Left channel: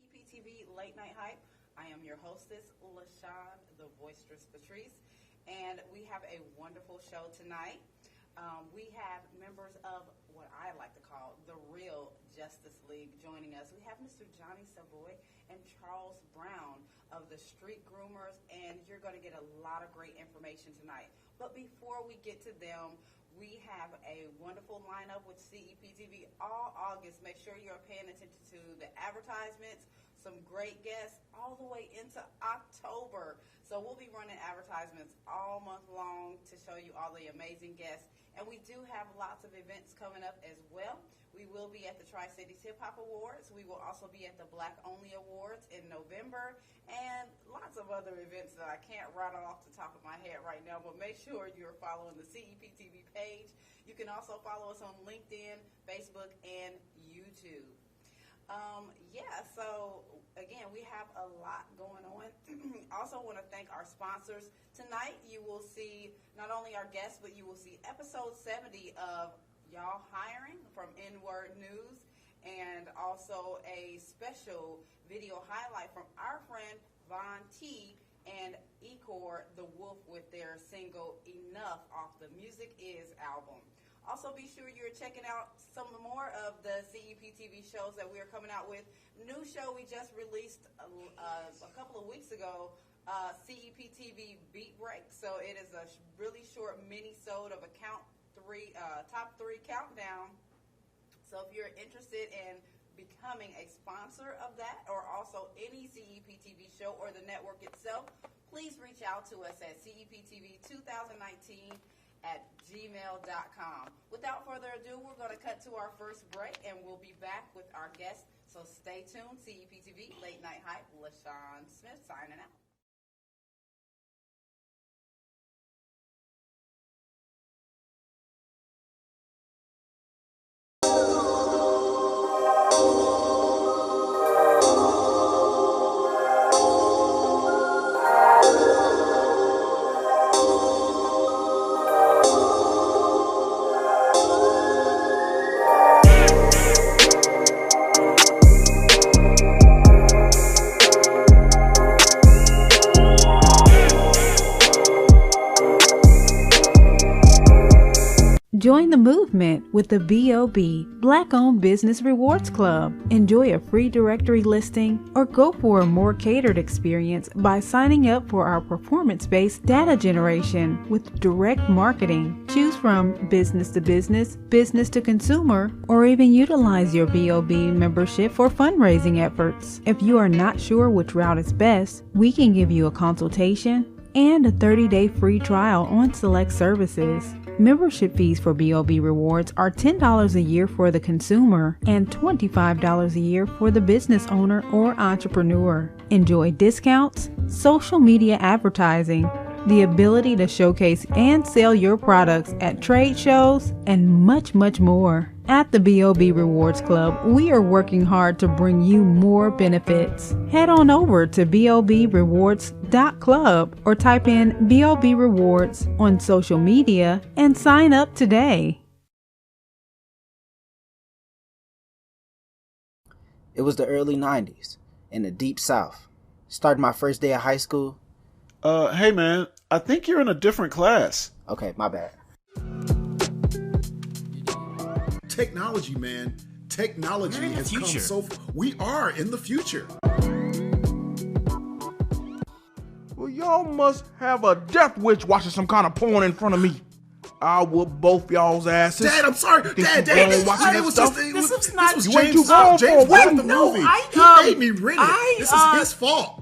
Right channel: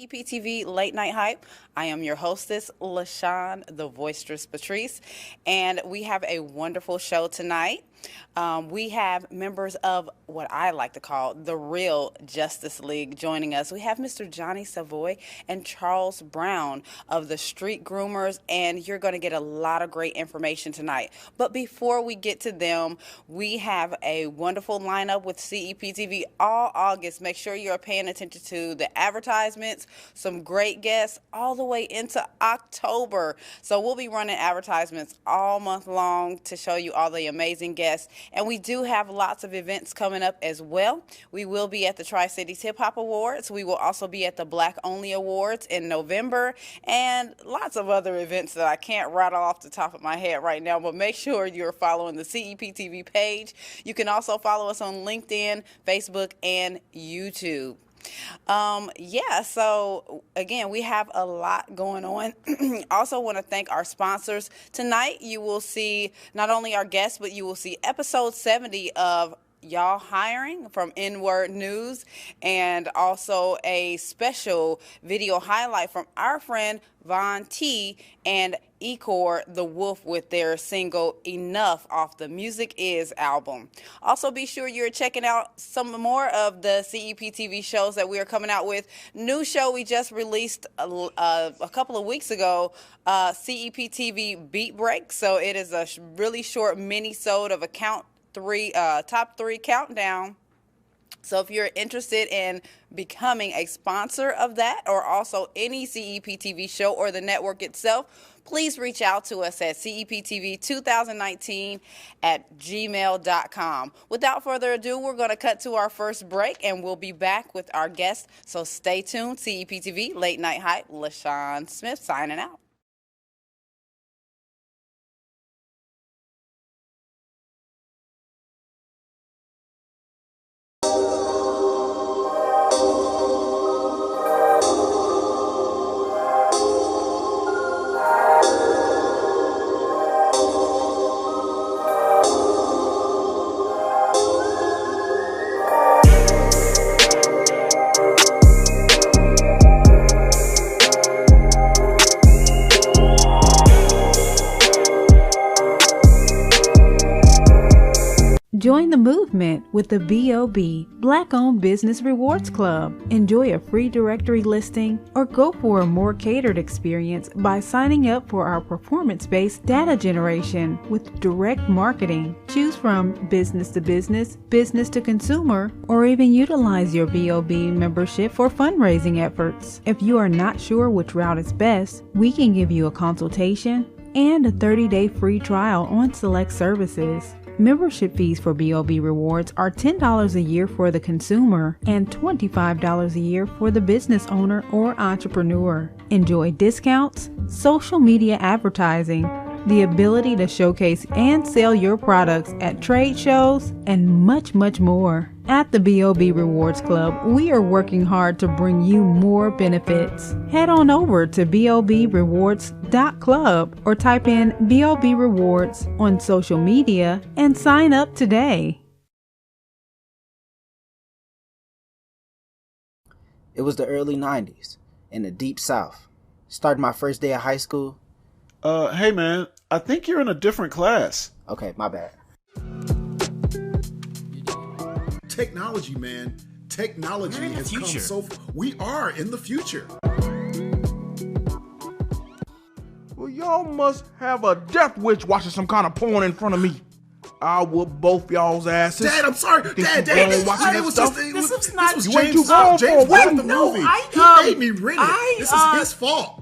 CEPTV Late Night Hype. I am your hostess, LaShon the Voicestress Patrice, and we have a wonderful show tonight. We have members of what I like to call the real Justice League joining us. We have Mr. Jonnie Savoy and Charles Brown of the Street Groomers, and you're going to get a lot of great information tonight. But before we get to them, we have a wonderful lineup with CEPTV all August. Make sure you're paying attention to the advertisements, some great guests all the way into October. So we'll be running advertisements all month long to show you all the amazing guests. And we do have lots of events coming up as well. We will be at the Tri-Cities Hip Hop Awards. We will also be at the Black Only Awards in November, and lots of other events that I can't rattle off the top of my head right now, but make sure you're following the CEPTV page. You can also follow us on LinkedIn, Facebook, and YouTube. So again, we have a lot going on. Also want to thank our sponsors. Tonight you will see not only our guests, but you will see episode 70 of Y'all Hiring from N-Word News, and also a special video highlight from our friend Von T and Ecor the Wolf with their single Enough off the Music Is album. Also be sure you're checking out some more of the CEPTV shows that we are coming out with. New show we just released a couple of weeks ago, CEPTV Beat Break. So it is a really short mini-sode of a top three countdown. So if you're interested in becoming a sponsor of that, or also any CEPTV show or the network itself, please reach out to us at ceptv2019@gmail.com. Without further ado, we're going to cut to our first break, and we'll be back with our guests. So stay tuned. CEPTV Late Night Hype, LaShon Smith signing out. Join the movement with the BOB, Black-Owned Business Rewards Club. Enjoy a free directory listing or go for a more catered experience by signing up for our performance-based data generation with direct marketing. Choose from business to business, business to consumer, or even utilize your BOB membership for fundraising efforts. If you are not sure which route is best, we can give you a consultation and a 30-day free trial on select services. Membership fees for BOB Rewards are $10 a year for the consumer and $25 a year for the business owner or entrepreneur. Enjoy discounts, social media advertising, the ability to showcase and sell your products at trade shows, and much, much more. At the BOB Rewards Club, we are working hard to bring you more benefits. Head on over to bobrewards.club or type in BOB Rewards on social media and sign up today. It was the early 90s in the deep south. Started my first day of high school. Hey man, I think you're in a different class. Okay, my bad. Technology, man. Technology has come so far. We are in the future. Well, y'all must have a death witch watching some kind of porn in front of me. I'll whoop both y'all's asses. Dad, I'm sorry. Dad, this was you ain't James. too grown James for wrote it. the No, movie. I, He made me rent it. This is his fault.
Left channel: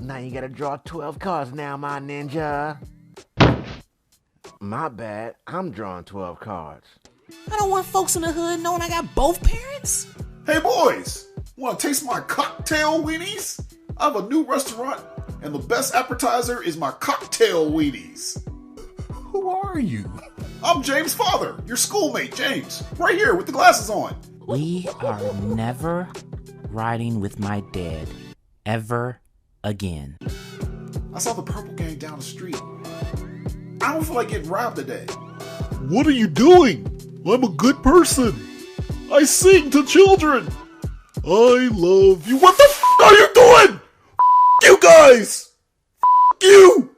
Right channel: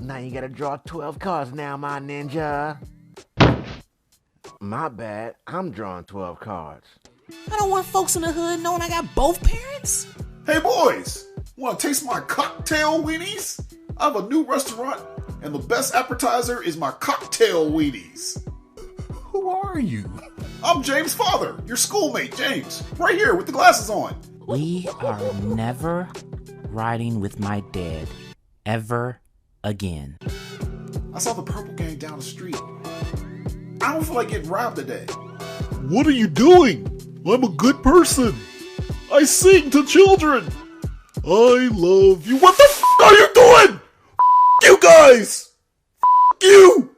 Now you gotta draw 12 cards now, my ninja. My bad, I'm drawing 12 cards. I don't want folks in the hood knowing I got both parents. Hey boys, want to taste my cocktail weenies? I have a new restaurant, and the best appetizer is my cocktail weenies. Who are you? I'm James' father, your schoolmate, James. Right here with the glasses on. We are never riding with my dad. Ever again. I saw the purple gang down the street. I don't feel like getting robbed today. What are you doing? I'm a good person. I sing to children. I love you. What the f*** are you doing? F*** you guys. F*** you.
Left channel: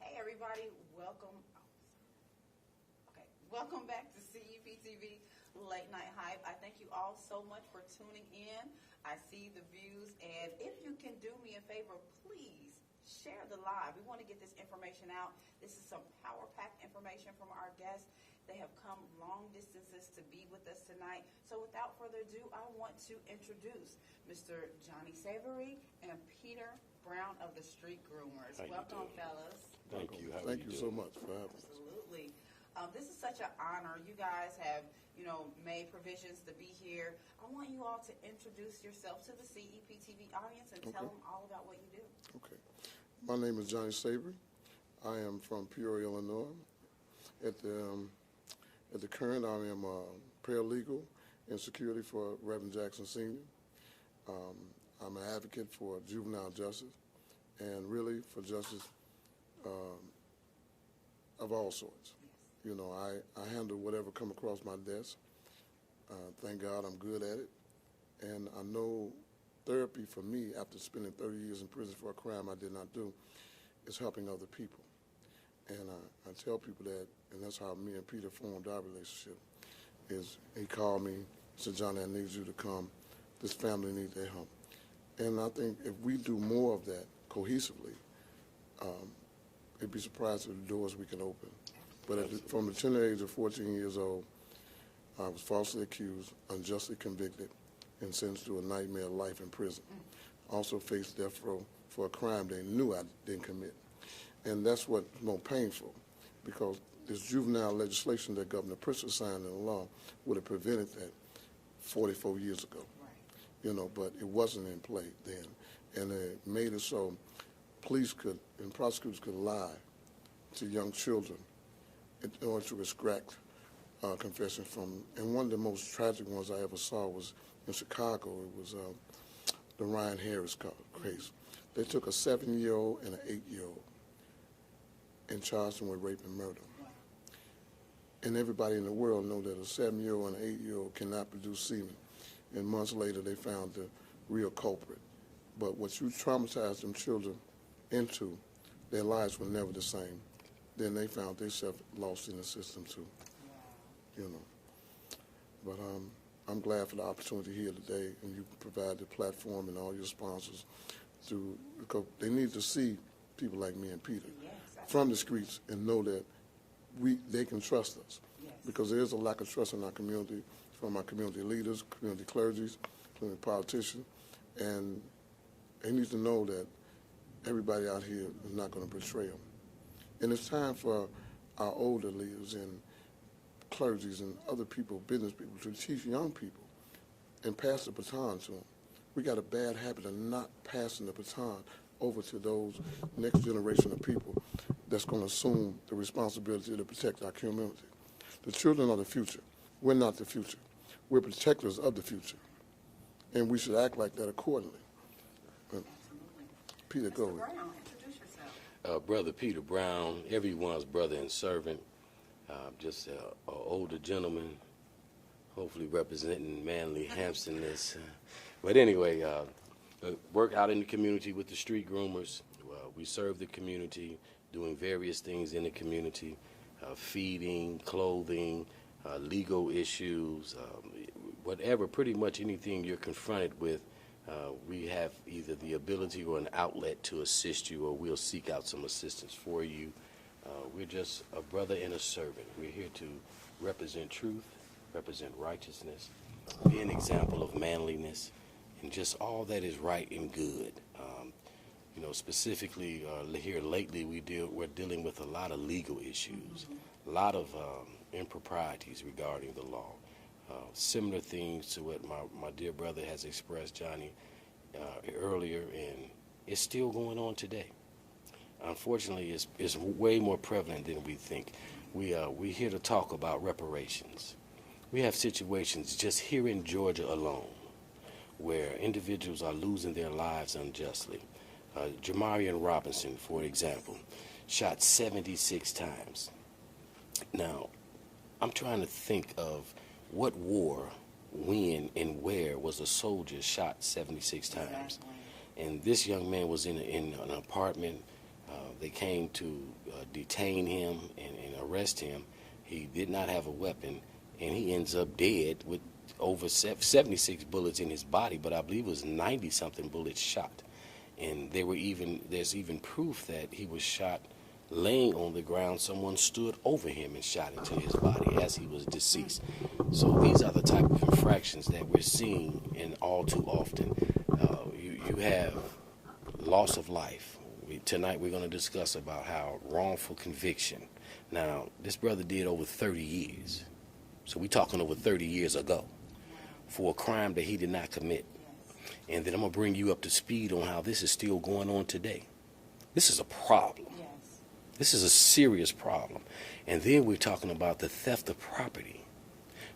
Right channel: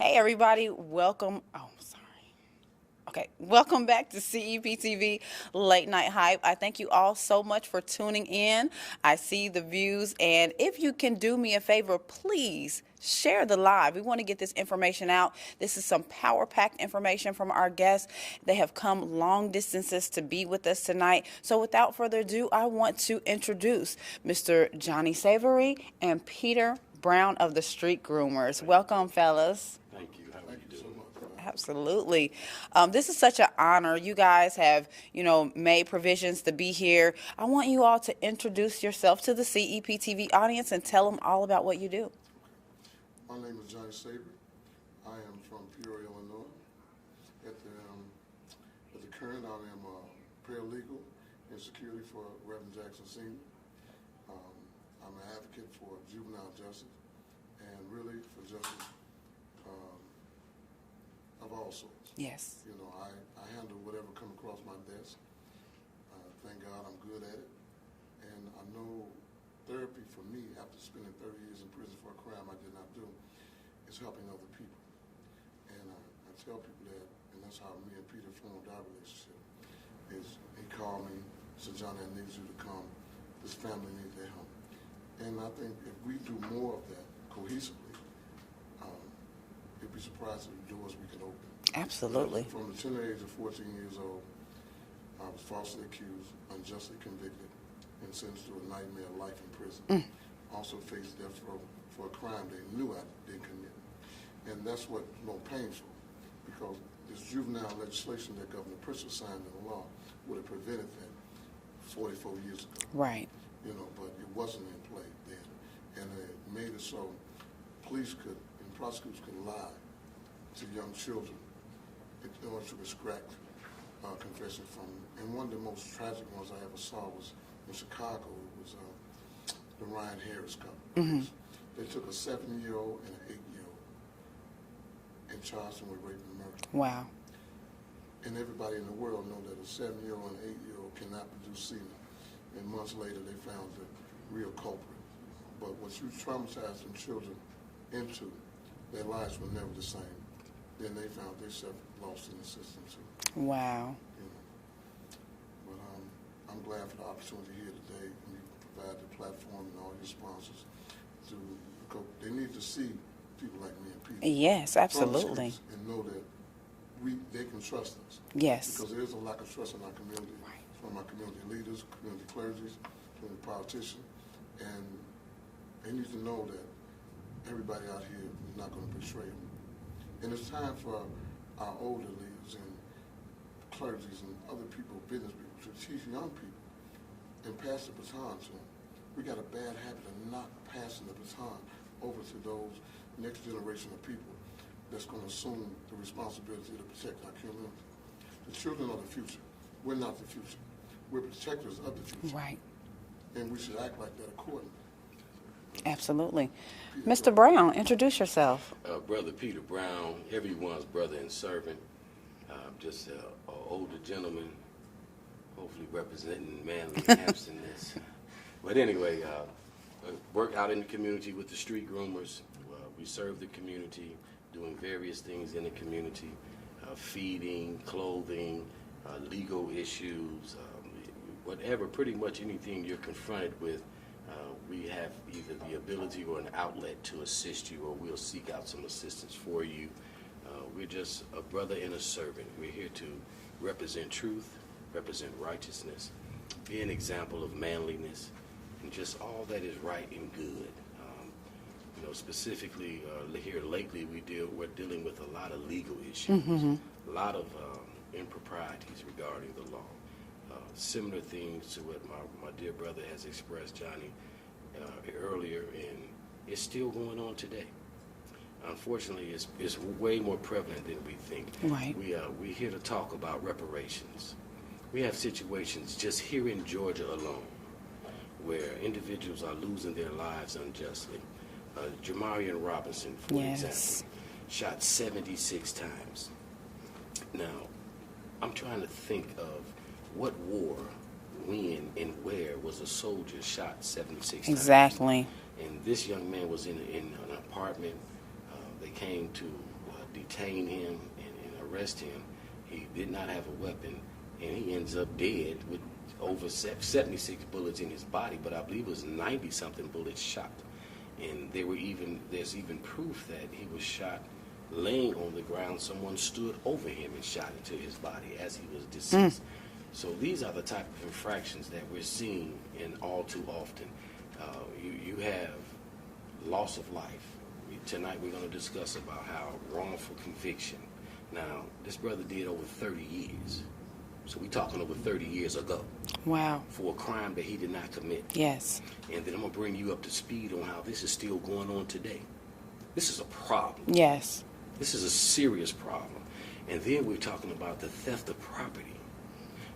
Hey, everybody, welcome. Oh, sorry. Okay, welcome back to CEPTV Late Night Hype. I thank you all so much for tuning in. I see the views, and if you can do me a favor, please share the live. We want to get this information out. This is some power-packed information from our guests. They have come long distances to be with us tonight. So without further ado, I want to introduce Mr. Jonnie Savoy and Peter Brown of the Street Groomers. Welcome, fellas. Thank you. Thank you so much. Absolutely. This is such an honor. You guys have, made provisions to be here. I want you all to introduce yourself to the CEPTV audience and tell them all about what you do. Okay. My name is Jonnie Savoy. I am from Peoria, Illinois. At the current, I am a paralegal in security for Reverend Jackson Sr. I'm an advocate for juvenile justice and really for justice of all sorts. Yes. I handle whatever come across my desk. Thank God I'm good at it. And I know therapy for me, after spending 30 years in prison for a crime I did not do, is helping other people. And I tell people that, and that's how me and Peter formed our relationship, is he called me, said, Jonnie, I need you to come. This family needs their help. And I think if we do more of that cohesively, it'd be surprised at the doors we can open. Absolutely. But from the tender age of 14 years old, I was falsely accused, unjustly convicted, and sentenced to a nightmare life in prison. Also faced death row for a crime they knew I didn't commit. And that's what's more painful, because this juvenile legislation that Governor Pritzker signed into law would have prevented that 44 years ago. Right. But it wasn't in play then. And it made it so police could and prosecutors could lie to young children in order to extract confession from them. And one of the most tragic ones I ever saw was in Chicago. It was the Ryan Harris case. They took a 7-year-old and an 8-year-old and charged them with rape and murder. Wow. And everybody in the world know that a 7-year-old and an 8-year-old cannot produce semen. And months later, they found the real culprit. But what you traumatize them children into their lives were never the same. Then they found themselves lost in the system too. Wow. You know. But I'm glad for the opportunity here today, and you provide the platform and all your sponsors because they need to see people like me and Peter. Yes, From the absolutely. streets and know that they can trust us. Yes. Because there is a lack of trust in our community, from our community leaders, community clergies, community politicians, and they need to know that everybody out here is not going to betray them. And it's time for our older leaders and clergies and other people, business people, to teach young people and pass the baton to them. We got a bad habit of not passing the baton over to those next generation of people that's going to assume the responsibility to protect our community. The children are the future. We're not the future. We're protectors of the future. Right. And we should act like that accordingly. Absolutely. Peter, Mr. go. Brown, introduce yourself. Brother Peter Brown, everyone's brother and servant. Just an older gentleman, hopefully representing Manly Hampton-ness. But anyway, work out in the community with the street groomers. We serve the community, doing various things in the community, feeding, clothing, legal issues, whatever, pretty much anything you're confronted with. We have either the ability or an outlet to assist you, or we'll seek out some assistance for you. We're just a brother and a servant. We're here to represent truth, represent righteousness, be an example of manliness, and just all that is right and good. You know, specifically here lately, we're dealing with a lot of legal issues, a lot of improprieties regarding the law. Similar things to what my dear brother has expressed, Jonnie, earlier, and it's still going on today. Unfortunately, it's way more prevalent than we think. Right. We're here to talk about reparations. We have situations just here in Georgia alone where individuals are losing their lives unjustly. Jamarian Robinson, for example, shot 76 times. Now, I'm trying to think of what war, when, and where was a soldier shot 76 times. Exactly. And this young man was in an apartment. They came to detain him and arrest him. He did not have a weapon, and he ends up dead with over 76 bullets in his body, but I believe it was 90-something bullets shot. And there's even proof that he was shot laying on the ground. Someone stood over him and shot into his body as he was deceased. So these are the type of infractions that we're seeing, and all too often. You have loss of life. Tonight we're going to discuss about how wrongful conviction. Now, this brother did over 30 years. So we're talking over 30 years ago. Wow. For a crime that he did not commit. Yes. And then I'm going to bring you up to speed on how this is still going on today. This is a problem. Yes. This is a serious problem. And then we're talking about the theft of property.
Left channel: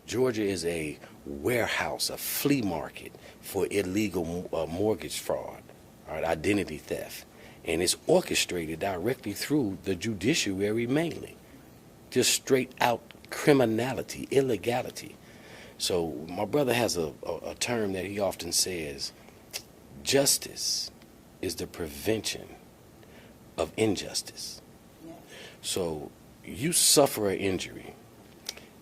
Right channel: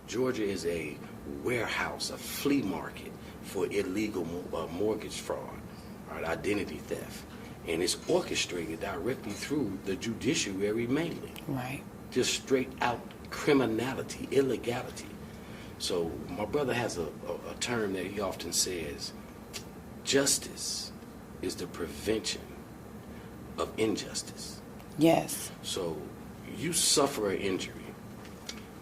Georgia is a warehouse, a flea market for illegal mortgage fraud, identity theft. And it's orchestrated directly through the judiciary mainly. Right. Just straight out criminality, illegality. So my brother has a term that he often says, justice is the prevention of injustice. Yes. So you suffer an injury,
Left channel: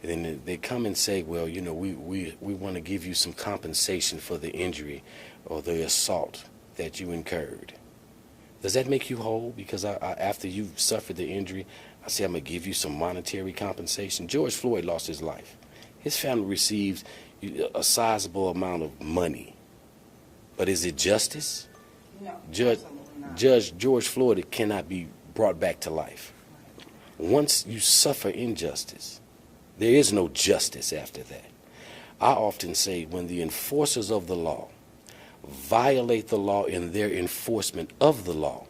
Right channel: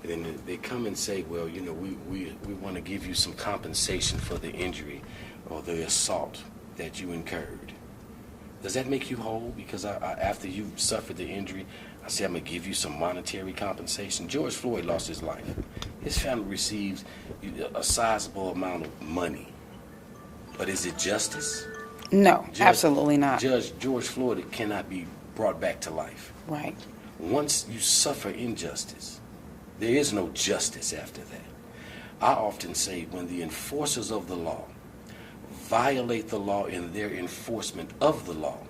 and then they come and say, well, you know, we want to give you some compensation for the injury or the assault that you incurred. Does that make you whole? Because after you've suffered the injury, I say I'm going to give you some monetary compensation. George Floyd lost his life. His family receives a sizable amount of money. But is it justice? No, absolutely not. Judge George Floyd cannot be brought back to life. Right. Once you suffer injustice, there is no justice after that. I often say when the enforcers of the law violate the law in their enforcement of the law,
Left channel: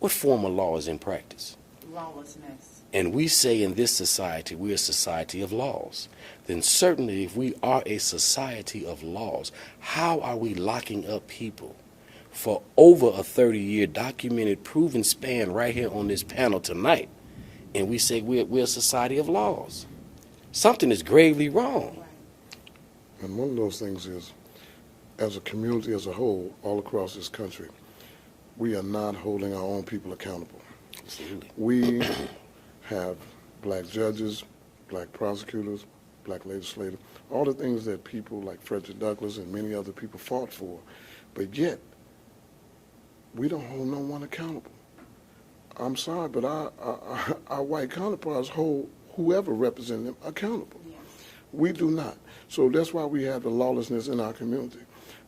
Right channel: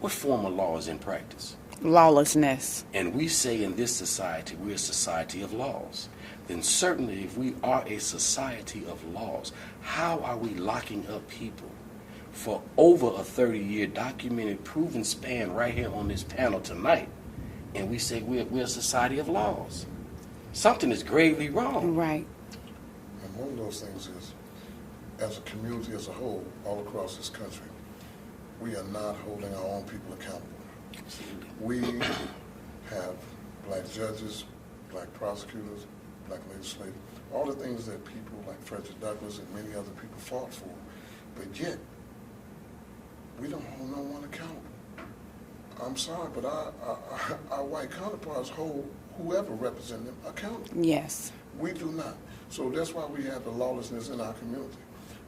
what form of law is in practice? Lawlessness. And we say in this society, we're a society of laws. Then certainly if we are a society of laws, how are we locking up people for over a 30-year documented, proven span right here on this panel tonight? And we say we're a society of laws. Something is gravely wrong. Right. And one of those things is, as a community as a whole, all across this country, we are not holding our own people accountable. We have black judges, black prosecutors, black legislators, all the things that people like Frederick Douglass and many other people fought for, but yet we don't hold no one accountable. I'm sorry, but our white counterparts hold whoever represents them accountable. Yes. We do not. So that's why we have the lawlessness in our community.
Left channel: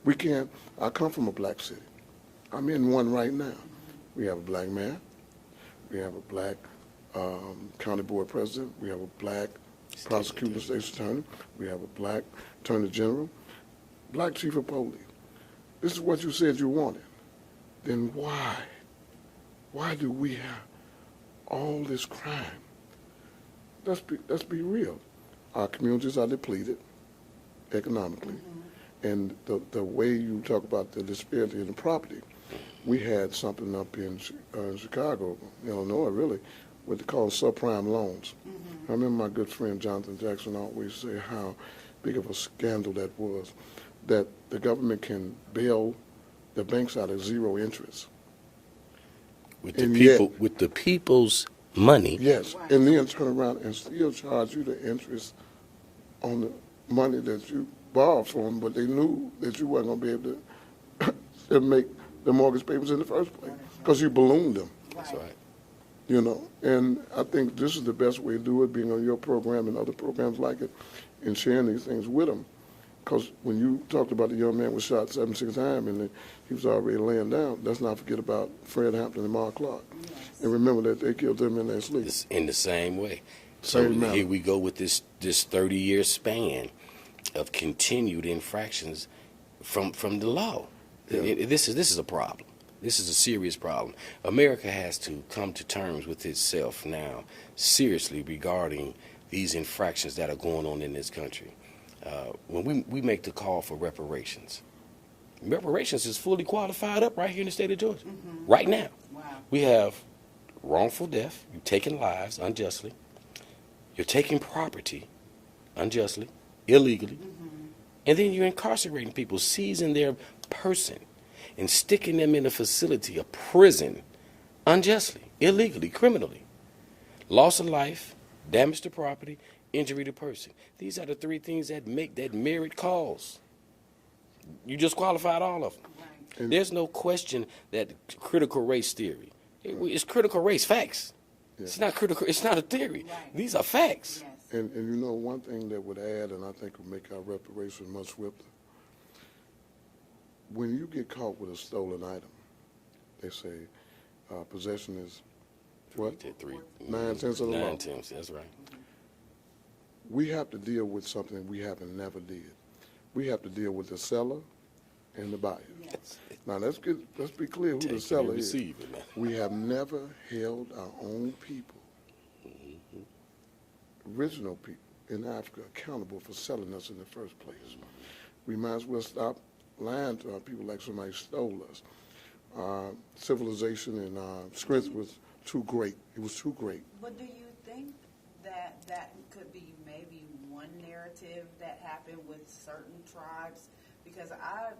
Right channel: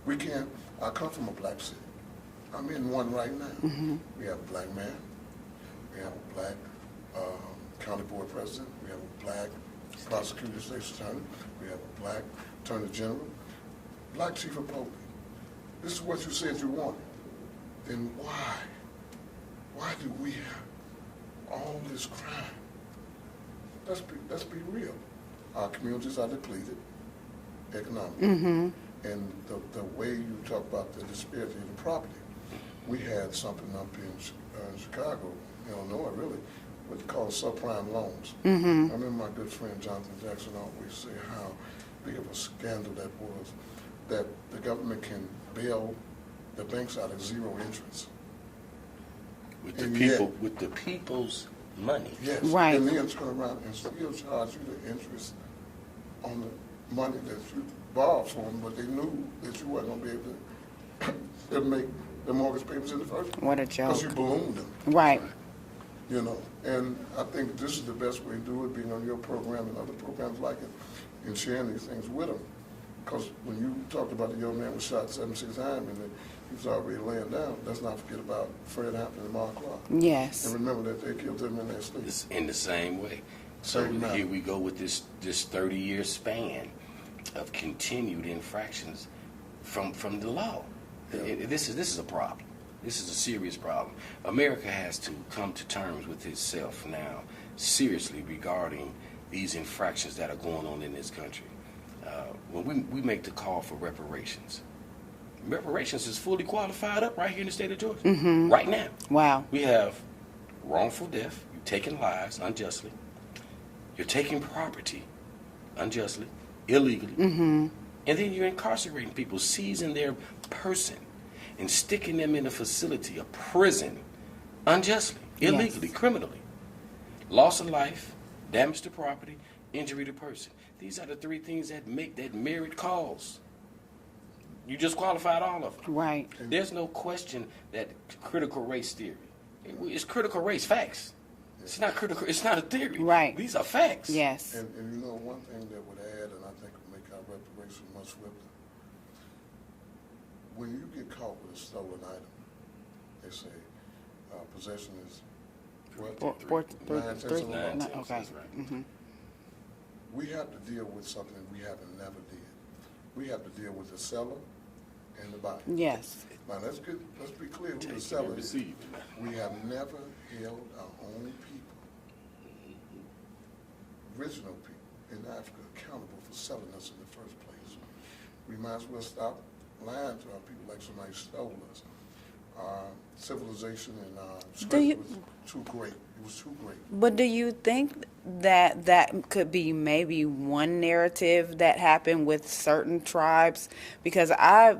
We can't, I come from a black city. I'm in one right now. Mm-hmm. We have a black mayor. We have a black county board president. We have a black prosecutor, state's attorney. We have a black attorney general, black chief of police. This is what you said you wanted. Then why? Why do we have all this crime? Let's be real. Our communities are depleted economically. Mm-hmm. And the way you talk about the disparity in the property, we had something up in Chicago, Illinois, really, what they call subprime loans. Mm-hmm. I remember my good friend Jonathan Jackson always say how big of a scandal that was, that the government can bail the banks out at zero interest. With the people, with the people's money. Yes, right. And then turn around and still charge you the interest on the money that you borrowed from them, but they knew that you weren't going to be able to make the mortgage payments in the first place. What a joke. Because you ballooned them. Right. You know, and I think this is the best way to do it, being on your program and other programs like it, and sharing these things with them. Because when you talked about the young man was shot 76 times and he was already laying down, let's not forget about Fred Hampton and Mark Clark. Yes. And remember that they killed them in their sleep. It's in the same way. Same So here we go with this 30-year span of continued infractions from the law. Yeah. This is a problem. This is a serious problem. America has to come to terms with itself now, seriously, regarding these infractions that are going on in this country. When we make the call for reparations, reparations is fully qualified up right here in the state of Georgia, Mm-hmm. right now. Wow. We have wrongful death, you're taking lives unjustly, you're taking property unjustly, illegally, Mm-hmm. and then you're incarcerating people, seizing their person and sticking them in a facility, a prison, unjustly, illegally, criminally. Loss of life, damage to property, injury to person. These are the three things that make that merit cause. You just qualified all of them. Right. There's no question that critical race theory. It's critical race facts. Yeah. It's not critical. It's not a theory. Right. These are facts. Yes. And you know, one thing that would add, and I think would make our reparation much swifter, when you get caught with a stolen item, they say possession is what? 9/10 of the law. Okay. That's right. Mm-hmm. We have to deal with something we haven't never did. We have to deal with the seller and the buyer. Yes. Now let's be clear who the seller is. We have never held our own people, original people in Africa, accountable for selling us in the first place. We might as well stop lying to our people like somebody stole us. Our civilization and our script was too great. It was too great. But do you think that could be maybe one narrative that happened with certain tribes? Because I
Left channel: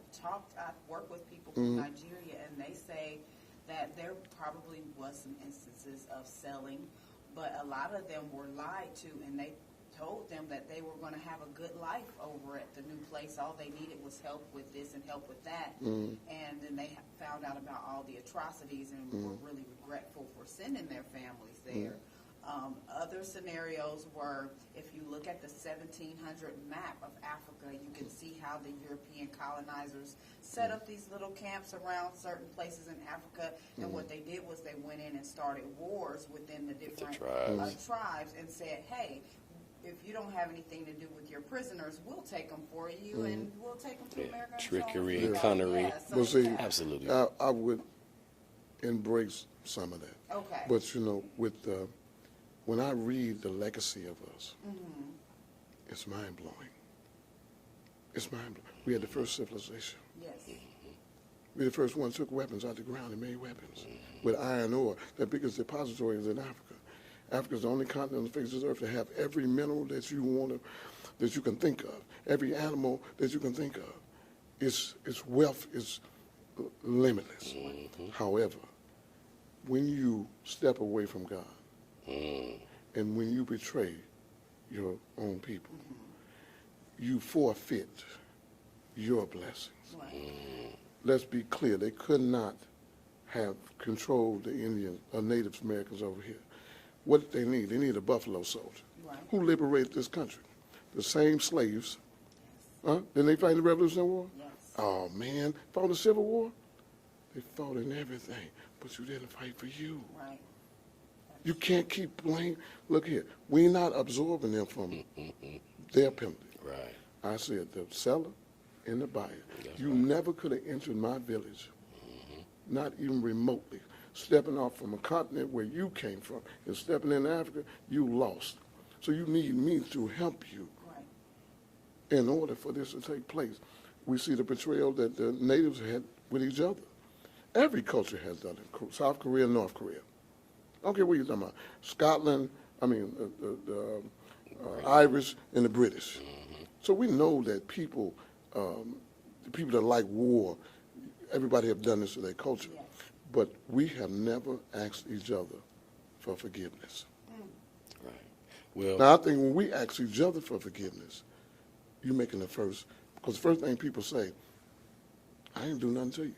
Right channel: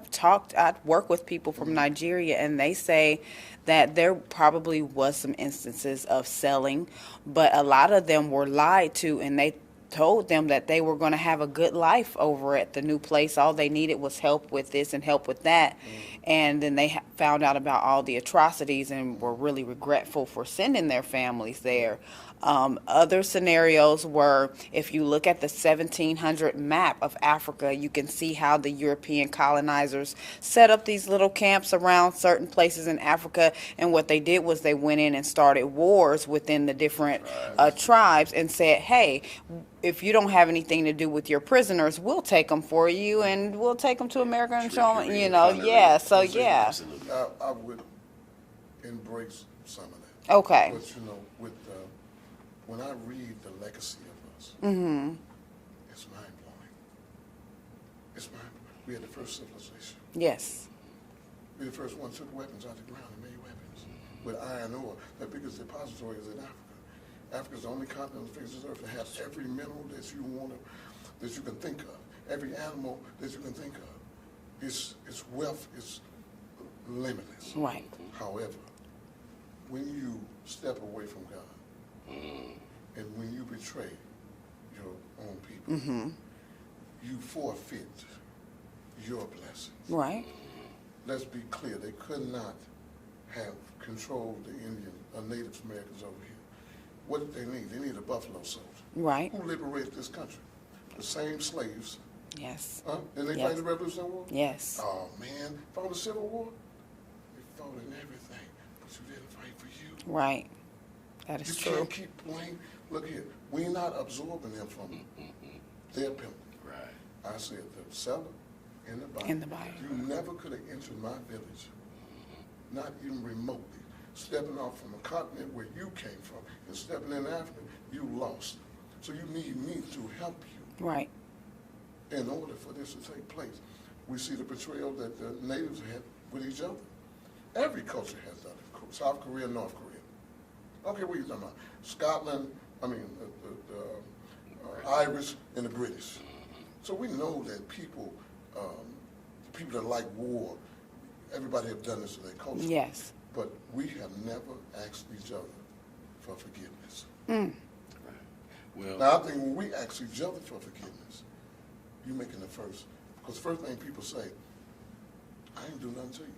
work with people from Nigeria, and they say that there probably was some instances of selling, but a lot of them were lied to, and they told them that they were going to have a good life over at the new place. All they needed was help with this and help with that. And then they found out about all the atrocities and were really regretful for sending their families there. Other scenarios were, if you look at the 1700 map of Africa, you can see how the European colonizers set up these little camps around certain places in Africa, and what they did was they went in and started wars within the different tribes and said, hey, if you don't have anything to do with your prisoners, we'll take them for you, and we'll take them to America and show them, you know, so yeah. I would embrace some of that. Okay. But you know, when I read the legacy of us, it's mind-blowing. It's mind-blowing. We had the first civilization. Yes. We were the first ones who took weapons out of the ground and made weapons with iron ore. The biggest depository is in Africa. Africa's the only continent on the face of the earth that has every mineral that you can think of, every animal that you can think of. Its wealth is limitless. Right. However, when you step away from God, and when you betray your own people, you forfeit your blessings. Right. Let's be clear, they could not have controlled the Indian or Native Americans over here. What did they need? They needed a buffalo soldier. Right. Who liberated this country? The same slaves. Yes. Didn't they fight in the Revolutionary War? Yes. Oh, man. Fought in the Civil War? They fought in everything, but you didn't fight for you. Right. That is you true. can't keep blaming. Look here, we're not absorbing them from their penalty. Right. I said the seller and the buyer. And the buyer. You never could have entered my village, not even remotely. Stepping off from a continent where you came from and stepping in Africa, you lost. So you need me to help you. Right. In order for this to take place, we see the betrayal that the natives had with each other. Every culture has done it. South Korea, North Korea. I don't care what you're talking about. Scotland, I mean, the Irish and the British. So we know that people, the people that like war, everybody have done this to their culture. Yes. But we have never asked each other for forgiveness. Right. Well, now, I think when we ask each other for forgiveness, you're making the first, because the first thing people say, I ain't do nothing to you.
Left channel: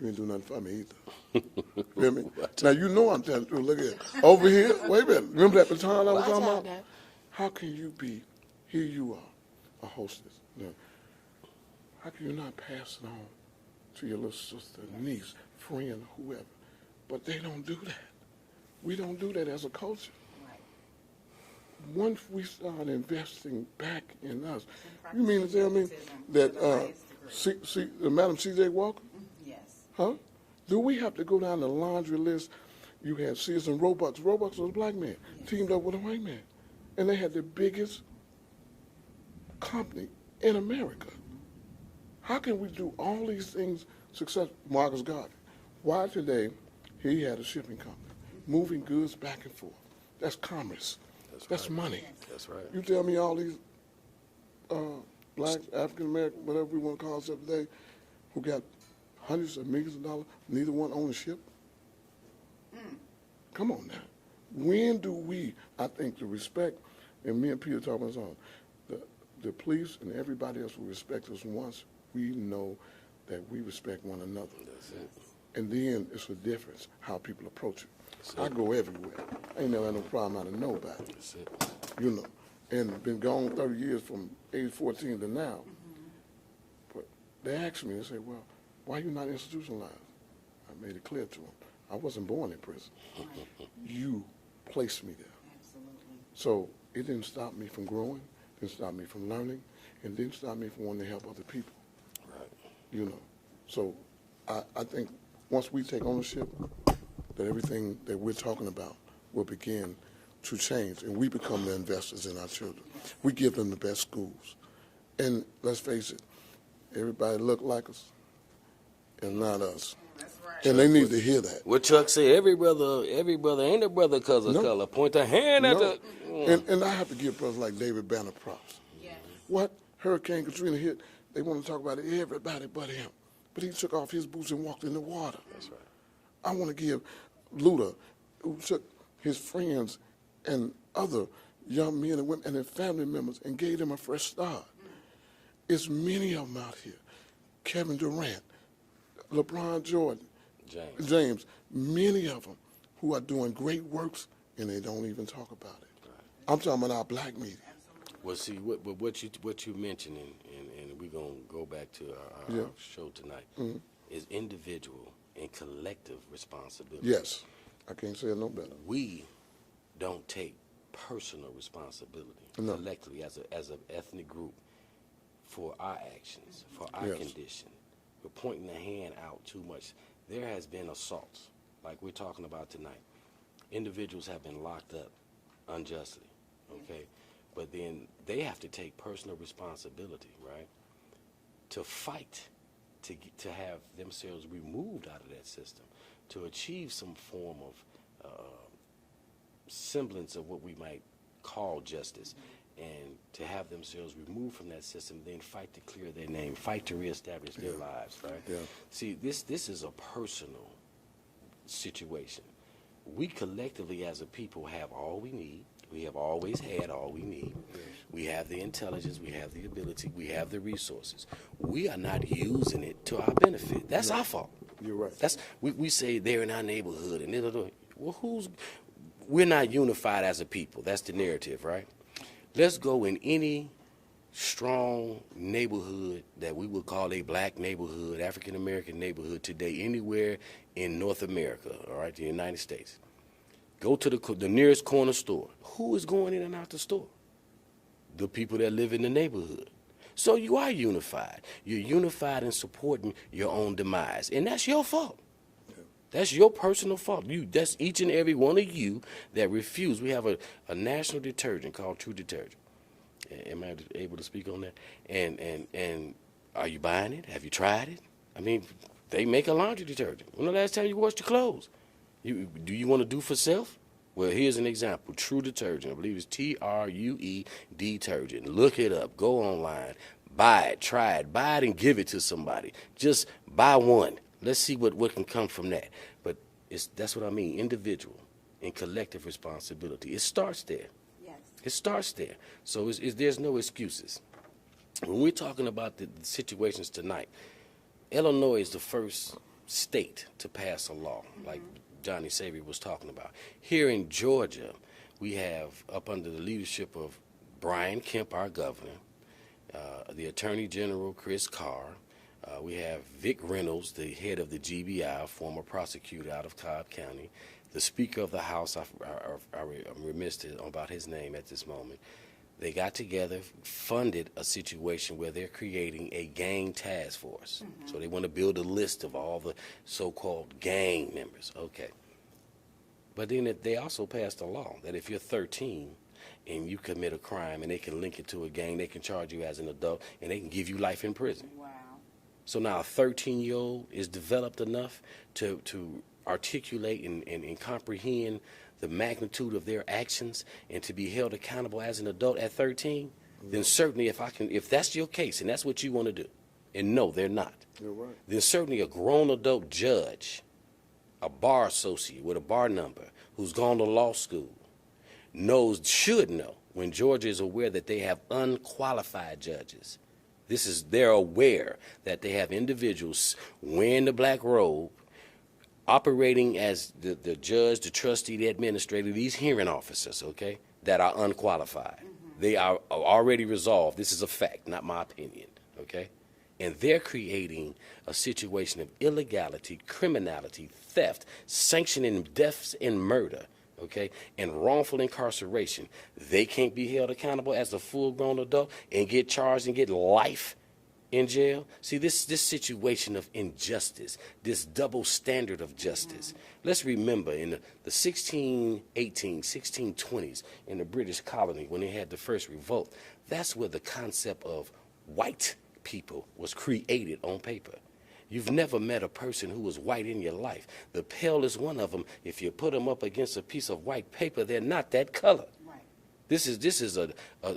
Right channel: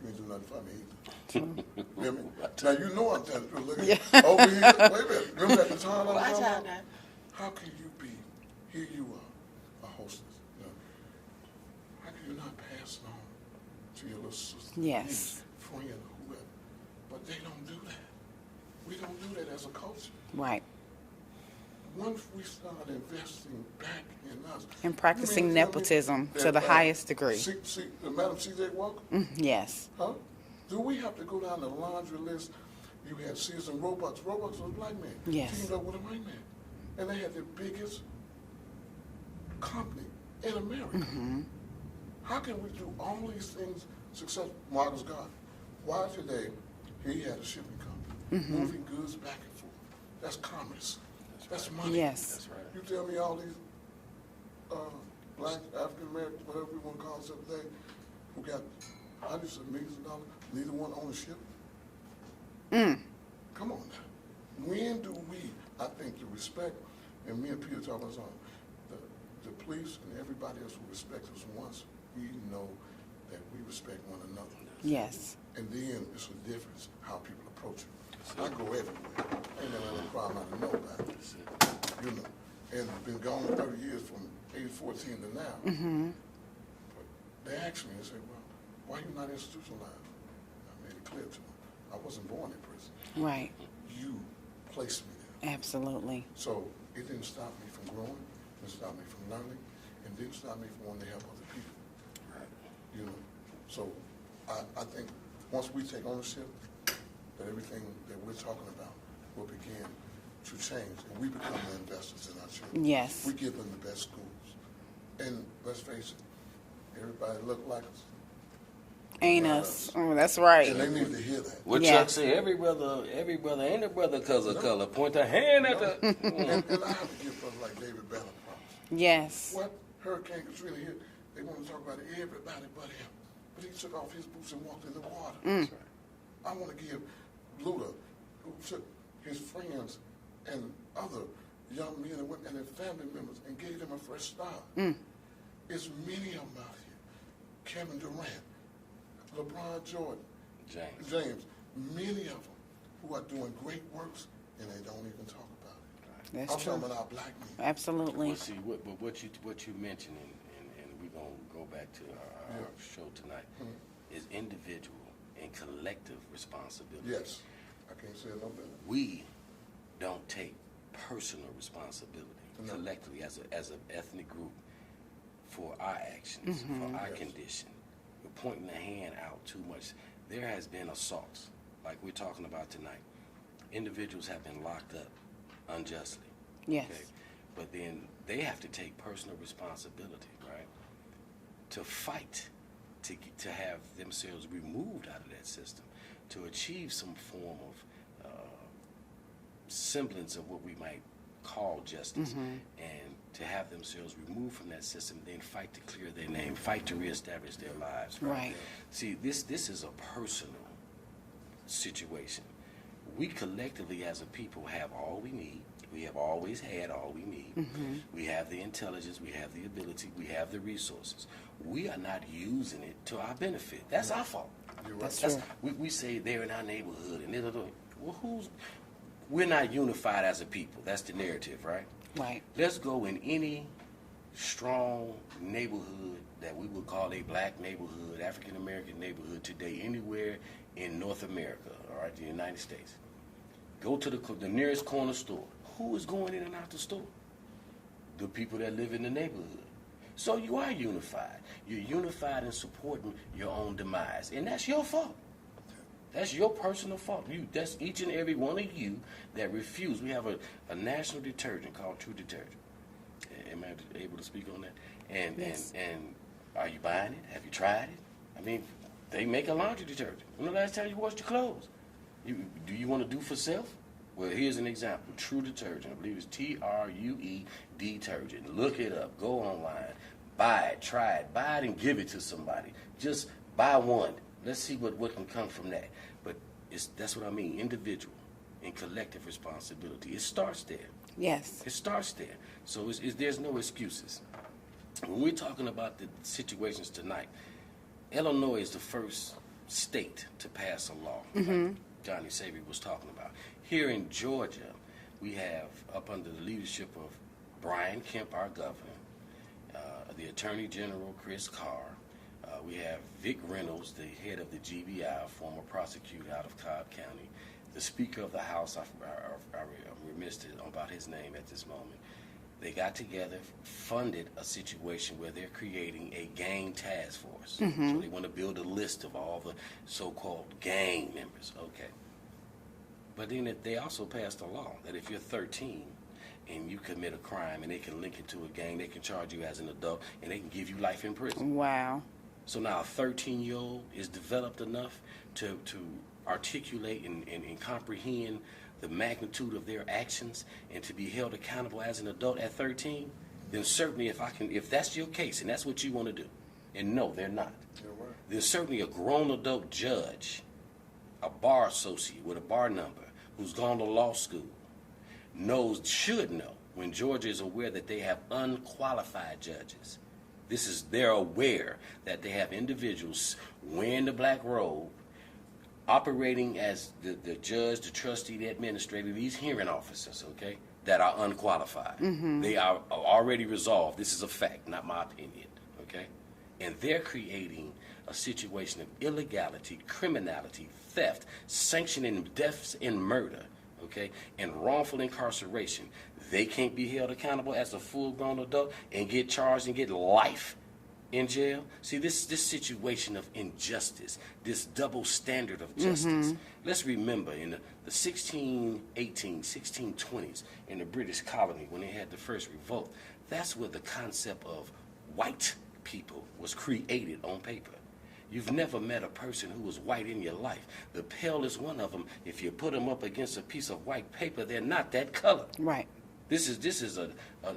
You ain't do nothing for me either. You hear me? Now, you know I'm telling you. Look at it. Over here, wait a minute. Remember at the time I was talking about? How can you be, here you are, a hostess. You know, how can you not pass it on to your little sister, niece, friend, whoever? But they don't do that. We don't do that as a culture. Right. Once we start investing back in us. And practicing nepotism to the highest degree. See, Madam C.J. Walker? Yes. Huh? Do we have to go down the laundry list? You had Sears and Roebuck. Roebuck was a black man. Yes. Teamed up with a white man. And they had the biggest company in America. How can we do all these things successful? Marcus Garvey. Why today he had a shipping company, moving goods back and forth. That's commerce. That's money. Yes. That's right. You tell me all these black, African American, whatever we want to call ourselves today, who got hundreds of millions of dollars, neither one own a ship? Come on now. When do we, I think the respect, and me and Peter talking about something, the police and everybody else will respect us once we know that we respect one another. Yes. And then it's a difference how people approach it. I go everywhere. Ain't never had no problem out of nobody. You know. And been gone 30 years from age 14 to now. But they asked me, they said, well, why are you not institutionalized? I made it clear to them. I wasn't born in prison. Right. You placed me there. Absolutely. So it didn't stop me from growing, didn't stop me from learning, and didn't stop me from wanting to help other people. Right. You know. So I think once we take ownership, that everything that we're talking about will begin to change, and we become the investors in our children. Yes. We give them the best schools. And let's face it, everybody look like us. Ain't not us. Oh, that's right. And they need to hear that. What Chuck say, every brother ain't a brother because of color. Point a hand at the... and I have to give brothers like David Banner props. Yes. What Hurricane Katrina hit, they want to talk about everybody but him. But he took off his boots and walked in the water. I want to give Luda, who took his friends and other young men and women and their family members and gave them a fresh start. It's many of them out here. Kevin Durant, LeBron Jordan, James, many of them who are doing great works and they don't even talk about it. That's I'm true. talking about our black men. Absolutely. Well, see, what you mentioning, and we're going to go back to our show tonight, is individual and collective responsibility. Yes. I can't say it no better. We don't take personal responsibility collectively as an ethnic group for our actions, for our condition. We're pointing the hand out too much. There has been assaults, like we're talking about tonight. Individuals have been locked up unjustly. Yes. Okay? But then they have to take personal responsibility, right? To fight, to have themselves removed out of that system, to achieve some form of semblance of what we might call justice, and to have themselves removed from that system, then fight to clear their name, fight to reestablish their lives. Right. See, this is a personal situation. We collectively as a people have all we need. We have always had all we need. We have the intelligence, we have the ability, we have the resources. We are not using it to our benefit. That's our fault. You're right. We say they're in our neighborhood and well, we're not unified as a people. That's the narrative, right? Right. Let's go in any strong neighborhood that we would call a black neighborhood, African American neighborhood today, anywhere in North America, all right, the United States. Go to the nearest corner store. Who is going in and out the store? The people that live in the neighborhood. So you are unified. You're unified in supporting your own demise, and that's your fault. That's your personal fault. That's each and every one of you that refuse. We have a national detergent called True Detergent. Am I able to speak on that? And are you buying it? Have you tried it? I mean, they make a laundry detergent. When the last time you washed your clothes? Do you want to do for self? Well, here's an example. True Detergent. I believe it's TRUE detergent. Look it up. Go online. Buy it. Try it. Buy it and give it to somebody. Just buy one. Let's see what can come from that. But that's what I mean. Individual and collective responsibility. It starts there. Yes. It starts there. So there's no excuses. When we're talking about the situations tonight, Illinois is the first state to pass a law, like Jonnie Savoy was talking about. Here in Georgia, we have, up under the leadership of Brian Kemp, our governor, the Attorney General, Chris Carr, we have Vic Reynolds, the head of the GBI, former prosecutor out of Cobb County, the Speaker of the House, I'm remiss about his name at this moment. They got together, funded a situation where they're creating a gang task force. So they want to build a list of all the so-called gang members. Okay. But then they also passed a law that if you're 13 and you commit a crime and they can link it to a gang, they can charge you as an adult and they can give you life in prison. Wow. So now a 13-year-old is developed enough to articulate and comprehend the magnitude of their actions and to be held accountable as an adult at 13, then certainly if that's your case and that's what you want to do, and no, they're not, You're right. then certainly a grown adult judge, a bar associate with a bar number who's gone to law school, should know when Georgia is aware that they have unqualified judges. They're aware that they have individuals wearing the black robe, operating as the judge, the trustee, the administrator, these hearing officers, okay, that are unqualified. They are already resolved. This is a fact, not my opinion, okay? And they're creating a situation of illegality, criminality, theft, sanctioning deaths and murder, okay, and wrongful incarceration. They can't be held accountable as a full-grown adult and get charged and get life in jail. See, this situation of injustice, this double standard of justice. Let's remember in the 1620s in the British colony when they had the first revolt, that's where the concept of white people was created on paper. You've never met a person who was white in your life. The palest one of them, if you put them up against a piece of white paper, they're not that color. Right. This is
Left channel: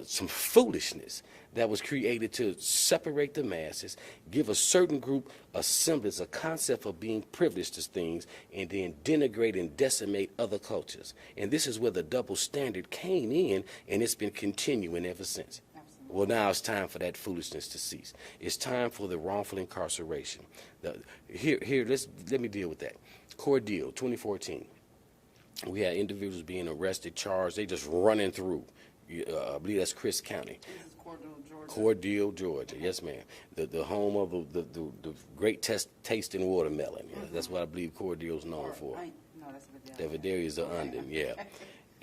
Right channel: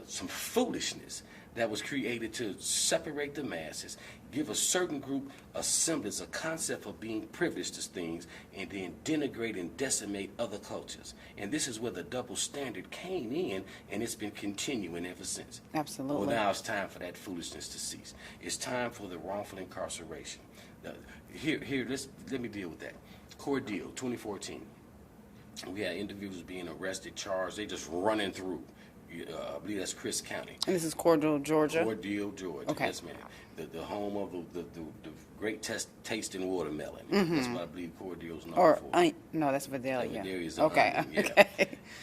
some foolishness that was created to separate the masses, give a certain group a semblance, a concept of being privileged to things, and then denigrate and decimate other cultures. And this is where the double standard came in, and it's been continuing ever since. Absolutely. Well, now it's time for that foolishness to cease. It's time for the wrongful incarceration. Let me deal with that. Cordeal, 2014. We had individuals being arrested, charged. They just running through. I believe that's Chris County. And this is Cordell, Georgia? Cordell, Georgia. Okay. Yes, ma'am. The home of the great tasting watermelon. That's what I believe Cordell's known for. No, that's Vidalia. Vidalia's okay. Yeah.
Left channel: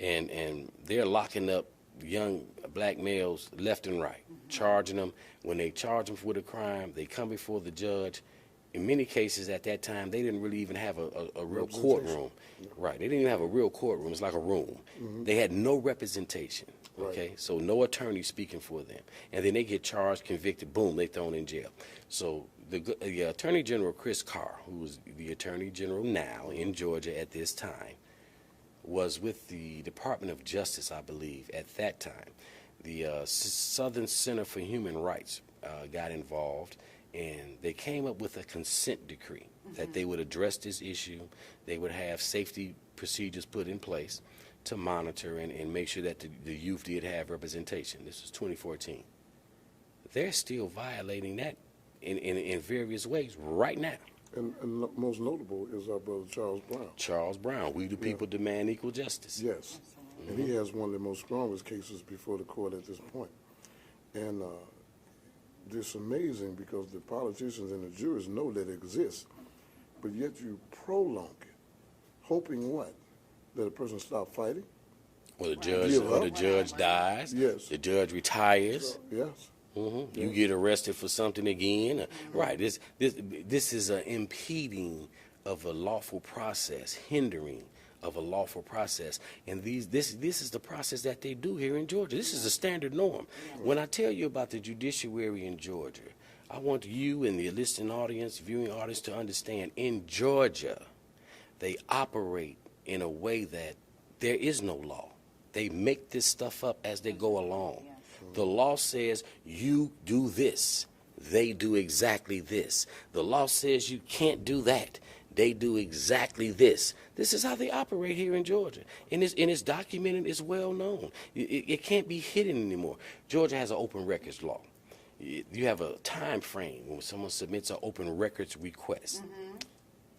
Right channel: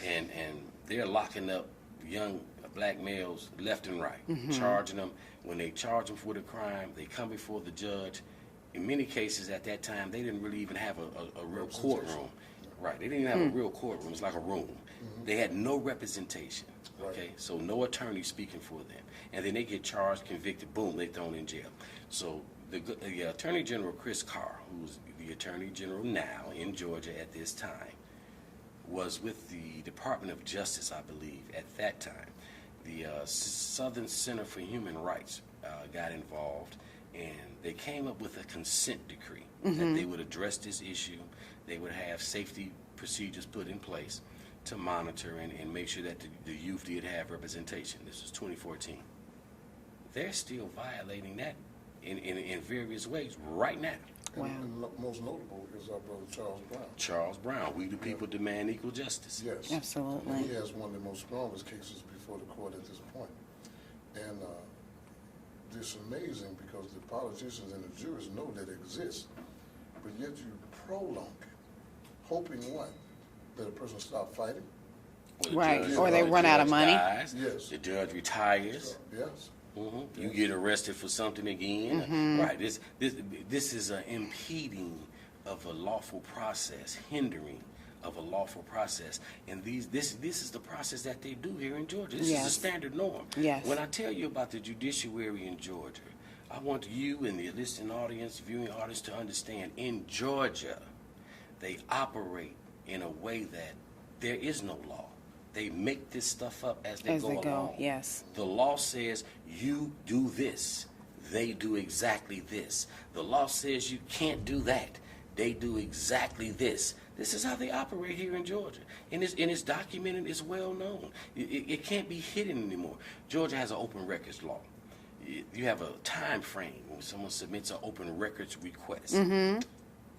And they're locking up young black males left and right, charging them. When they charge them for the crime, they come before the judge. In many cases at that time, they didn't really even have a real courtroom. Right. They didn't even have a real courtroom. It's like a room. They had no representation. Okay. Right. So no attorney speaking for them. And then they get charged, convicted, boom, they thrown in jail. So the Attorney General Chris Carr, who's the Attorney General now in Georgia at this time, was with the Department of Justice, I believe, at that time. The Southern Center for Human Rights got involved, and they came up with a consent decree that they would address this issue. They would have safety procedures put in place to monitor and make sure that the youth did have representation. This was 2014. They're still violating that in various ways right now. And most notable is our brother Charles Brown. Charles Brown, we the people demand equal justice. Yes. Absolutely. And he has one of the most strongest cases before the court at this point. And it's amazing because the politicians and the jurors know that it exists, but yet you prolong it, hoping what? That a person stop fighting? Or the Right. judge, Or they run out of money. Dies, Yes. the judge retires. Yes. You get arrested for something again. Right. This is an impeding of a lawful process, hindering of a lawful process. And this is the process that they do here in Georgia. This is a standard norm. Yes. When I tell you about the judiciary in Georgia, I want you and the listening audience, viewing audience to understand, in Georgia, they operate in a way that there is no law. They make this stuff up as they go along. Yes. The law says you do this. They do exactly this. The law says you can't do that. They do exactly this. This is how they operate here in Georgia. And it's documented, it's well known. It can't be hidden anymore. Georgia has an open records law. You have a time frame when someone submits an open records request.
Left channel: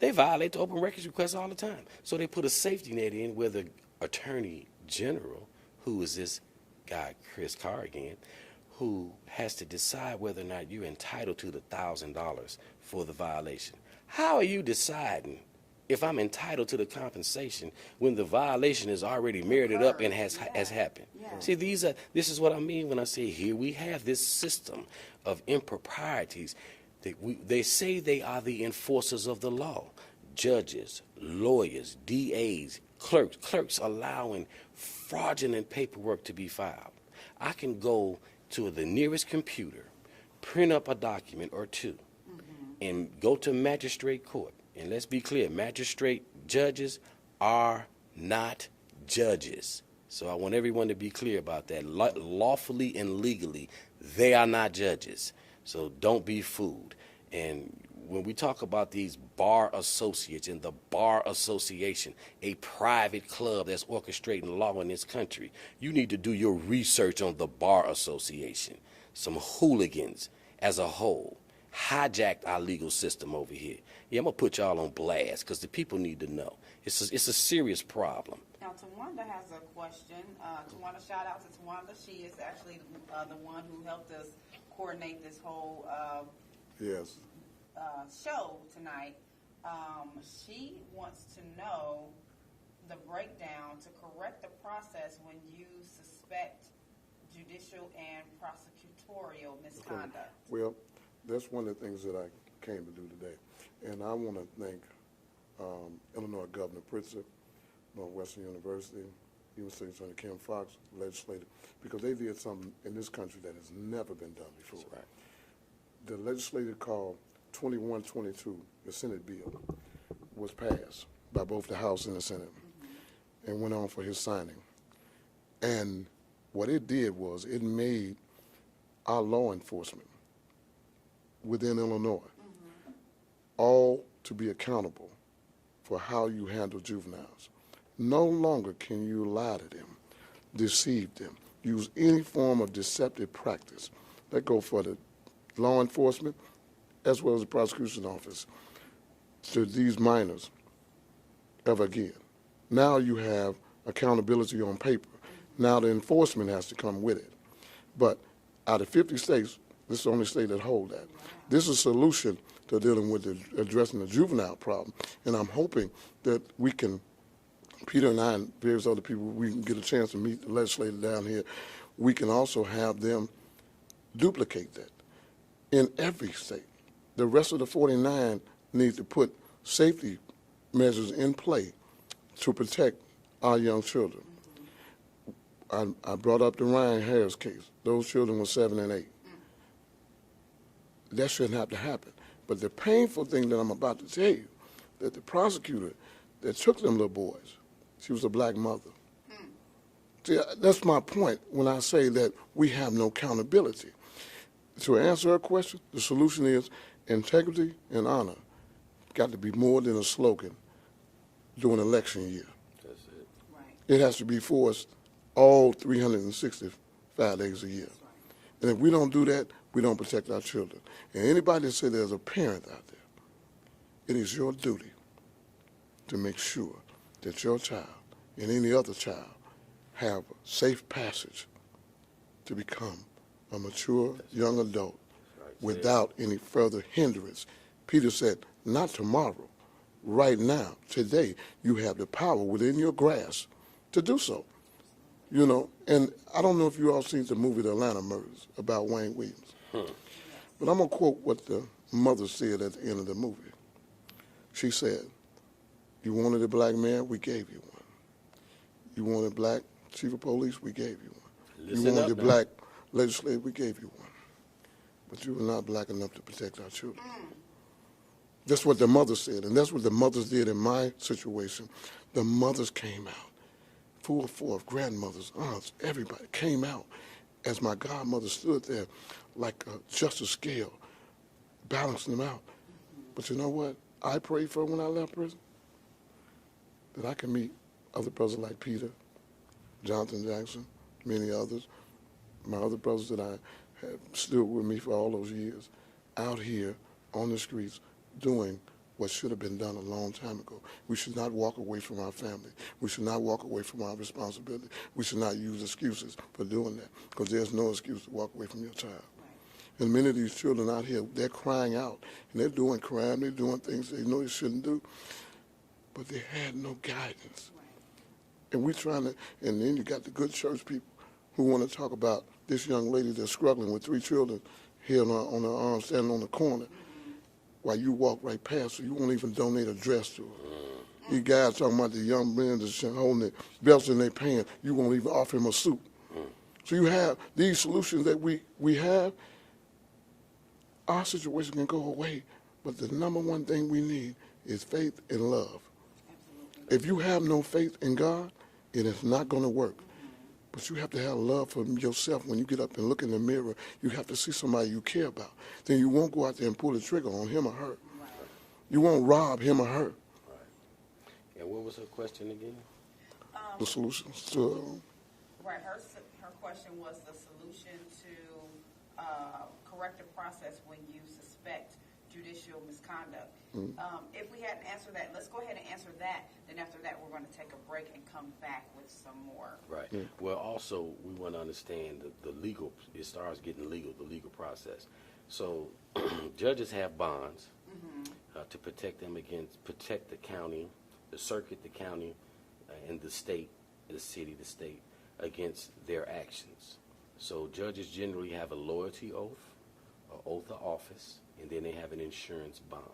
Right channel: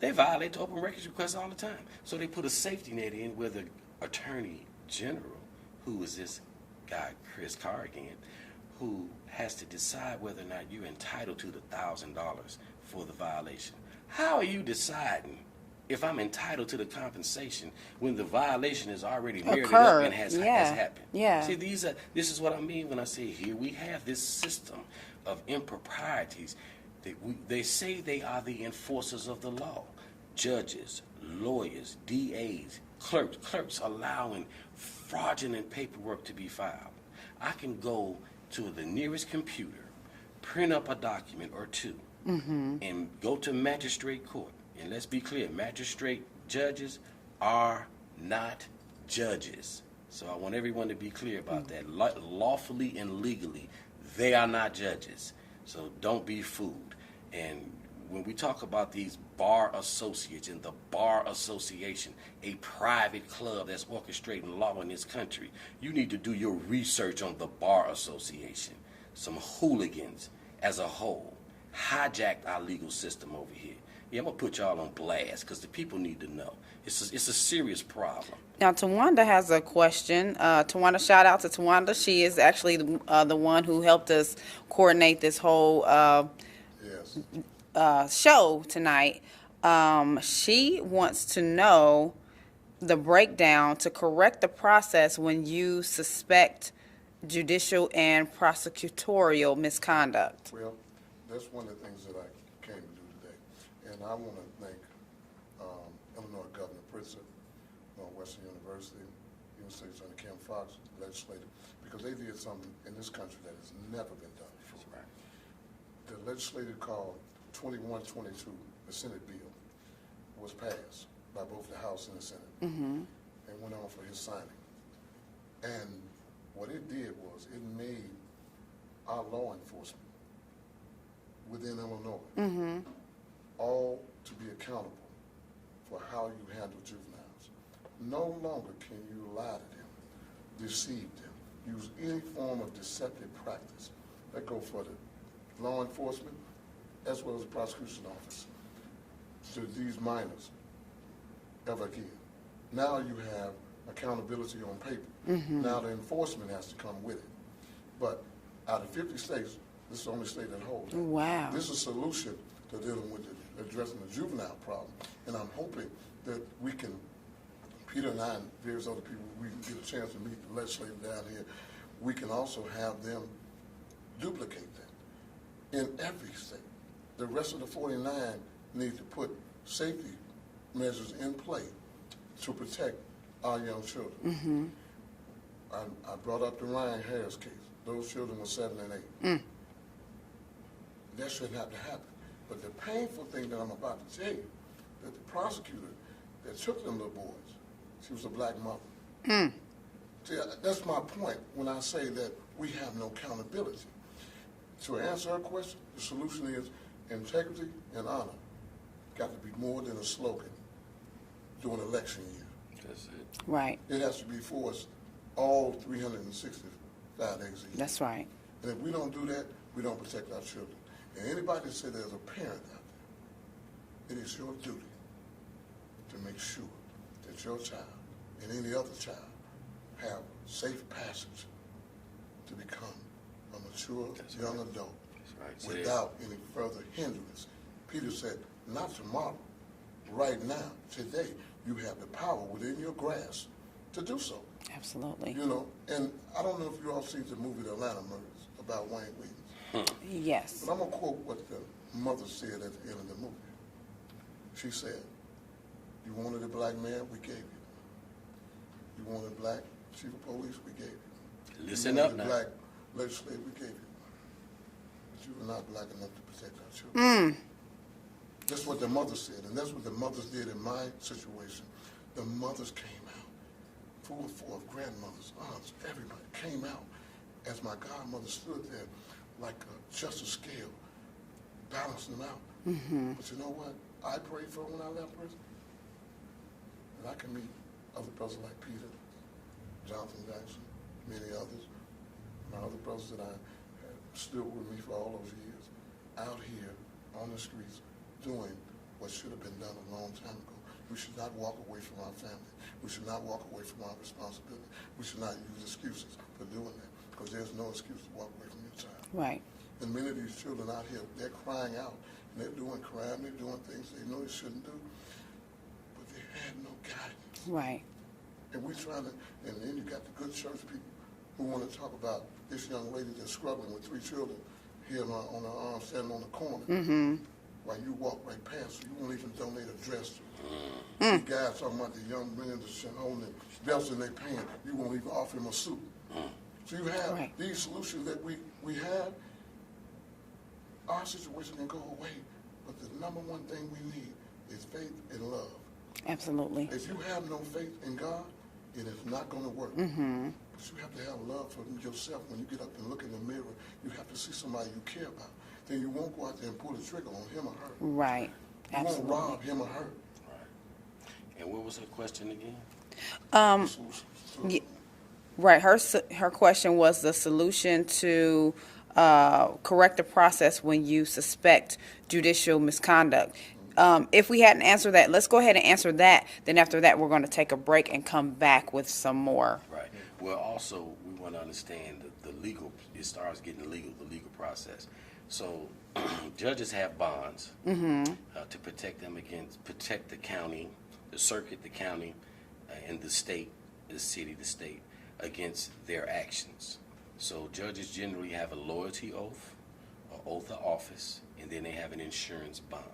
They violate the open records request all the time. So they put a safety net in where the attorney general, who is this guy, Chris Carrigan, who has to decide whether or not you're entitled to the $1,000 for the violation. How are you deciding if I'm entitled to the compensation when the violation is already merited up and has happened? Yeah. See, this is what I mean when I say here we have this system of improprieties. They say they are the enforcers of the law. Judges, lawyers, DAs, clerks allowing fraudulent paperwork to be filed. I can go to the nearest computer, print up a document or two, and go to magistrate court. And let's be clear, magistrate judges are not judges. So I want everyone to be clear about that. Lawfully and legally, they are not judges. So don't be fooled. And when we talk about these bar associates and the Bar Association, a private club that's orchestrating law in this country, you need to do your research on the Bar Association. Some hooligans as a whole hijacked our legal system over here. Yeah, I'm going to put y'all on blast because the people need to know. It's a serious problem. Now, Tawanda has a question. Tawanda, shout out to Tawanda. She is actually the one who helped us coordinate this whole show tonight. She wants to know the breakdown to correct the process when you suspect judicial and prosecutorial misconduct. Well, that's one of the things that I came to do today. And I want to thank Illinois Governor Pritzker, Northwestern University, University Attorney Kim Fox, legislator, because they did something in this country that has never been done before. Right. The legislature called 2122, the Senate bill, was passed by both the House and the Senate, and went on for his signing. And what it did was it made our law enforcement within Illinois all to be accountable for how you handle juveniles. No longer can you lie to them, deceive them, use any form of deceptive practice. That go for the law enforcement as well as the prosecution office to these minors ever again. Now you have accountability on paper. Now the enforcement has to come with it. But out of 50 states, this is the only state that holds that. Wow. This is a solution to dealing with addressing the juvenile problem. And I'm hoping that we can, Peter and I and various other people, we can get a chance to meet the legislator down here. We can also have them duplicate that in every state. The rest of the 49 need to put safety measures in play to protect our young children. I brought up the Ryan Harris case. Those children were 7 and 8. That shouldn't have to happen. But the painful thing that I'm about to tell you, that the prosecutor that took them little boys, she was a black mother. See, that's my point when I say that we have no accountability. To answer her question, the solution is integrity and honor got to be more than a slogan during election year. Right. It has to be forced all 365 days a year. That's right. And if we don't do that, we don't protect our children. And anybody that says there's a parent out there, it is your duty to make sure that your child and any other child have safe passage to become a mature young adult without any further hindrance. Peter said, not tomorrow, right now, today, you have the power within your grasp to do so. Absolutely. You know, and I don't know if you all seen the movie The Atlanta Murders about Wayne Williams. Yes. But I'm going to quote what the mother said at the end of the movie. She said, you wanted a black mayor, we gave you one. You wanted black chief of police, we gave you one. Listen you wanted up a black legislator, we gave you one. But you were not black enough to protect our children. That's what the mother said, and that's what the mothers did in my situation. The mothers came out, full forth, grandmothers, aunts, everybody came out as my godmother stood there like a justice scale, balancing them out. But you know what I prayed for when I left prison? That I can meet other brothers like Peter, Jonathan Jackson, many others, my other brothers that I have stood with me for all those years, out here on the streets doing what should have been done a long time ago. We should not walk away from our family. We should not walk away from our responsibility. We should not use excuses for doing that, because there's no excuse to walk away from your child. Right. And many of these children out here, they're crying out, and they're doing crime, they're doing things they know they shouldn't do, but they had no guidance. Right. And we're trying to, and then you got the good church people who want to talk about this young lady that's struggling with 3 children here on her arm, standing on the corner, while you walk right past her. You won't even donate a dress to her. These guys talking about the young men that's holding their belts in their pants, you won't even offer him a suit. So you have these solutions that we have. Our situation can go away, but the number one thing we need is faith and love. Absolutely. If you have no faith in God, it is not going to work. But you have to have love for yourself. When you get up and look in the mirror, you have to see somebody you care about. Then you won't go out there and pull the trigger on him or her. Right. You won't rob him or her. Right. And what was her question again? The solution to Right. Her question was the solution to correct the process when you suspect judicial misconduct. If we hadn't answered that, let's go ahead and answer that. Then after that, we're going to take a break and come back with some more. Right. Yeah. Well, also, we want to understand the legal, it starts getting the legal process. So judges have bonds to protect them against, protect the county, the circuit, the county, and the state, the city, the state, against their actions. So judges generally have a loyalty oath, an oath of office, and then they have an insurance bond.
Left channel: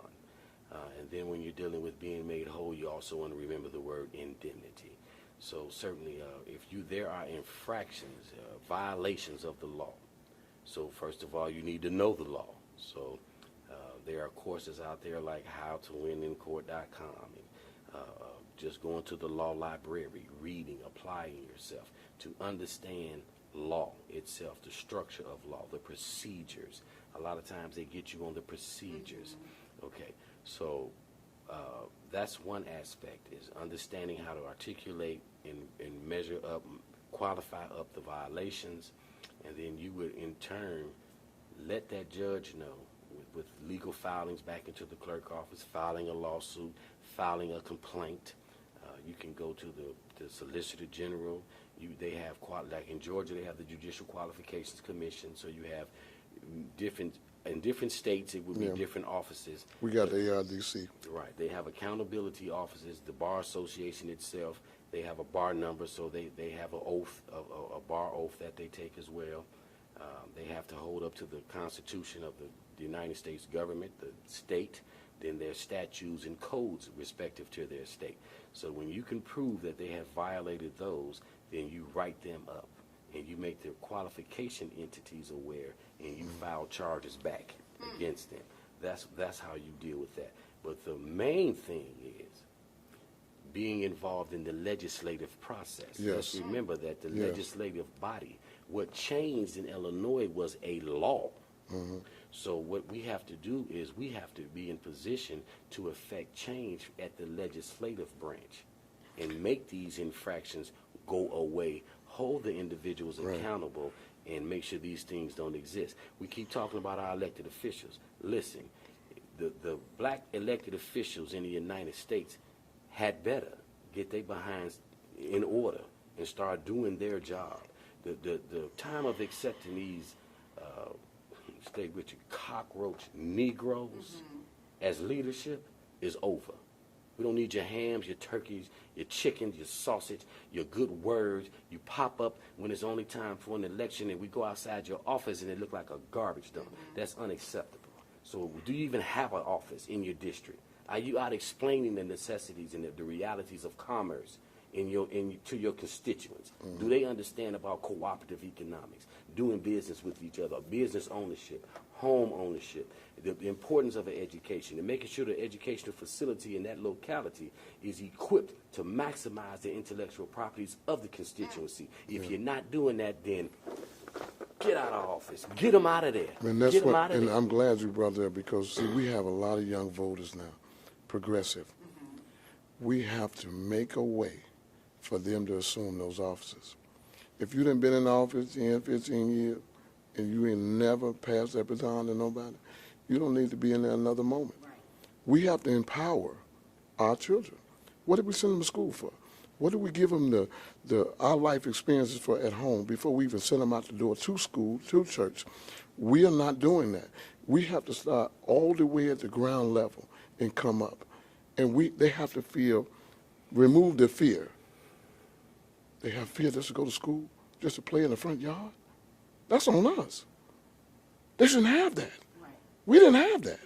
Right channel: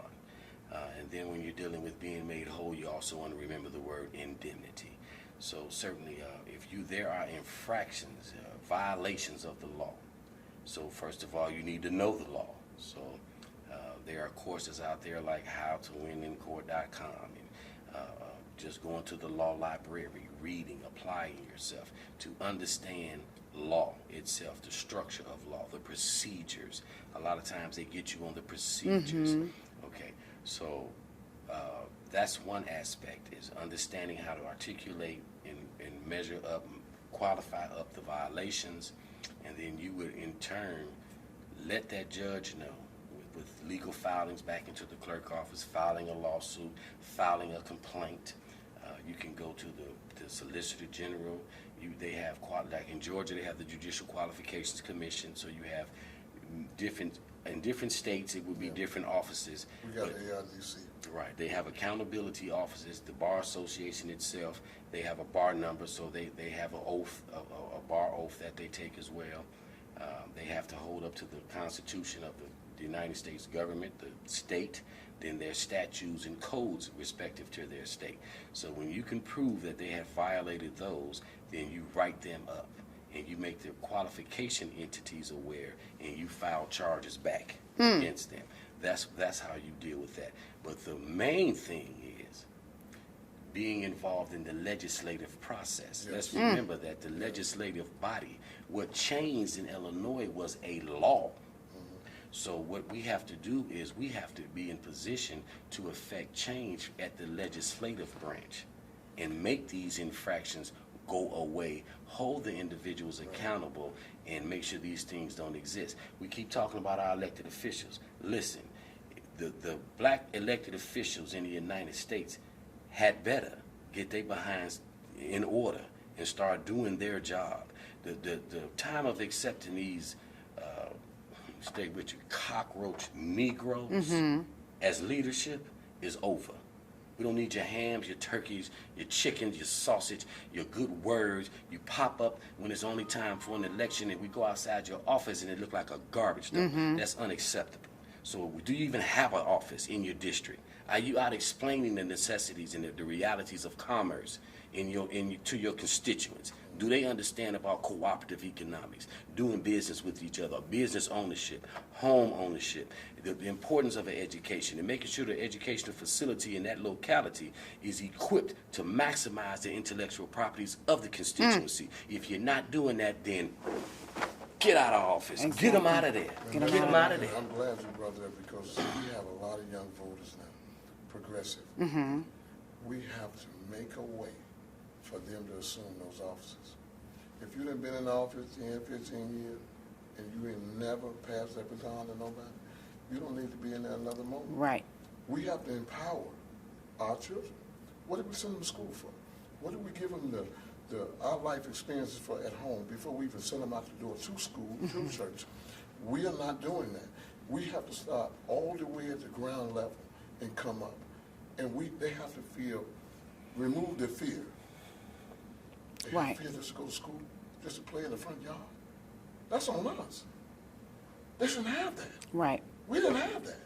And then when you're dealing with being made whole, you also want to remember the word indemnity. So certainly, there are infractions, violations of the law. So first of all, you need to know the law. So there are courses out there like howtowinincourt.com, and just going to the law library, reading, applying yourself to understand law itself, the structure of law, the procedures. A lot of times they get you on the procedures. Okay, so that's one aspect, is understanding how to articulate and measure up, qualify up the violations, and then you would in turn let that judge know with legal filings back into the clerk office, filing a lawsuit, filing a complaint. You can go to the Solicitor General. They have, like in Georgia, they have the Judicial Qualifications Commission, so you have in different states, it would be different offices. We got the ARDC. Right. They have accountability offices. The Bar Association itself, they have a bar number, so they have an oath, a bar oath that they take as well. They have to hold up to the Constitution of the United States government, the state, then their statutes and codes respective to their state. So when you can prove that they have violated those, then you write them up and you make their qualification entities aware, and you file charges back against them. That's how you deal with that. But the main thing is being involved in the legislative process. Yes. Let's remember that the legislative body, what changed in Illinois was a law. So what we have to do is we have to be in position to affect change at the legislative branch and make these infractions go away, hold the individuals accountable, and make sure these things don't exist. We keep talking about our elected officials. Listen, the black elected officials in the United States had better get their behinds in order and start doing their job. The time of accepting these stay with you, cockroach Negroes as leadership is over. We don't need your hams, your turkeys, your chickens, your sausage, your good words. You pop up when it's only time for an election and we go outside your office and it look like a garbage dump. That's unacceptable. So do you even have an office in your district? Are you out explaining the necessities and the realities of commerce to your constituents? Do they understand about cooperative economics, doing business with each other, business ownership, home ownership, the importance of an education, and making sure the educational facility in that locality is equipped to maximize the intellectual properties of the constituency? If you're not doing that, then get out of office. Exactly. Get them out of there. And that's what, and I'm glad you brought that because see, we have a lot of young voters now, progressive. We have to make a way for them to assume those offices. If you done been in office 10, 15 years, and you ain't never passed that baton to nobody, you don't need to be in there another moment. Right. We have to empower our children. What did we send them to school for? What do we give them our life experiences for at home before we even send them out the door to school, to church? We are not doing that. We have to start all the way at the ground level and come up. And they have to remove the fear. They have fear just to go to school, just to play in the front yard. That's on us. They shouldn't have that. Right. We didn't have that.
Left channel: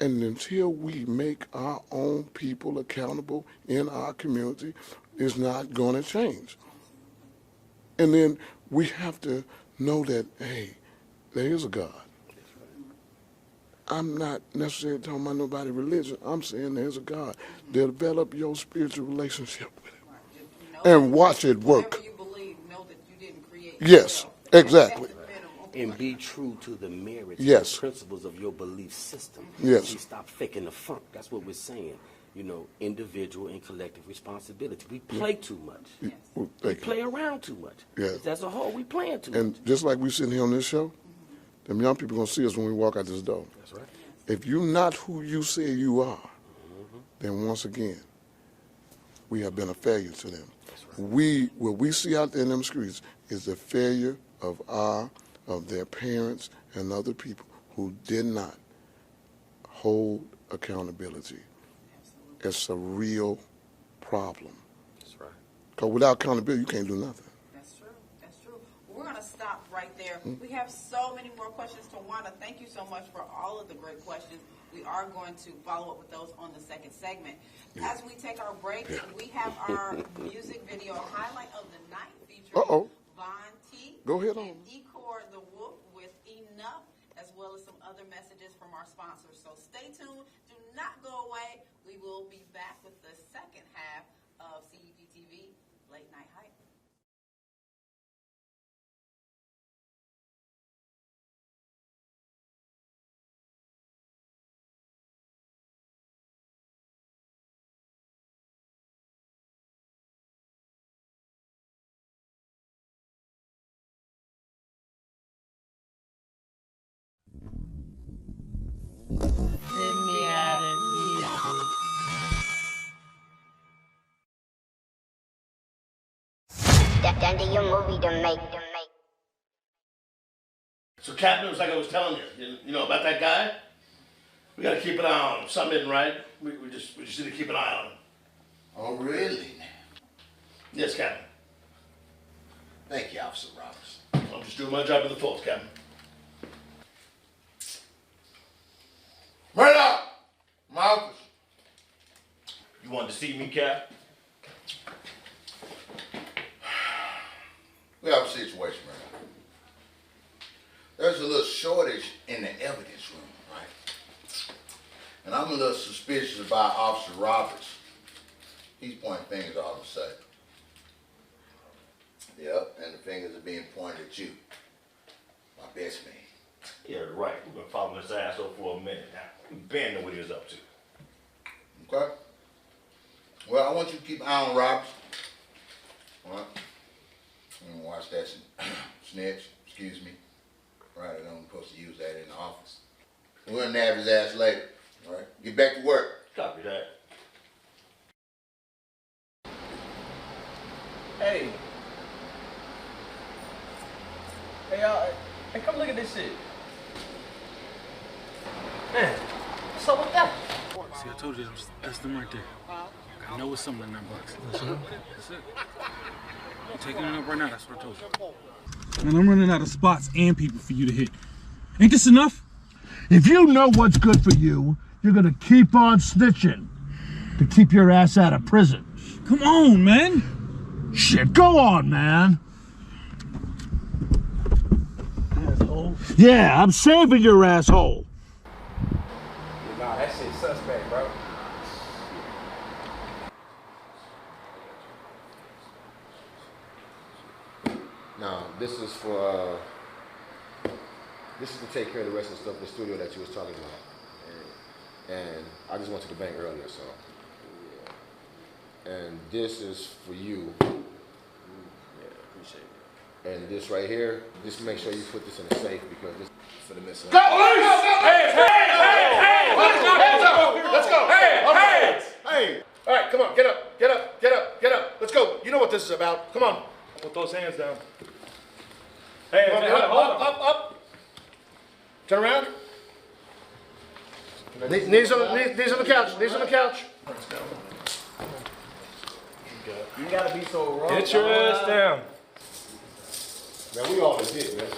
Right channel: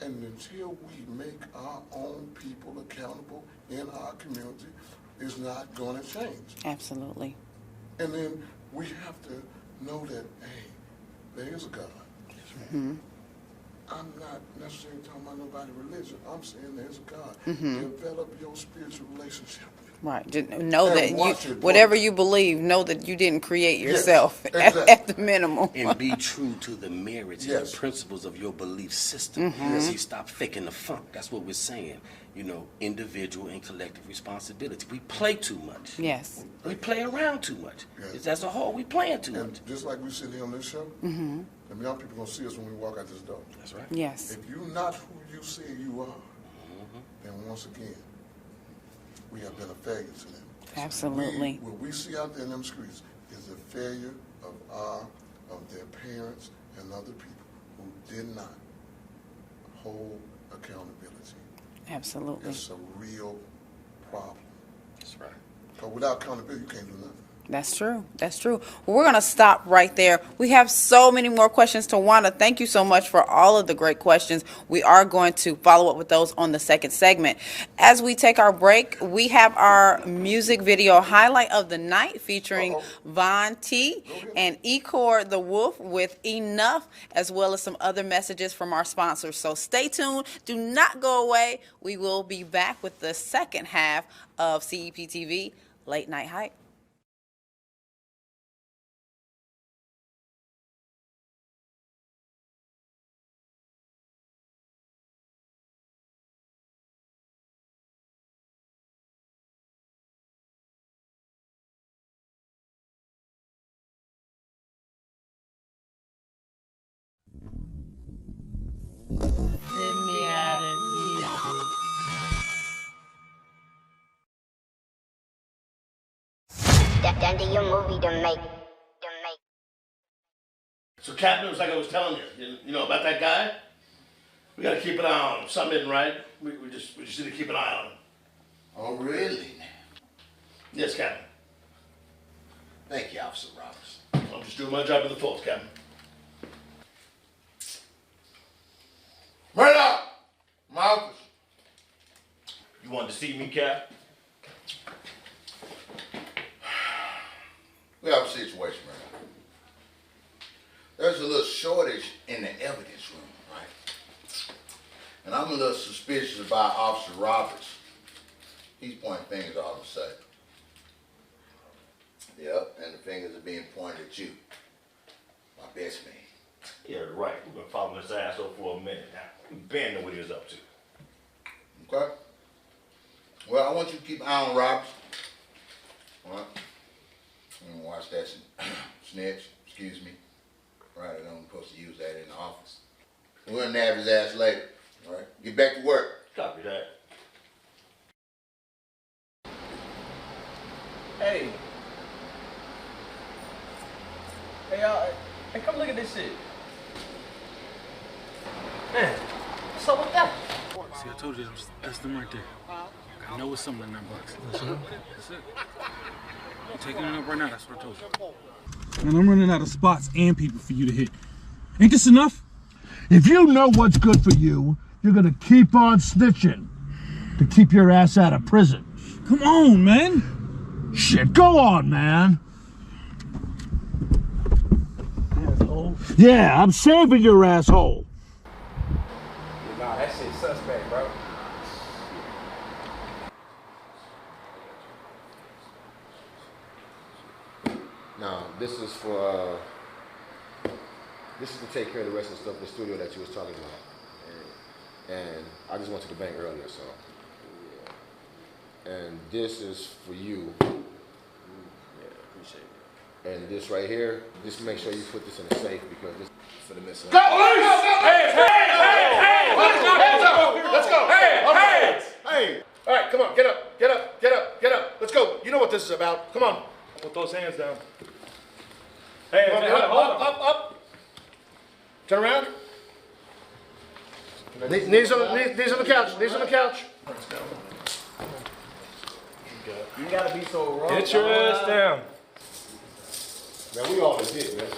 And until we make our own people accountable in our community, it's not going to change. Absolutely. And then we have to know that, hey, there is a God. I'm not necessarily talking about nobody's religion. I'm saying there's a God. Develop your spiritual relationship with him. Right. Just know And that whatever you believe, know that you didn't create yourself at the minimum. And be true to the merits and the principles of your belief system. You stop faking the funk. That's what we're saying. You know, individual and collective responsibility. We play too much. Yes. We play around too much. As a whole, we playing too And much. just like we sitting here on this show, them young people going to see us when we walk out this door. That's right. Yes. If you're not who you say you are, then once again, we have been a failure to them. Absolutely. What we see out there in them streets is the failure of their parents and other people who did not hold accountability. Absolutely. It's a real problem. That's right. Because without accountability, you can't do nothing. That's true. That's true. Well, we're going to stop right there. We have so many more questions. Tawana, thank you so much for all of the great questions. We are going to follow up with those on the second segment. As we take our break, we have our music video highlight of the night featuring Von T and Ecor the Wolf with Enough, as well as some other messages from our sponsors. So stay tuned. Do not go away. We will be back with the second half of CEPTV Late Night Hype. So, Captain, it was like I was telling you know about that guy? We got to keep an eye on him. Something isn't right. We just need to keep an eye on him. Oh, really? Yes, Captain. Thank you, Officer Roberts. I'm just doing my job to the fullest, Captain. Murdoch! My office. You wanted to see me, Cap? We have a situation, Murdoch. There's a little shortage in the evidence room, right? And I'm a little suspicious about Officer Roberts. He's pointing fingers all of a sudden. Yep, and the fingers are being pointed at you, my best man. Yeah, right. We've been following this asshole for a minute now. Ben knew what he was up to. Okay. Well, I want you to keep an eye on Roberts. All right. I'm gonna watch that snitch. Excuse me. Right, I don't supposed to use that in the office. We're gonna nab his ass later. All right. Get back to work. Copy that. Hey. Hey, y'all. Hey, come look at this shit. Man, what's up with that? See, I told you that's them right there. I know it's something in that box. That's it. I'm taking it up right now. That's what I told you. Man, I'm running out of spots and people for you to hit. Ain't this enough? If you know what's good for you, you're gonna keep on snitching to keep your ass out of prison. Come on, man. Shit, go on, man. Asshole. Yeah, I'm saving your asshole. Nah, that shit's suspect, bro. Now, this is to take care of the rest of the stuff in the studio that you was talking about. And I just went to the bank earlier, so. And this is for you. Yeah, appreciate it. And this right here, just make sure you put this in a safe because this is for the missing. Go! Hey! Let's go! Hey! All right, come on, get up. Let's go. You know what this is about. Come on. Put those hands down. Hey, up. Turn around. Knees on the couch. You gotta be so wrong. Get your ass down. Man, we all legit, man.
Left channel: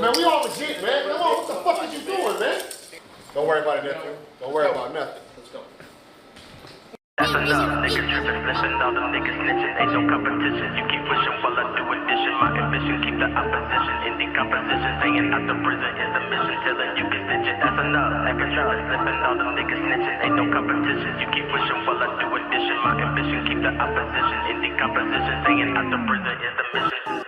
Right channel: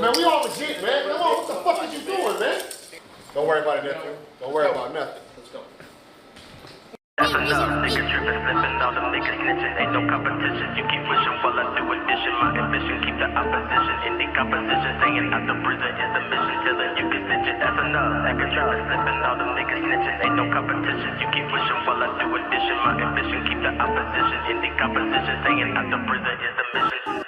Man, we all legit, man. Come on, what the fuck are you doing, man? Don't worry about it, nephew. Don't worry about nothing. Let's go. That's enough, nigga trippin', slippin', all them niggas snitchin', ain't no competition, you keep wishing while I do addition, my ambition, keep the opposition in decomposition, staying out the prison is the mission, telling you can stitch it, that's enough, nigga trippin', slippin', all them niggas snitchin', ain't no competition, you keep wishing while I do addition, my ambition, keep the opposition in decomposition, staying out the prison is the mission.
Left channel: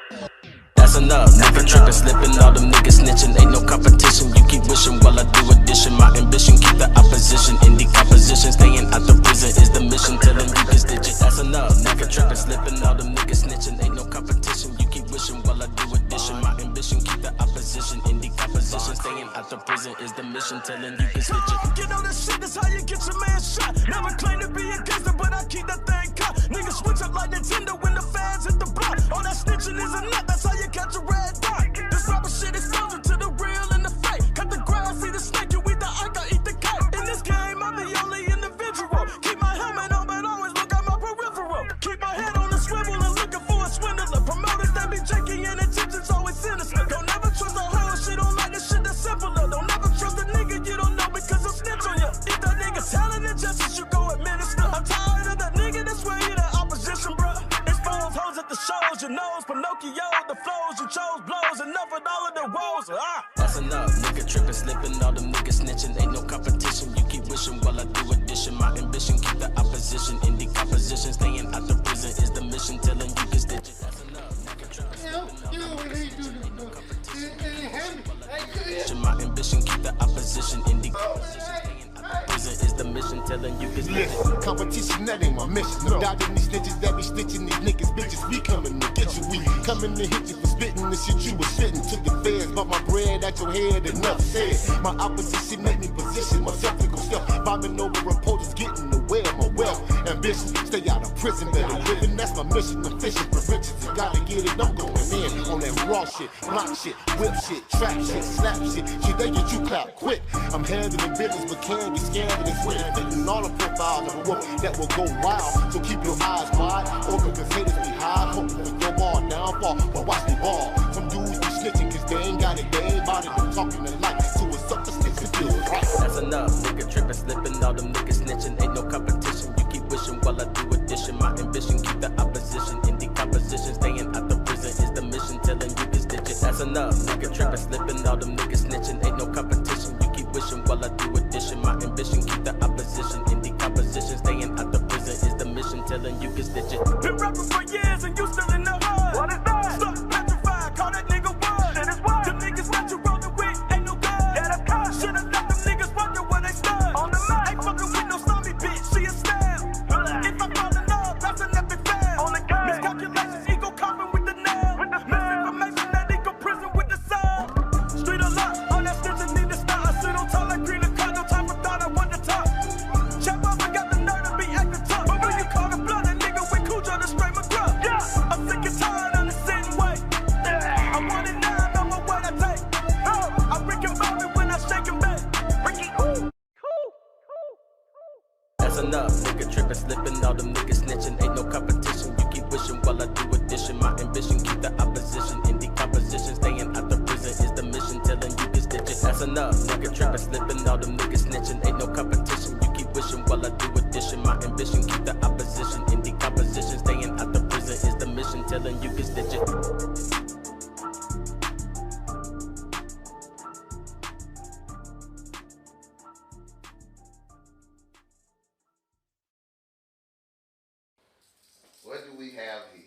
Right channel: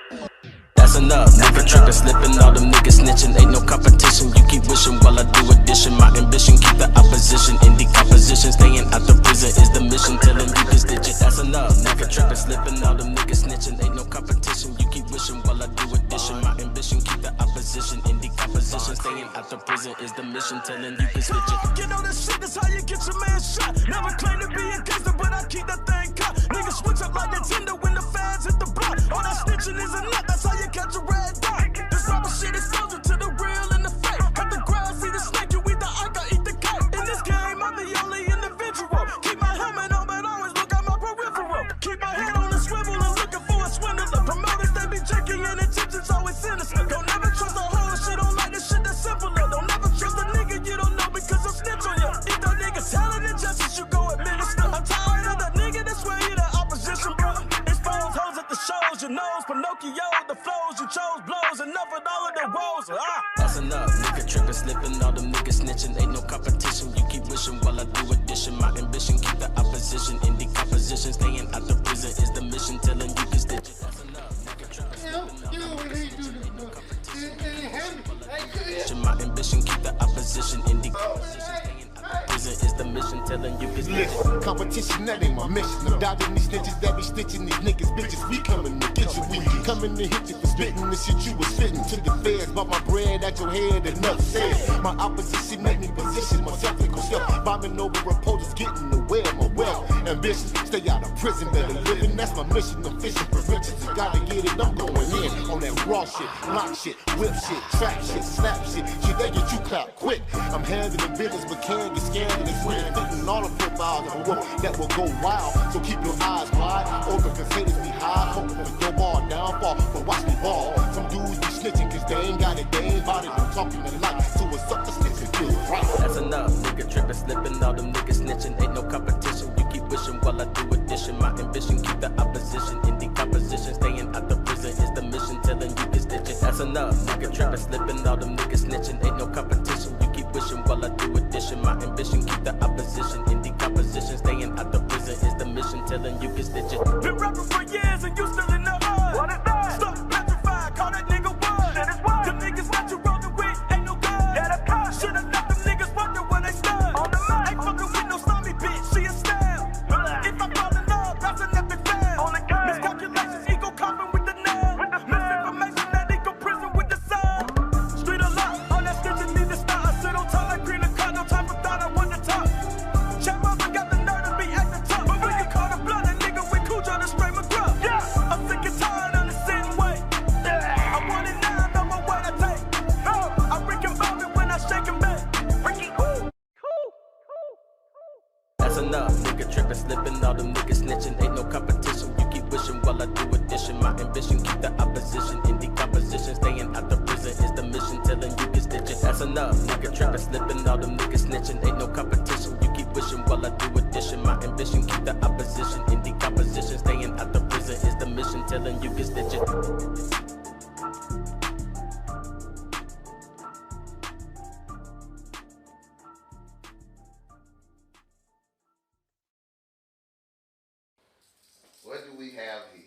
That's enough, nigga trippin', slippin', all them niggas snitchin', ain't no competition, you keep wishing while I do addition, my ambition, keep the opposition in decomposition, staying out the prison is the mission, telling you can stitch it, that's enough, nigga trippin', slippin', all them niggas snitchin', ain't no competition, you keep wishing while I do addition, my ambition, keep the opposition in decomposition, staying out the prison is the mission, telling you can stitch it. Get on that shit, that's how you get your man shot, never claim to be a gangster, but I keep that thing cut, niggas switch up like Nintendo when the fans hit the block, all that snitching is a nut, that's how you catch a red dot. This rapper shit exposure to the real and the fake. Cut the ground, see the snake, you eat the ike, I eat the cake. In this game, I'm the only individual. Keep my helmet on, but always look at my peripheral. Keep my head on the swivel and looking for a swindler. Promoters, they be checking and intentions always sinister. Don't never trust a whole shit, don't like the shit that's simpler. Don't never trust a nigga you don't know because I'll snitch on you. If that nigga talent and justice, you go administer. I'm tired of that nigga, that's where he the opposition, bro. Expose hoes at the shows, your nose, Pinocchio, the flows you chose, blows, enough of all of the woes. That's enough, nigga trippin', slippin', all them niggas snitchin', ain't no competition, you keep wishing while I do addition, my ambition, keep the opposition in decomposition, staying out the prison is the mission, telling you can stitch it. That's enough, nigga trippin', slippin', all them niggas snitchin', ain't no competition, my ambition, keep the opposition in decomposition, staying out the prison is the mission, telling you can stitch it. Competition, that ain't my mission. I'm dodging these snitches that be snitching these niggas, bitches. We coming to get you. We coming to hit you for spitting the shit you was spitting to the feds. But my bread at your head, enough said. My opposition make me position myself and go stealth. Bombing over reporters, getting away of my wealth. Ambition, stay out of prison, better living. That's my mission. I'm fishing for riches. You gotta get it. I'm going in on that raw shit, block shit, whip shit, trap shit, slap shit. Shit, they get you clapped quick. I'm handling business, but can get scandalous. We're fitting all the profiles of a wolf that will go wild. So keep your eyes wide, open, cause haters be high, hoping for your ball downfall. But watch me ball. Some dudes be snitching, cause they ain't got it, they ain't about it. I'm talking to light, so a sucker snitching feels right. That's enough, nigga trippin', slippin', all them niggas snitchin', ain't no competition, you keep wishing while I do addition, my ambition, keep the opposition in decomposition, staying out the prison is the mission, telling you can stitch it. That's enough, nigga trippin', slippin', all them niggas snitchin', ain't no competition, you keep wishing while I do addition, my ambition, keep the opposition in decomposition, staying out the prison is the mission, telling you can stitch it. Been rapping for years and you still in the hood. What is that? Stuck petrified, call that nigga That's enough. Nigga tripping, slipping, all them niggas snitching. Ain't no competition. You keep wishing while I do addition. My ambition, keep the opposition in decomposition. Staying out the prison is the mission. Telling you can stitch it. That's enough. Nigga tripping, slipping, all them niggas snitching. Ain't no competition. You keep wishing while I do addition. My ambition, keep the opposition in decomposition. Staying out the prison is the mission. Telling you can stitch it. What do we have here?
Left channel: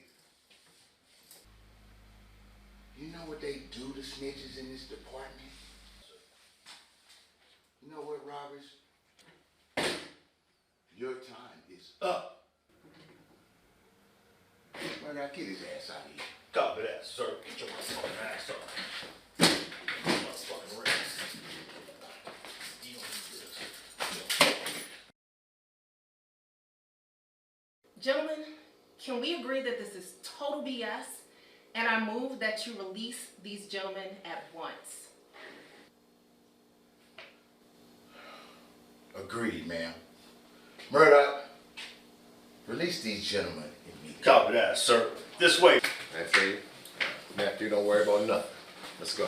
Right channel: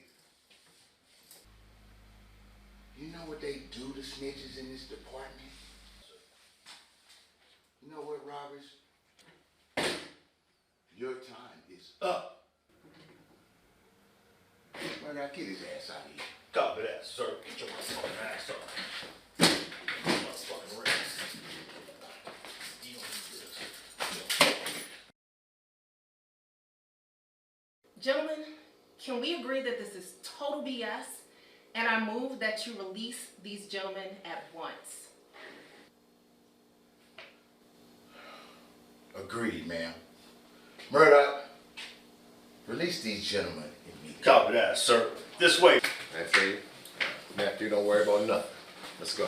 You know what they do to snitches in this department? You know what, Roberts? Your time is up. Well, now get his ass out of here. Copy that, sir. Get your motherfucking ass up. Motherfucking ring. You don't need this. Gentlemen, can we agree that this is total BS, and I move that you release these gentlemen at once? Agreed, ma'am. Murdoch, release these gentlemen immediately. Copy that, sir. This way. That's it. Matthew, don't worry about nothing. Let's go.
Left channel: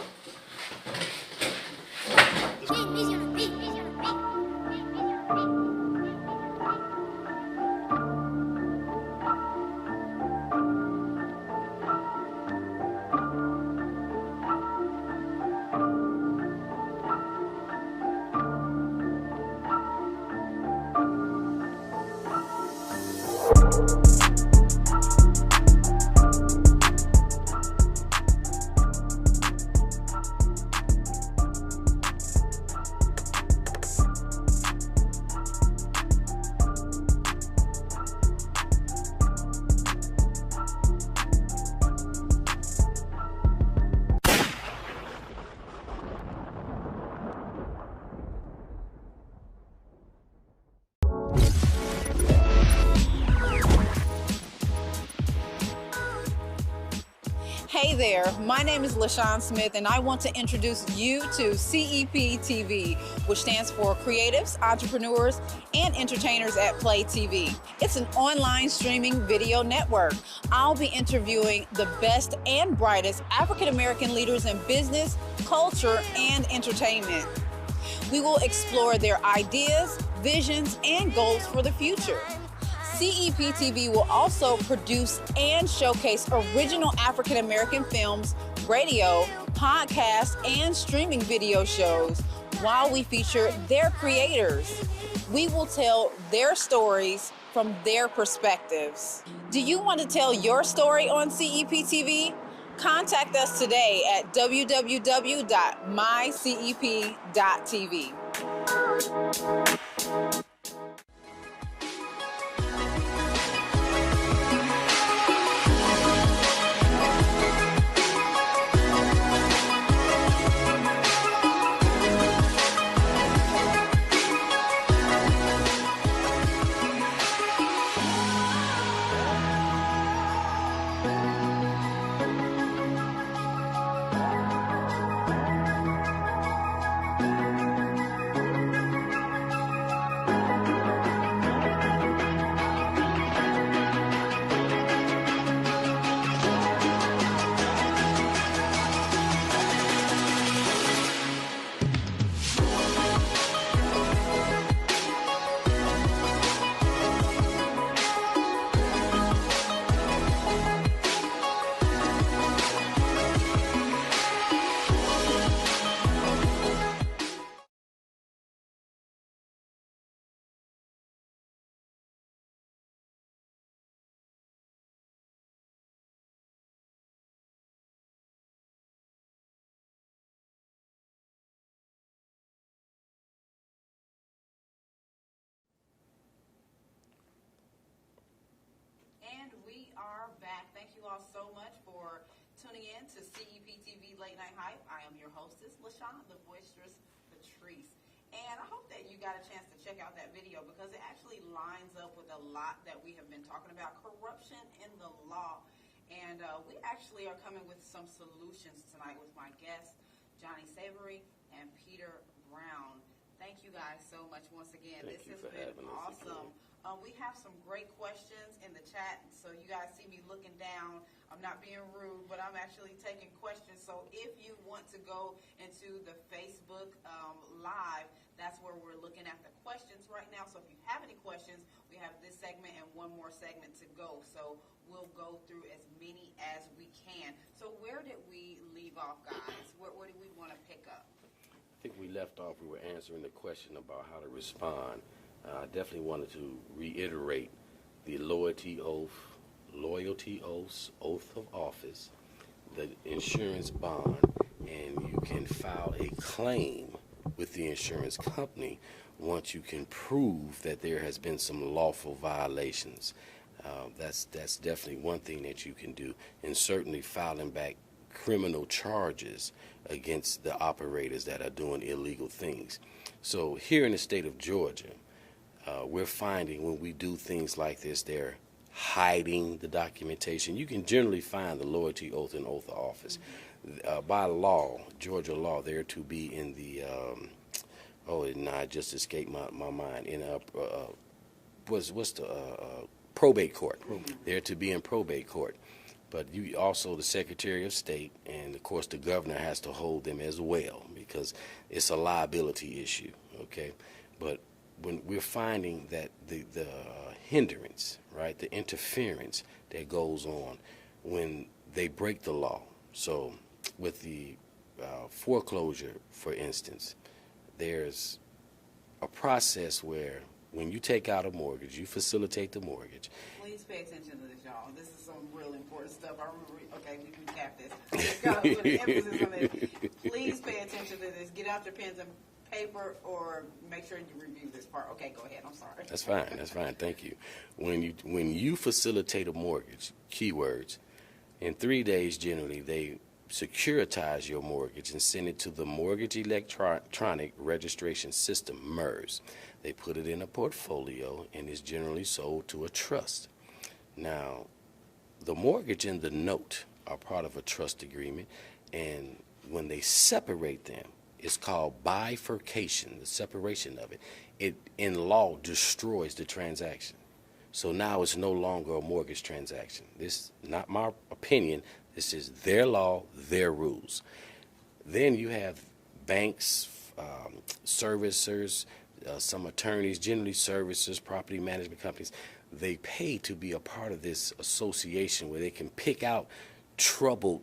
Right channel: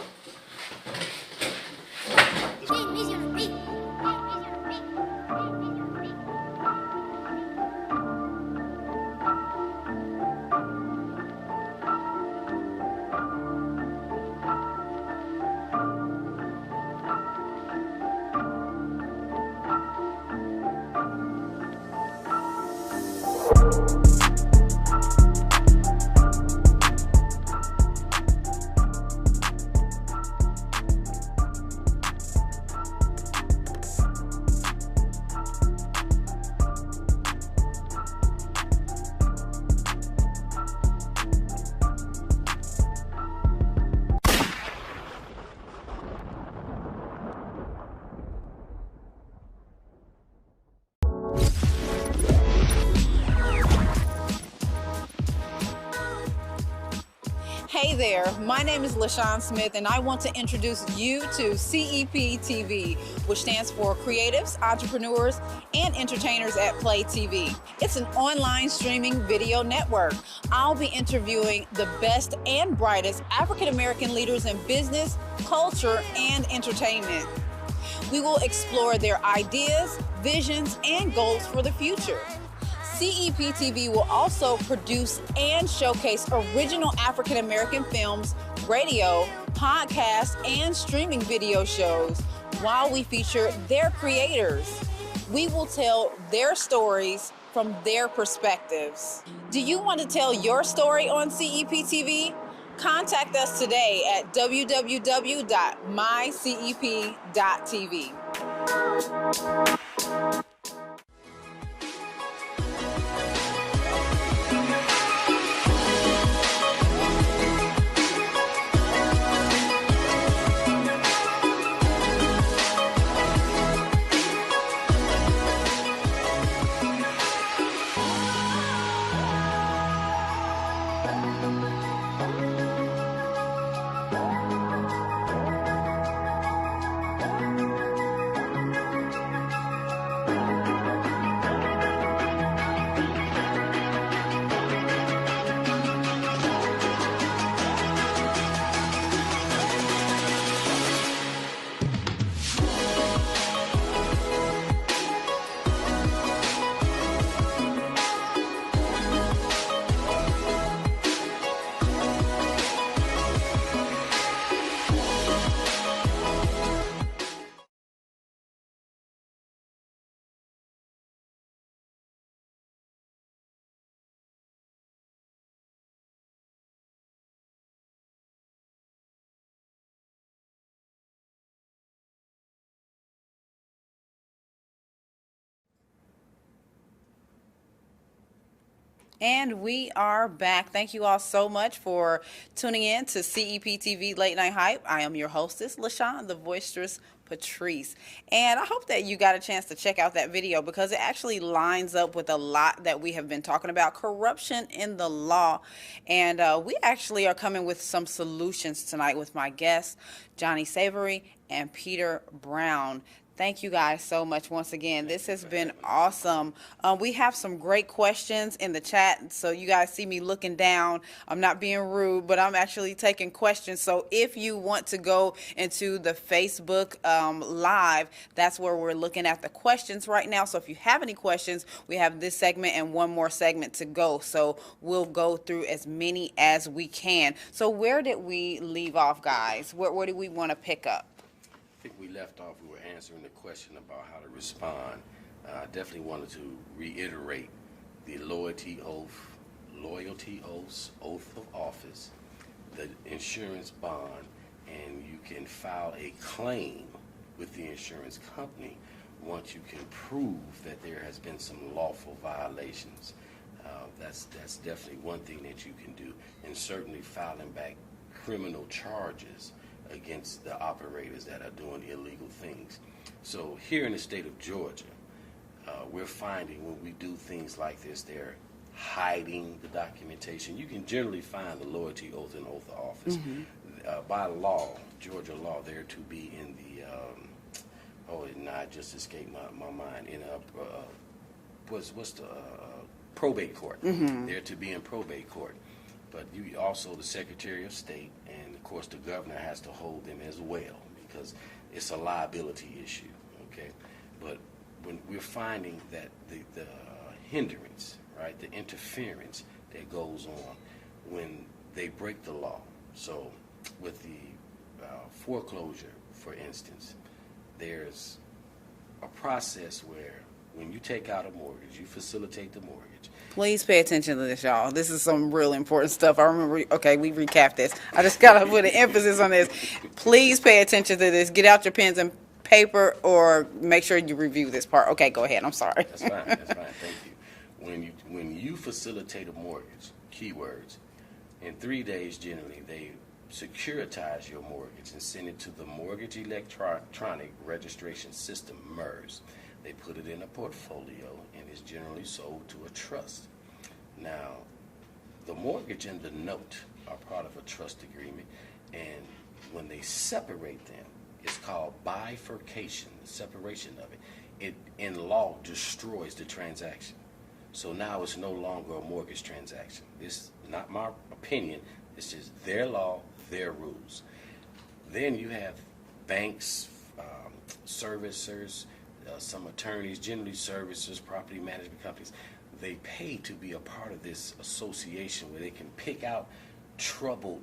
Hey there, my name is LaShon Smith, and I want to introduce you to CEPTV, which stands for Creatives, Entrepreneurs, and Entertainers at Play TV. It's an online streaming video network. I'll be interviewing the best and brightest African-American leaders in business, culture, and entertainment. We will explore their ideas, visions, and goals for the future. CEPTV will also produce and showcase original African-American films, radio, podcasts, and streaming video shows while we feature their creators. We will tell their stories from their perspectives. Do you want to tell your story on CEPTV? Contact us today at www.mycep.tv. And we are back. Thank you all so much for tuning in to CEPTV Late Night Hype. I am your hostess, LaShon the Voicestress Patrice. And I hope that you got a chance to check out that video because it actually lines up with a lot that we have been talking about, corruption in the law. And we actually are coming with some solutions tonight with my guests, Jonnie Savoy and Peter Brown. Thank you guys so much once again. This has been awesome. We have some great questions in the chat, so you guys see me looking down. I'm not being rude, but I'm actually taking questions. So if you want to go into the Facebook Live, that's where we're looking at the questions right now. So if you have any questions, we have this segment and one more segment to go. So we'll go through as many as we can. So where did we leave off, guys? Where do we want to pick up? I think we left off, we were answering the question about how to respond. I definitely wanted to reiterate the loyalty oaths, oath of office, the insurance bond, and you can file a claim with the insurance company once you can prove that there has been some lawful violations. That's definitely one thing that you can do, and certainly filing back criminal charges against the operators that are doing illegal things. So here in the state of Georgia, we're finding when we do things like this, they're hiding the documentation. You can generally find the loyalty oath and oath of office. By law, Georgia law, they're to be in the, it just escaped my mind, in what's the probate court. They're to be in probate court. But you also, the Secretary of State, and of course the governor has to hold them as well, because it's a liability issue, okay? But when we're finding that the hindrance, right, the interference that goes on when they break the law. So with the foreclosure, for instance, there's a process where when you take out a mortgage, you facilitate the mortgage. Please pay attention to this, y'all. This is some really important stuff. I remember, okay, we recapped this. I just got to put an emphasis on this. Please pay attention to this. Get out your pens and paper, or make sure you review this part. Okay, go ahead. I'm sorry. That's fine. That's fine. Thank you. When you facilitate a mortgage, keywords, in 3 days generally, they securitize your mortgage and send it to the Mortgage Electronic Registration System, MERS. They put it in a portfolio and is generally sold to a trust. Now, the mortgage and the note are part of a trust agreement, and when they separate them, it's called bifurcation, the separation of it. It, in law, destroys the transaction. So now it's no longer a mortgage transaction. This is not my opinion. This is their law, their rules. Then you have banks, servicers, some attorneys, generally servicers, property management companies. They pay to be a part of this association where they can pick out troubled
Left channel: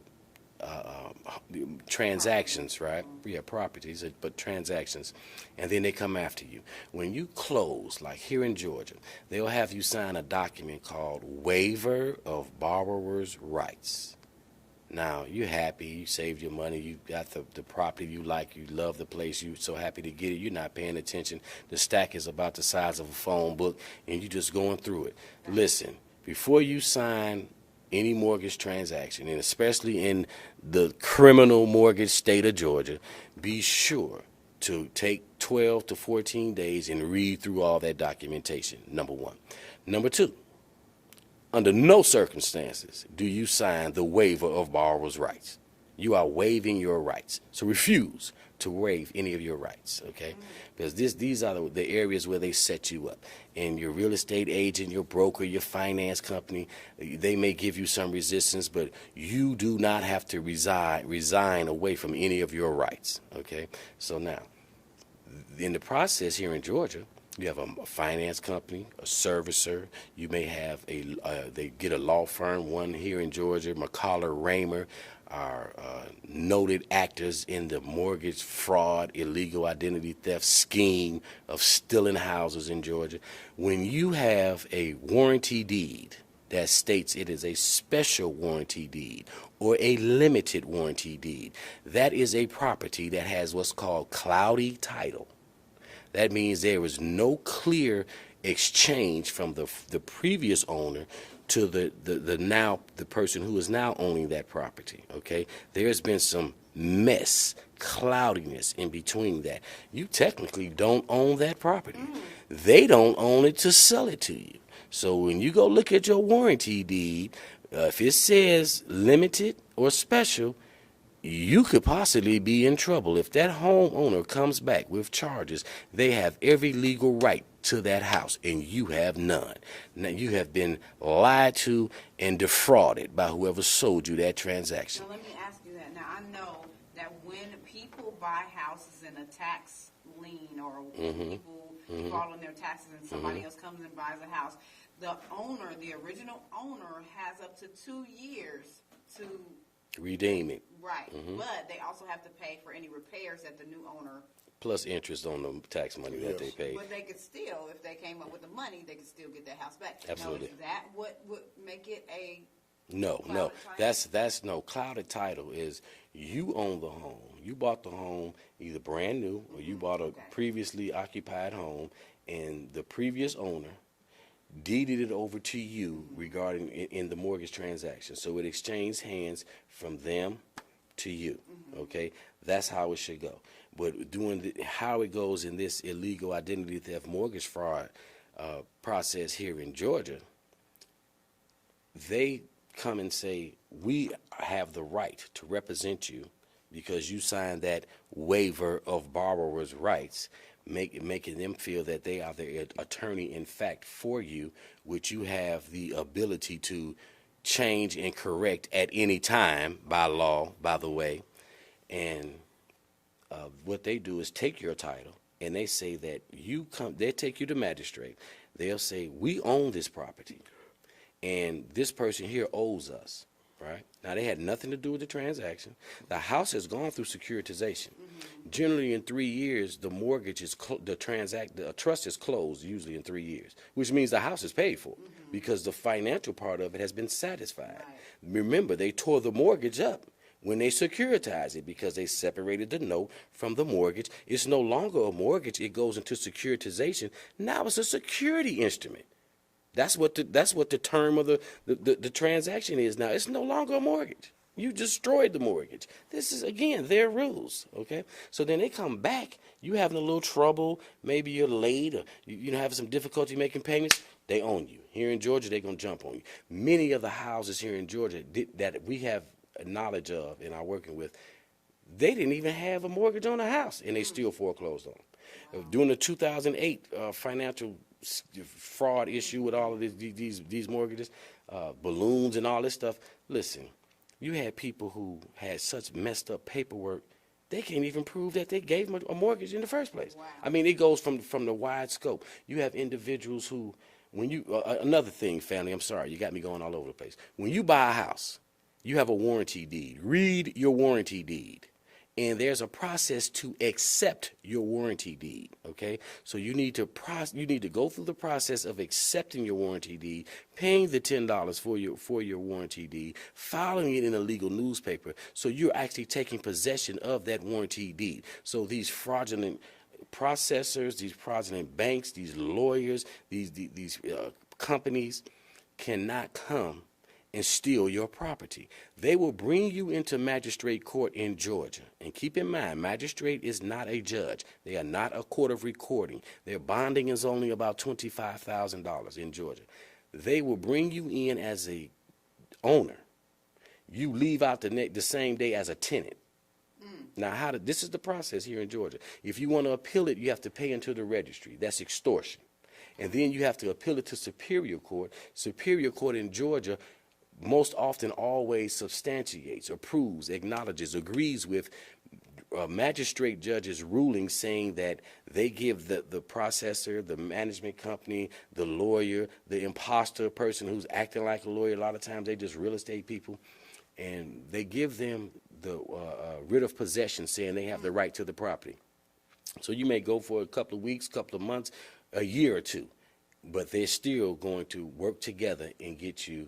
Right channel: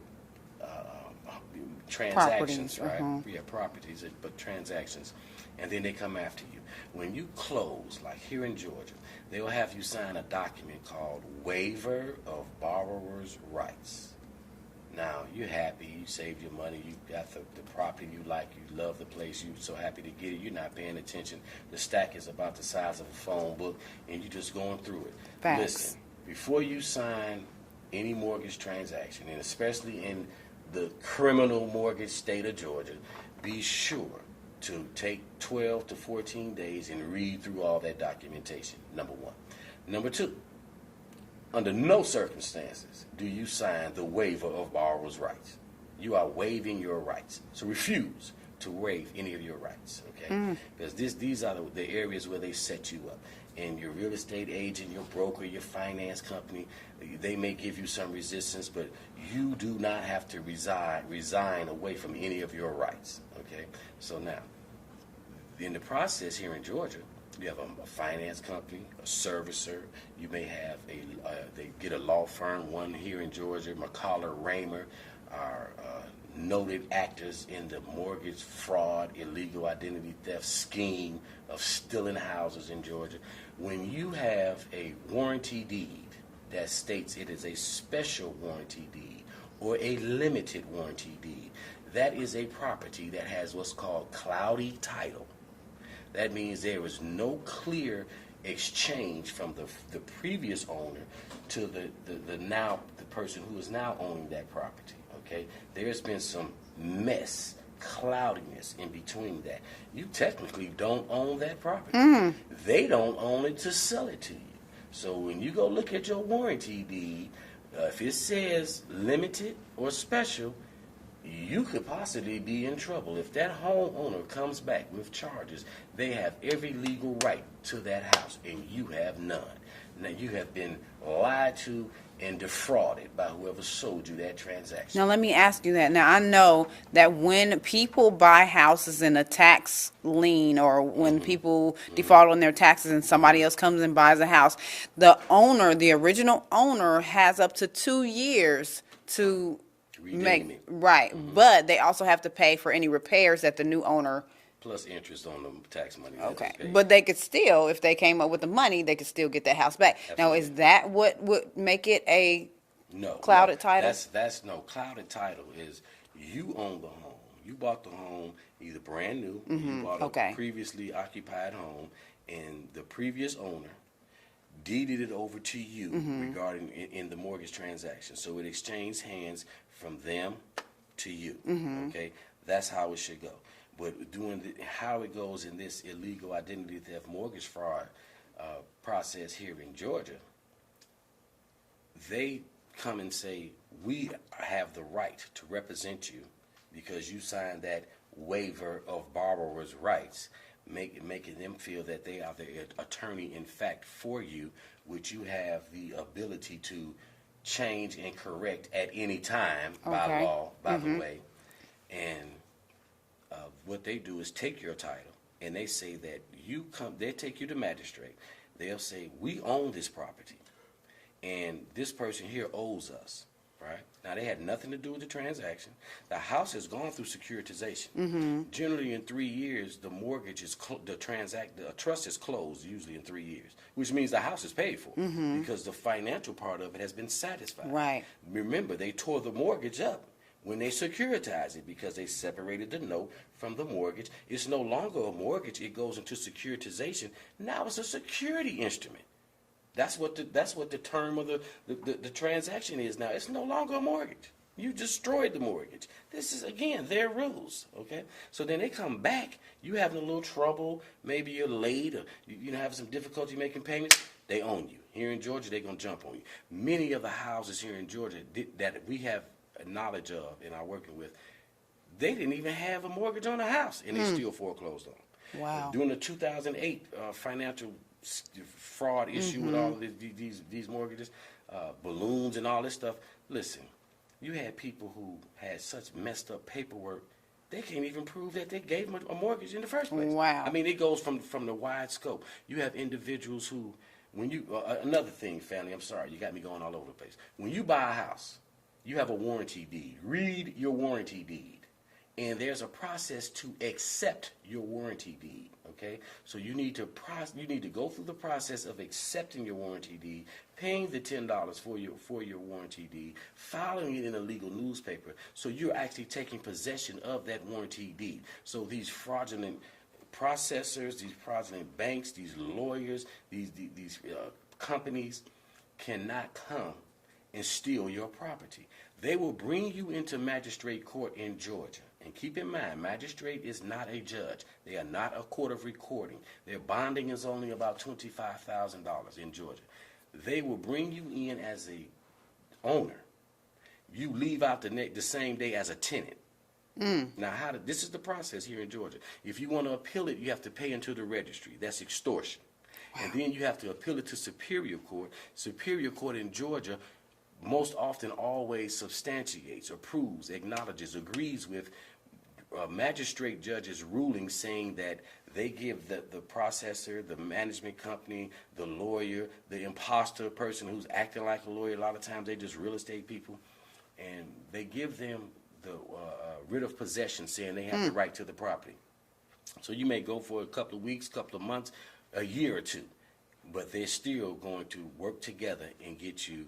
transactions, property. right? Yeah, properties, but transactions. And then they come after you. When you close, like here in Georgia, they'll have you sign a document called Waiver of Borrower's Rights. Now, you're happy, you saved your money, you got the property you like, you love the place, you're so happy to get it, you're not paying attention. The stack is about the size of a phone book, and you're just going through it. Facts. Listen, before you sign any mortgage transaction, and especially in the criminal mortgage state of Georgia, be sure to take 12 to 14 days and read through all that documentation, number one. Number two, under no circumstances do you sign the waiver of borrower's rights. You are waiving your rights. So refuse to waive any of your rights, okay? Because these are the areas where they set you up. And your real estate agent, your broker, your finance company, they may give you some resistance, but you do not have to resign away from any of your rights, okay? So now, in the process here in Georgia, you have a finance company, a servicer. You may have they get a law firm, one here in Georgia, McCollar Raymer, are noted actors in the mortgage fraud, illegal identity theft scheme of stealing houses in Georgia. When you have a warranty deed that states it is a special warranty deed or a limited warranty deed, that is a property that has what's called cloudy title. That means there is no clear exchange from the previous owner to the person who is now owning that property, okay? There's been some mess, cloudiness in between that. You technically don't own that property. They don't own it to sell it to you. So when you go look at your warranty deed, if it says limited or special, you could possibly be in trouble. If that homeowner comes back with charges, they have every legal right to that house, and you have none. Now, you have been lied to and defrauded by whoever sold you that transaction. Now, let me ask you that. Now, I know that when people buy houses in a tax lien, or when people default on their taxes and somebody else comes and buys a house, the owner, the original owner, has up to 2 years to Redeem it. Right. But they also have to pay for any repairs that the new owner. Plus interest on the tax money. Okay. But they could still, if they came up with the money, they could still get that house back. Absolutely. Now, is that what would make it a clouded title? That's no clouded title. Is you own the home. You bought the home either brand new, or you bought a previously occupied home, and the previous owner deeded it over to you regarding in the mortgage transaction. So it exchanged hands from them to you. Okay, that's how it should go. But how it goes in this illegal identity theft mortgage fraud process here in Georgia, they come and say, we have the right to represent you because you signed that waiver of borrower's rights, making them feel that they are the attorney in fact for you, which you have the ability to change and correct at any time by law, by the way. And what they do is take your title, and they say that they take you to magistrate. They'll say, we own this property, and this person here owes us, right? Now, they had nothing to do with the transaction. The house has gone through securitization. Generally, in 3 years, the mortgage is the trust is closed, usually in 3 years, which means the house is paid for because the financial part of it has been satisfied. Right. Remember, they tore the mortgage up when they securitized it because they separated the note from the mortgage. It's no longer a mortgage. It goes into securitization. Now it's a security instrument. That's what the term of the transaction is now. It's no longer a mortgage. You destroyed the mortgage. This is, again, their rules, okay? So then they come back. You having a little trouble. Maybe you're late or you having some difficulty making payments. They own you. Here in Georgia, they're going to jump on you. Many of the houses here in Georgia that we have knowledge of and are working with, they didn't even have a mortgage on the house, and they still foreclosed on them. Wow. During the 2008 financial fraud issue with all of these mortgages, balloons and all this stuff, listen, you had people who had such messed up paperwork, they can't even prove that they gave them a mortgage in the first place. Wow. I mean, it goes from the wide scope. You have individuals who, when you, another thing, family, I'm sorry, you got me going all over the place. When you buy a house, you have a warranty deed. Read your warranty deed. And there's a process to accept your warranty deed, okay? So you need to go through the process of accepting your warranty deed, paying the $10 for your warranty deed, filing it in a legal newspaper, so you're actually taking possession of that warranty deed. So these fraudulent processors, these fraudulent banks, these lawyers, these companies cannot come and steal your property. They will bring you into magistrate court in Georgia. And keep in mind, magistrate is not a judge. They are not a court of recording. Their bonding is only about $25,000 in Georgia. They will bring you in as a owner. You leave out the same day as a tenant. Now, this is the process here in Georgia. If you want to appeal it, you have to pay into the registry. That's extortion. And then you have to appeal it to Superior Court. Superior Court in Georgia most often always substantiates, approves, acknowledges, agrees with magistrate judge's ruling, saying that they give the processor, the management company, the lawyer, the imposter person who's acting like a lawyer, a lot of times they just real estate people, and they give them the writ of possession, saying they have the right to the property. So you may go for a couple of weeks, couple of months, a year or two, but they're still going to work together and get your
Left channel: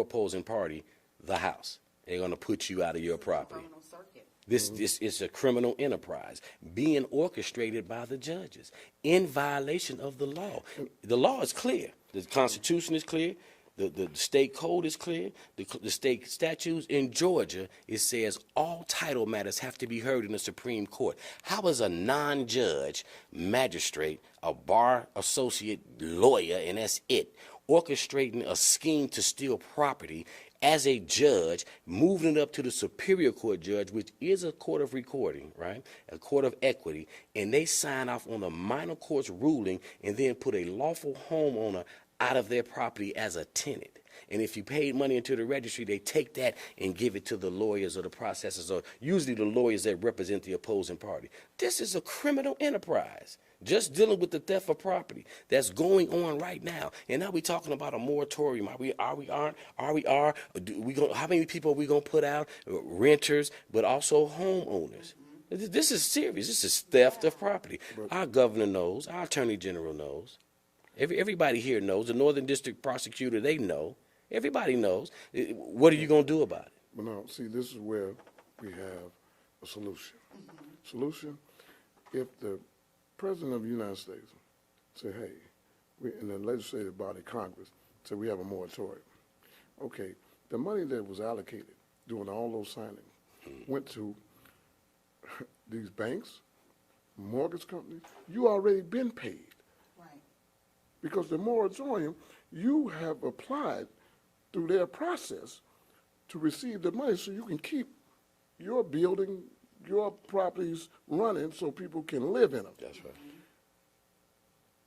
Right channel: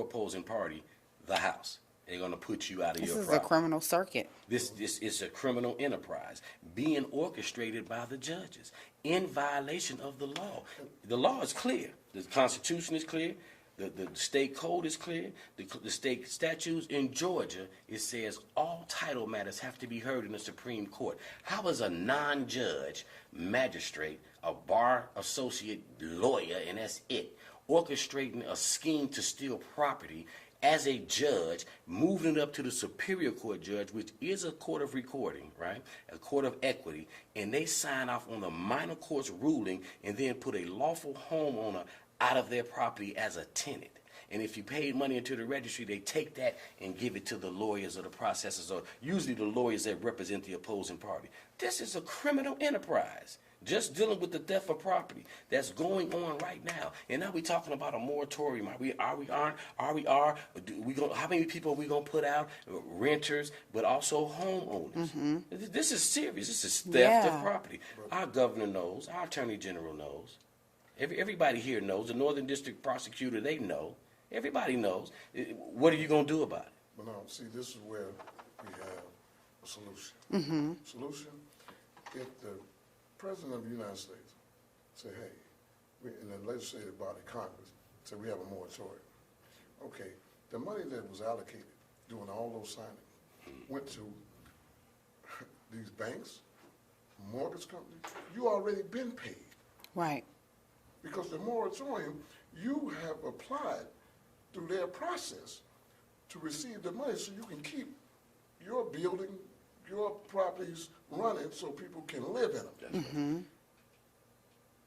opposing party the house. They're going to put you out of your property. This is a criminal circuit. This is a criminal enterprise being orchestrated by the judges in violation of the law. The law is clear. The Constitution is clear. The state code is clear. The state statutes in Georgia, it says all title matters have to be heard in the Supreme Court. How is a non-judge magistrate, a bar associate lawyer, and that's it, orchestrating a scheme to steal property as a judge, moving it up to the Superior Court judge, which is a court of recording, right? A court of equity, and they sign off on a minor court's ruling and then put a lawful homeowner out of their property as a tenant. And if you paid money into the registry, they take that and give it to the lawyers or the processors, or usually the lawyers that represent the opposing party. This is a criminal enterprise, just dealing with the theft of property that's going on right now. And now we're talking about a moratorium. How many people are we gonna put out? Renters, but also homeowners. This is serious. This is theft of property. Our governor knows. Our attorney general knows. Everybody here knows. The Northern District prosecutor, they know. Everybody knows. What are you going to do about it? But now, see, this is where we have a solution. Solution, if the President of the United States say, hey, in the legislative body, Congress, say we have a moratorium. Okay, the money that was allocated during all those signings went to these banks, mortgage companies. You already been paid. Right. Because the moratorium, you have applied through their process to receive the money so you can keep your building, your properties running so people can live in them.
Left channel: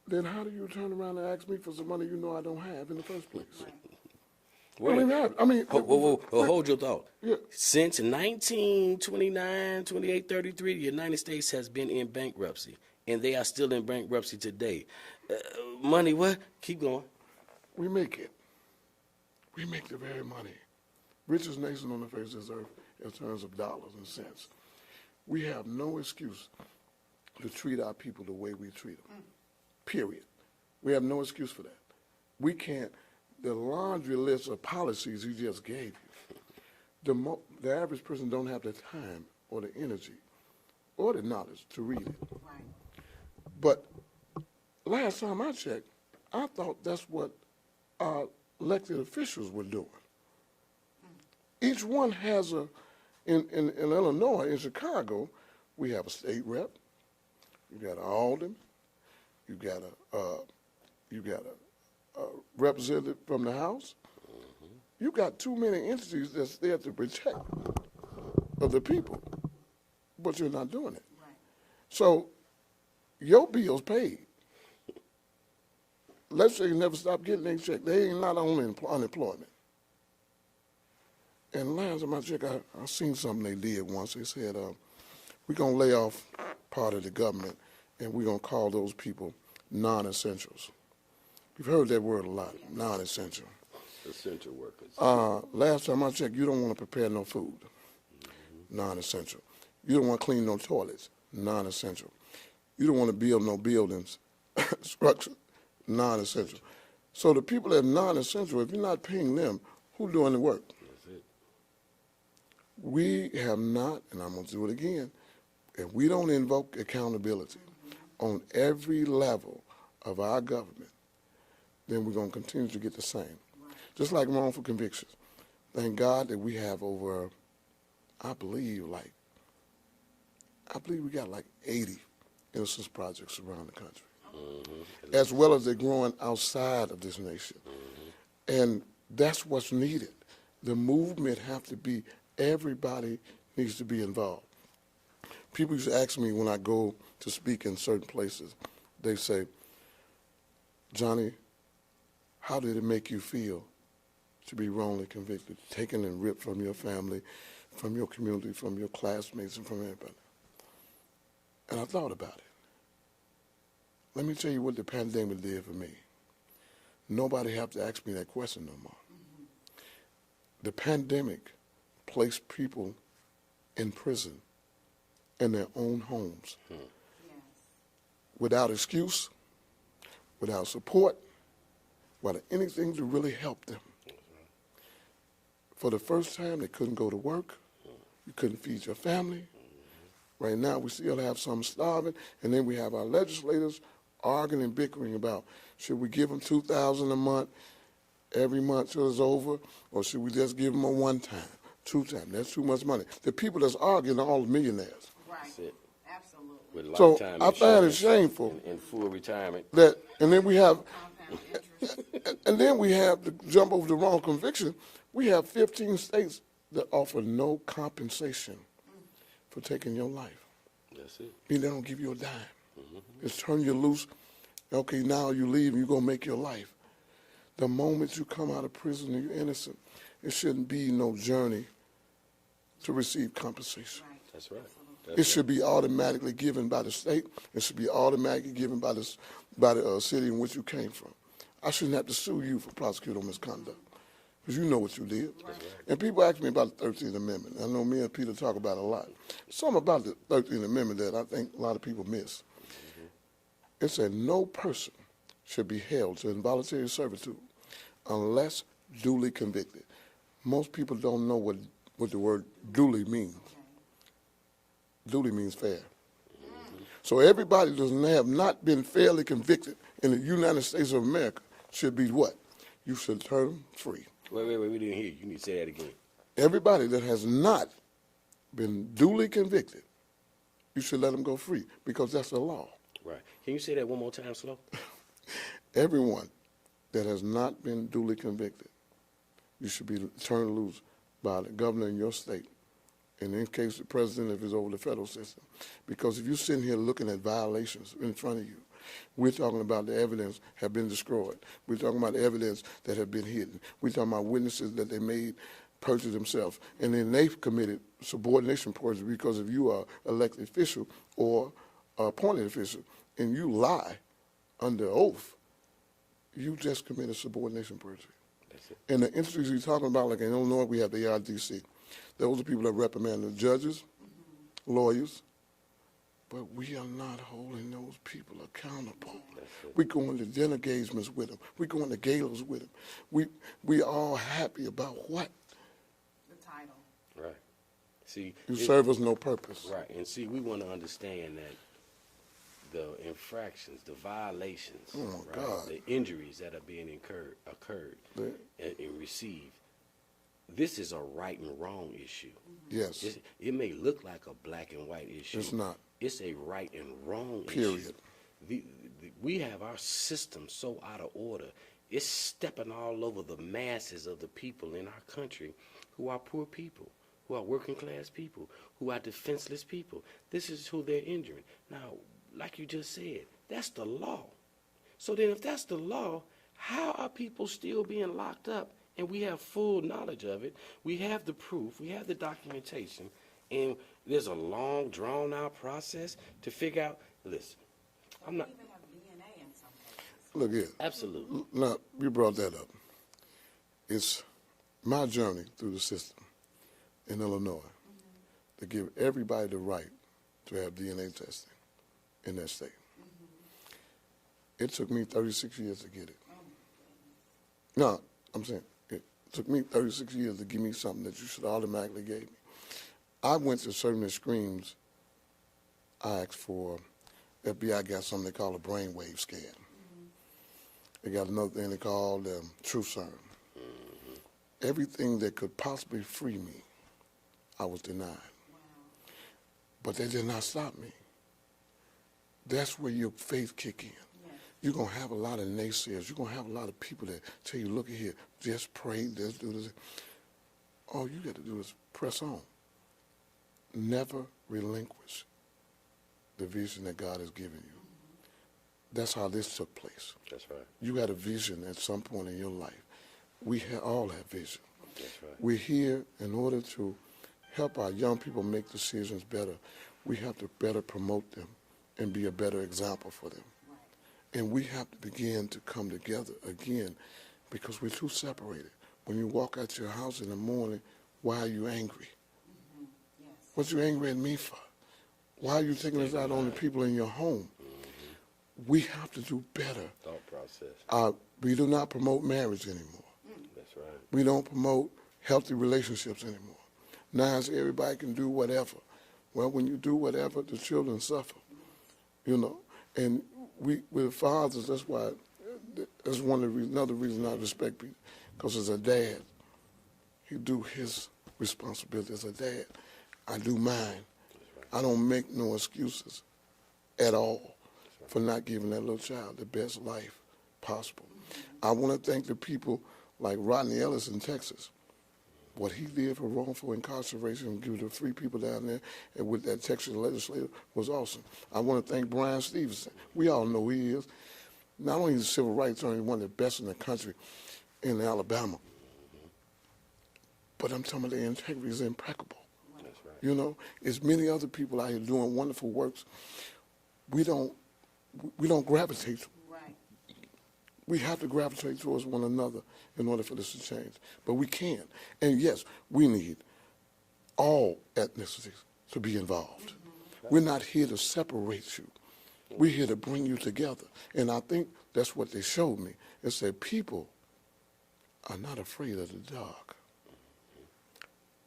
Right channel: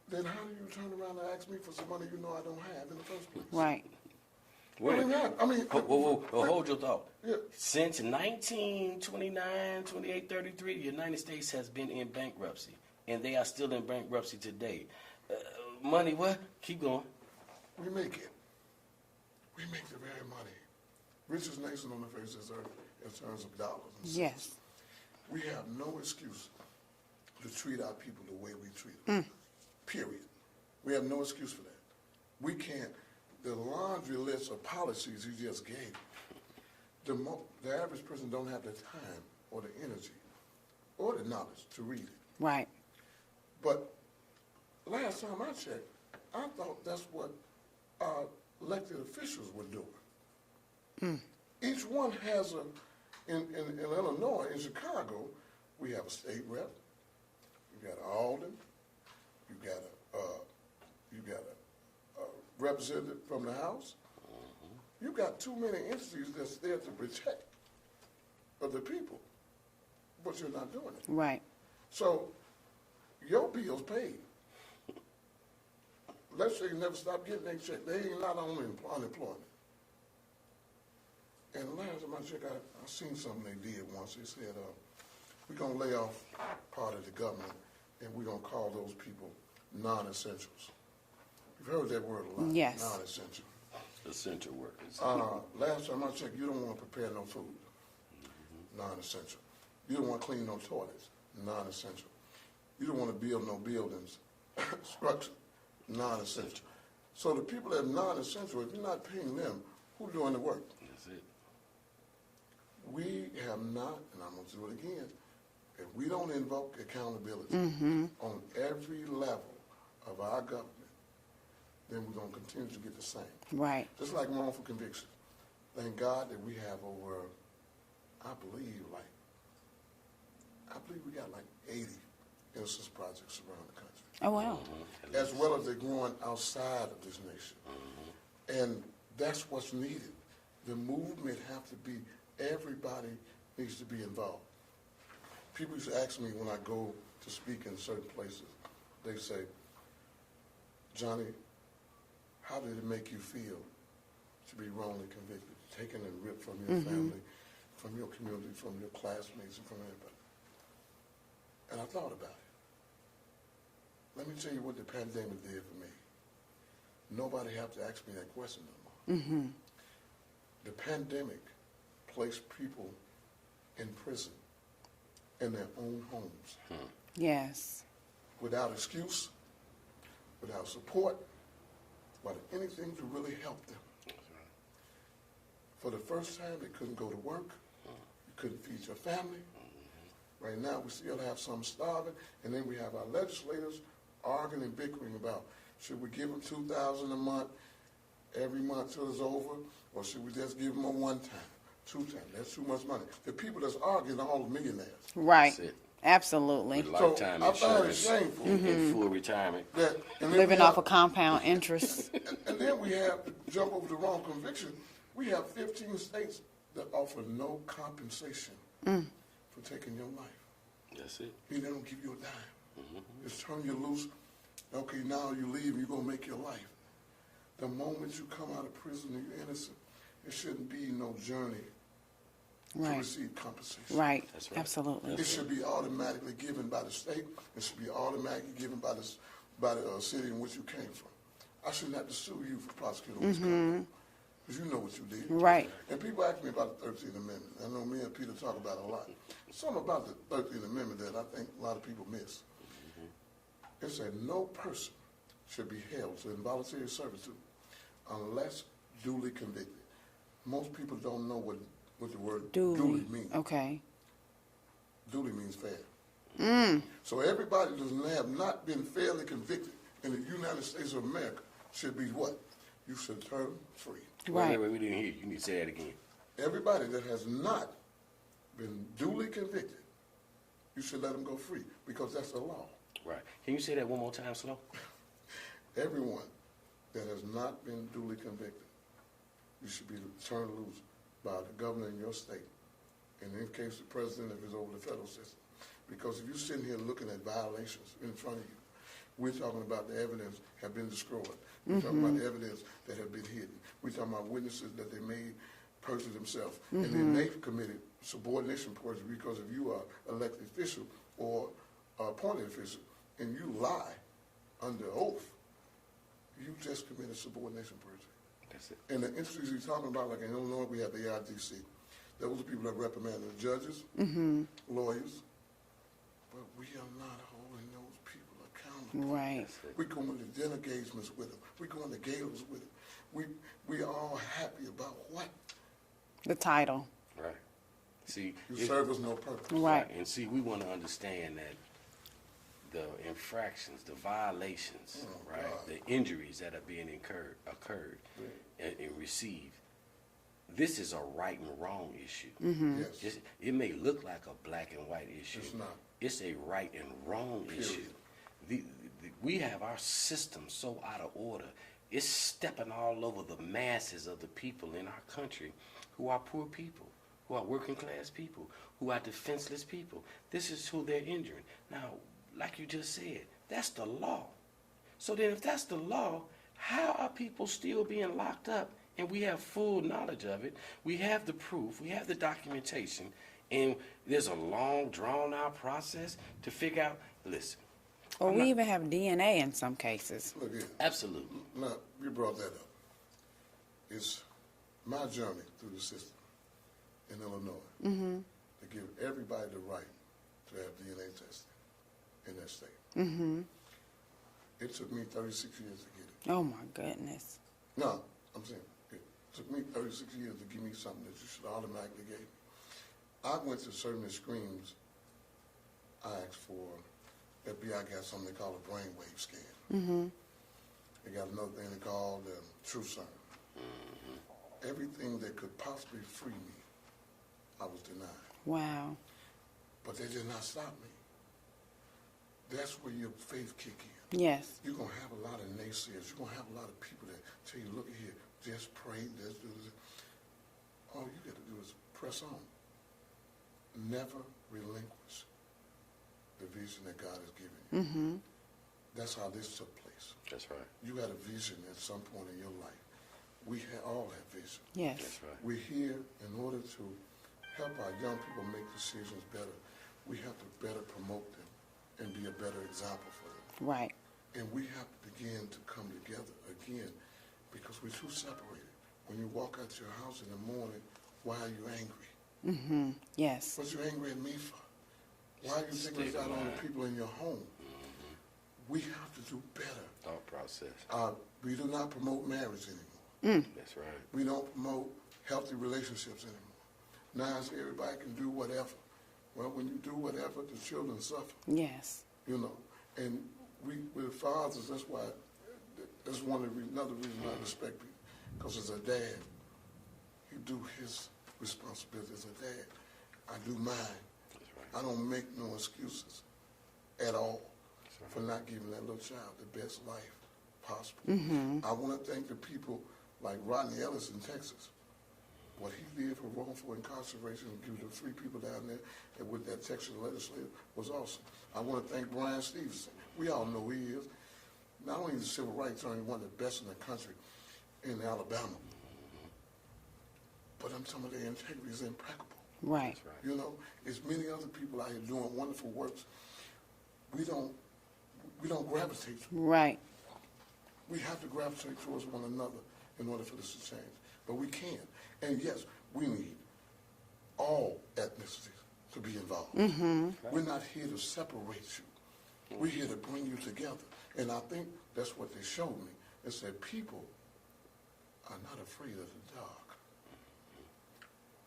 Then how do you turn around and ask me for some money you know I don't have in the first place? Right. Hold your thought. Yeah. Since 1929, 2833, the United States has been in bankruptcy, and they are still in bankruptcy today. Money, what? Keep going. We make it. We make the very money. Richest nation on the face of this earth in terms of dollars and cents. Yes. We have no excuse to treat our people the way we treat them. Period. We have no excuse for that. We can't. The laundry list of policies you just gave, the average person don't have the time or the energy or the knowledge to read it. Right. But last time I checked, I thought that's what our elected officials were doing. Each one has in Illinois, in Chicago, we have a state rep, you got an alderman, you got a representative from the House. You got too many entities that's there to protect of the people, but you're not doing it. Right. So your bill's paid. Let's say you never stop getting their check. They ain't not only unemployment. And last time I checked, I seen something they did once. They said, we're going to lay off part of the government, and we're going to call those people non-essentials. You've heard that word a lot, yes. Non-essential. Essential workers. Last time I checked, you don't want to prepare no food, non-essential. You don't want to clean no toilets, non-essential. You don't want to build no buildings, structure, non-essential. So the people that are non-essential, if you're not paying them, who's doing the work? That's it. We have not, and I'm going to do it again, if we don't invoke accountability on every level of our government, then we're going to continue to get the same. Right. Just like wrongful convictions. Thank God that we have over, I believe we got like 80 innocence projects around the country. Oh, wow. As well as they're growing outside of this nation. And that's what's needed. The movement have to be, everybody needs to be involved. People used to ask me when I go to speak in certain places, they say, Johnny, how did it make you feel to be wrongly convicted, taken and ripped from your family, from your community, from your classmates, and from everybody? And I thought about it. Let me tell you what the pandemic did for me. Nobody have to ask me that question no more. The pandemic placed people in prison in their own homes. Yes. Without excuse, without support, without anything to really help them. For the first time, they couldn't go to work. You couldn't feed your family. Right now, we still have some starving, and then we have our legislators arguing and bickering about, should we give them $2,000 a month every month till it's over, or should we just give them a one-time, two-time? That's too much money. The people that's arguing are all millionaires. Right. Absolutely. So I find it shameful. In full retirement. And then living off of compound interest. And then we have to jump over the wrong conviction. We have 15 states that offer no compensation for taking your life. That's it. They don't give you a dime. Just turn you loose. Okay, now you leave and you're going to make your life. The moment you come out of prison and you're innocent, it shouldn't be no journey to receive compensation. Right. That's right. Absolutely. It should be automatically given by the state. It should be automatically given by the city in which you came from. I shouldn't have to sue you for prosecuting misconduct, because you know what you did. Right. And people ask me about the 13th Amendment. I know me and Peter talk about it a lot. Something about the 13th Amendment that I think a lot of people miss. It said no person should be held to involuntary servitude unless duly convicted. Most people don't know what the word duly means. Okay. Duly means fair. So everybody that have not been fairly convicted in the United States of America should be what? You should turn them free. Right. Wait, we didn't hear you. You need to say that again. Everybody that has not been duly convicted, you should let them go free, because that's the law. Right. Can you say that one more time slow? Everyone that has not been duly convicted, you should be turned loose by the governor in your state, and in case the president, if it's over the federal system. Because if you're sitting here looking at violations in front of you, we're talking about the evidence have been destroyed. We're talking about the evidence that have been hidden. We're talking about witnesses that they made perjure themselves. And then they've committed subordination perjury, because if you are elected official or appointed official and you lie under oath, you just committed subordination perjury. And the industries you're talking about, like in Illinois, we have the RDC. Those are people that reprimand the judges, lawyers, but we are not holding those people accountable. Right. We go into dinner engagements with them. We go into galas with them. We all happy about what? The title. Right. See, you serve us no purpose. Right. And see, we want to understand that the infractions, the violations, the injuries that are being occurred and received, this is a right and wrong issue. Yes. It may look like a black and white issue. It's not. It's a right and wrong Period. issue. We have our system so out of order. It's stepping all over the masses of the people in our country who are poor people, who are working class people, who are defenseless people. This is who they're injuring. Now, like you just said, that's the law. So then if that's the law, how are people still being locked up? And we have full knowledge of it. We have the proof. We have the documentation. And there's a long, drawn-out process to figure out, listen. Or we even have DNA in some cases. Look here. Absolutely. Now, you brought that up. It's my journey through the system in Illinois to give everybody the right to have DNA testing in that state. It took me 36 years to get it. Oh, my goodness. No, I'm saying it took me 36 years to give me something that you should automatically give me. I went to certain extremes. I asked for, FBI got something they call a brainwave scan. They got another thing they call truth serum. Everything that could possibly free me, I was denied. Wow. But that did not stop me. That's where your faith kick in. Yes. You're going to have a lot of naysayers. You're going to have a lot of people that tell you, look here, just pray, just do this. All you got to do is press on. Never relinquish the vision that God has given you. That's how this took place. That's right. You had a vision at some point in your life. We all have vision. Yes. That's right. We're here in order to help our young people make decisions better. We have to better promote them and be a better example for them. Right. And we have to begin to come together again, because we're too separated. When you walk out your house in the morning, why are you angry? Yes. What you angry at me for? Why are you taking this out on the people in your home? We have to do better. Thought process. We do not promote marriage anymore. That's right. We don't promote healthy relationships anymore. Now it's everybody can do whatever. Well, when you do whatever, the children suffer. Yes. You know, and we're fathers. That's why. That's another reason I respect people, because as a dad, he do his responsibility as a dad. I do mine. I don't make no excuses at all for not giving that little child the best life possible. I want to thank the people like Rodney Ellis in Texas. What he did for wrongful incarceration and give the 3 people down there and with that Texas legislature was awesome. I want to thank Brian Stevenson. We all know who he is. Not only is a civil rights attorney, one of the best in the country in Alabama, but I'm talking about their integrity is impeccable. Right. You know, there's many other people out here doing wonderful works. We don't gravitate to. Right. We have to gravitate towards one another in order for this to change. But we can. And yes, we need all ethnicities to be involved. We're not here to separate you. We're here to bring you together. And I think that's what they showed me. They said people are not afraid of the dark.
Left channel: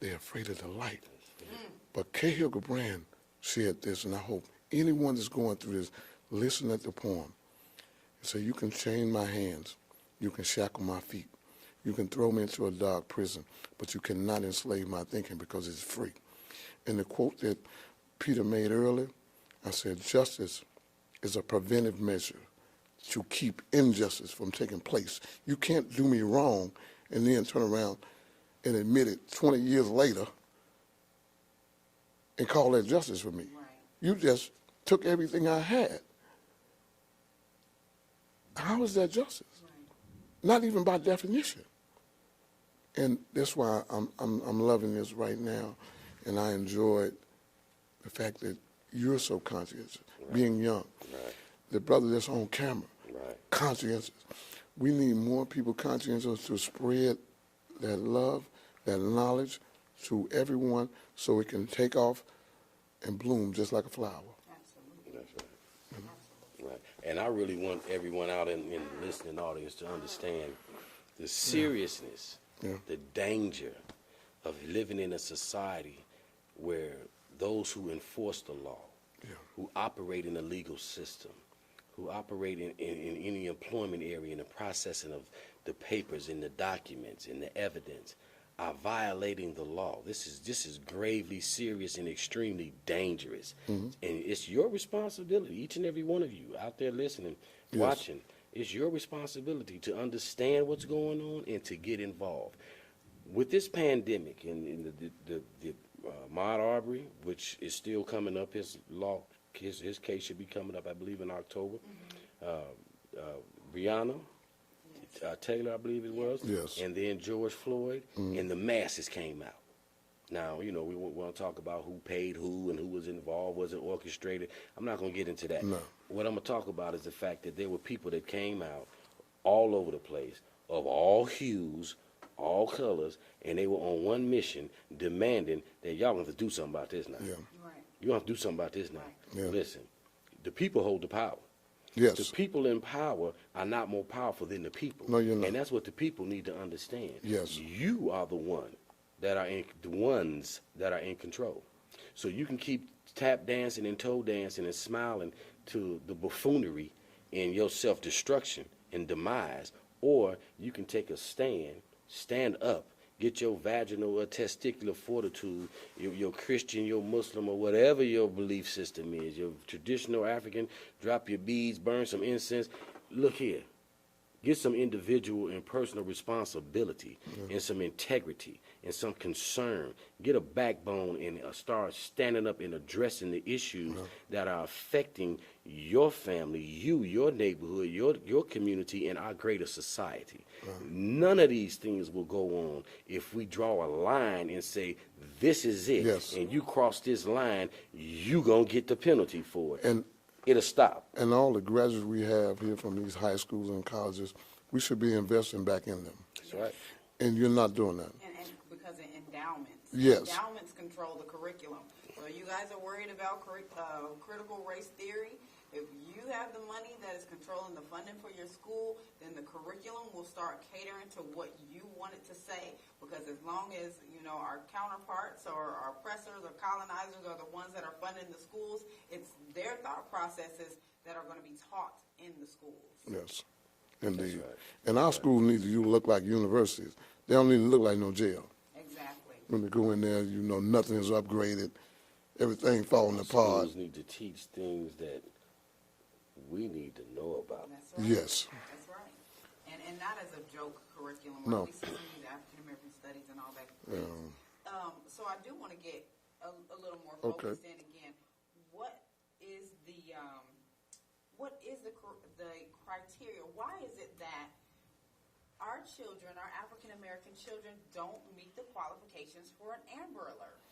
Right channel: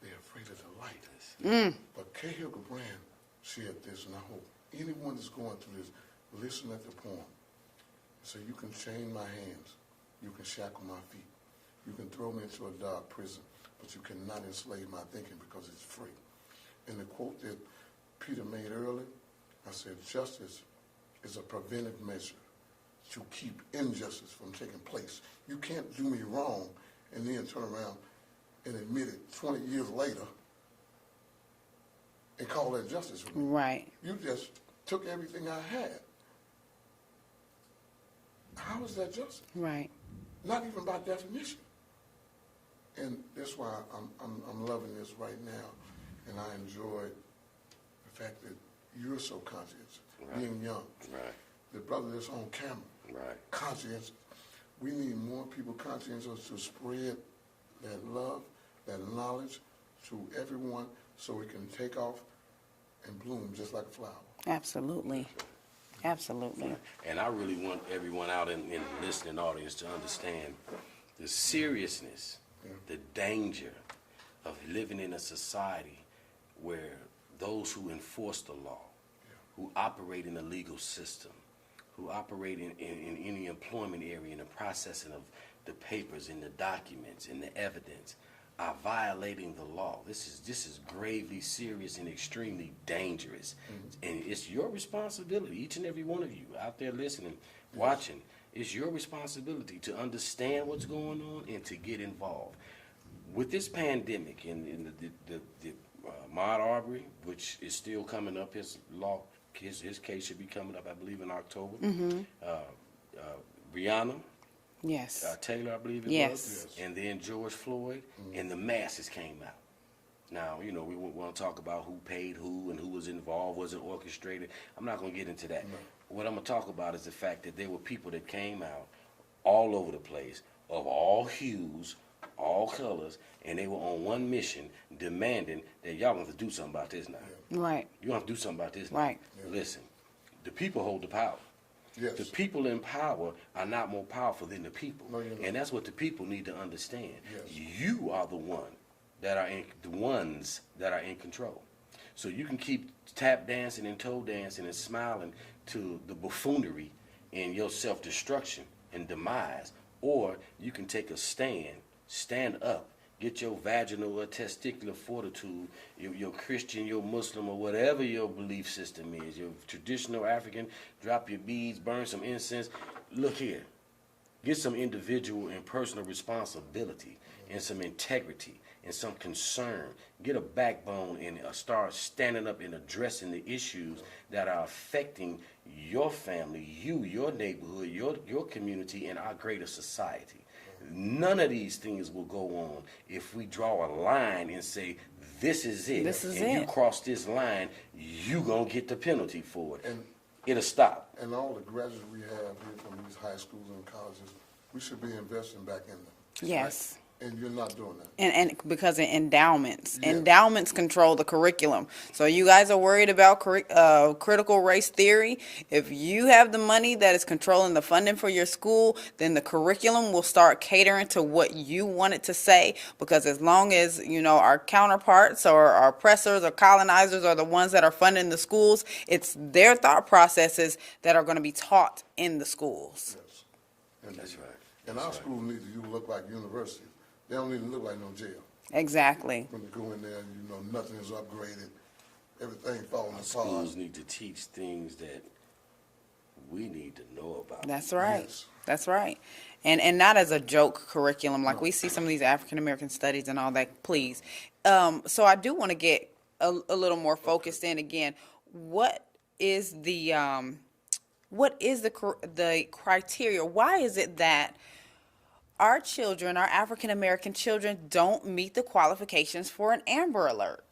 They're afraid of the light. But Cahill Brand said this, and I hope anyone that's going through this, listen at the poem. So you can chain my hands, you can shackle my feet, you can throw me into a dark prison, but you cannot enslave my thinking because it's free. And the quote that Peter made earlier, I said, justice is a preventive measure to keep injustice from taking place. You can't do me wrong and then turn around and admit it 20 years later and call that justice for me. Right. You just took everything I had. How is that justice? Right. Not even by definition. And that's why I'm loving this right now, and I enjoyed the fact that you're so conscientious, being young. The brother that's on camera, conscientious. We need more people conscientious to spread that love, that knowledge to everyone so it can take off and bloom just like a flower. Absolutely. Absolutely. And I really want everyone out in the listening audience to understand the seriousness, the danger of living in a society where those who enforce the law, who operate in the legal system, who operate in any employment area in the processing of the papers and the documents and the evidence, are violating the law. This is gravely serious and extremely dangerous. And it's your responsibility, each and every one of you out there listening, watching, it's your responsibility to understand what's going on and to get involved. With this pandemic and the Ahmaud Arbery, which is still coming up, his case should be coming up, I believe, in October. Breonna Yes. Taylor, I believe it was. Yes. And then George Floyd, and the masses came out. Now, you know, we want to talk about who paid who and who was involved, was it orchestrated. I'm not going to get into that. No. What I'm going to talk about is the fact that there were people that came out all over the place, of all hues, all colors, and they were on one mission, demanding that y'all have to do something about this now. Right. You have to do something about this now. Right. Listen, the people hold the power. Yes. The people in power are not more powerful than the people. No, you're not. And that's what the people need to understand. Yes. You are the ones that are in control. So you can keep tap dancing and toe dancing and smiling to the buffoonery and your self-destruction and demise, or you can take a stand up, get your vaginal or testicular fortitude, your Christian, your Muslim, or whatever your belief system is, your traditional African, drop your beads, burn some incense. Look here. Get some individual and personal responsibility and some integrity and some concern. Get a backbone and start standing up and addressing the issues that are affecting your family, your neighborhood, your community, and our greater society. None of these things will go on if we draw a line and say, this is it. You cross this line, you going to get the penalty for it. And it'll stop. And all the graduates we have here from these high schools and colleges, we should be investing back in them. Yes. And you're not doing that. And because of endowments. Yes. Endowments control the curriculum. So you guys are worried about critical race theory. If you have the money that is controlling the funding for your school, then the curriculum will start catering to what you want it to say. Because as long as, you know, our counterparts or our oppressors or colonizers are the ones that are funding the schools, it's their thought processes that are going to be taught in the schools. Yes, indeed. And our schools need to look like universities. They don't need to look like no jail. Exactly. When they go in there, you know, nothing is upgraded. Everything falling apart. Schools need to teach things that we need to know about. That's right. Yes. That's right. And not as a joke curriculum. Like No. we see some of these African American studies and all that. Please. So I do want to get a little more focused in again. What is the criteria? Why is it that our children, our African American children, don't meet the qualifications for an Amber Alert?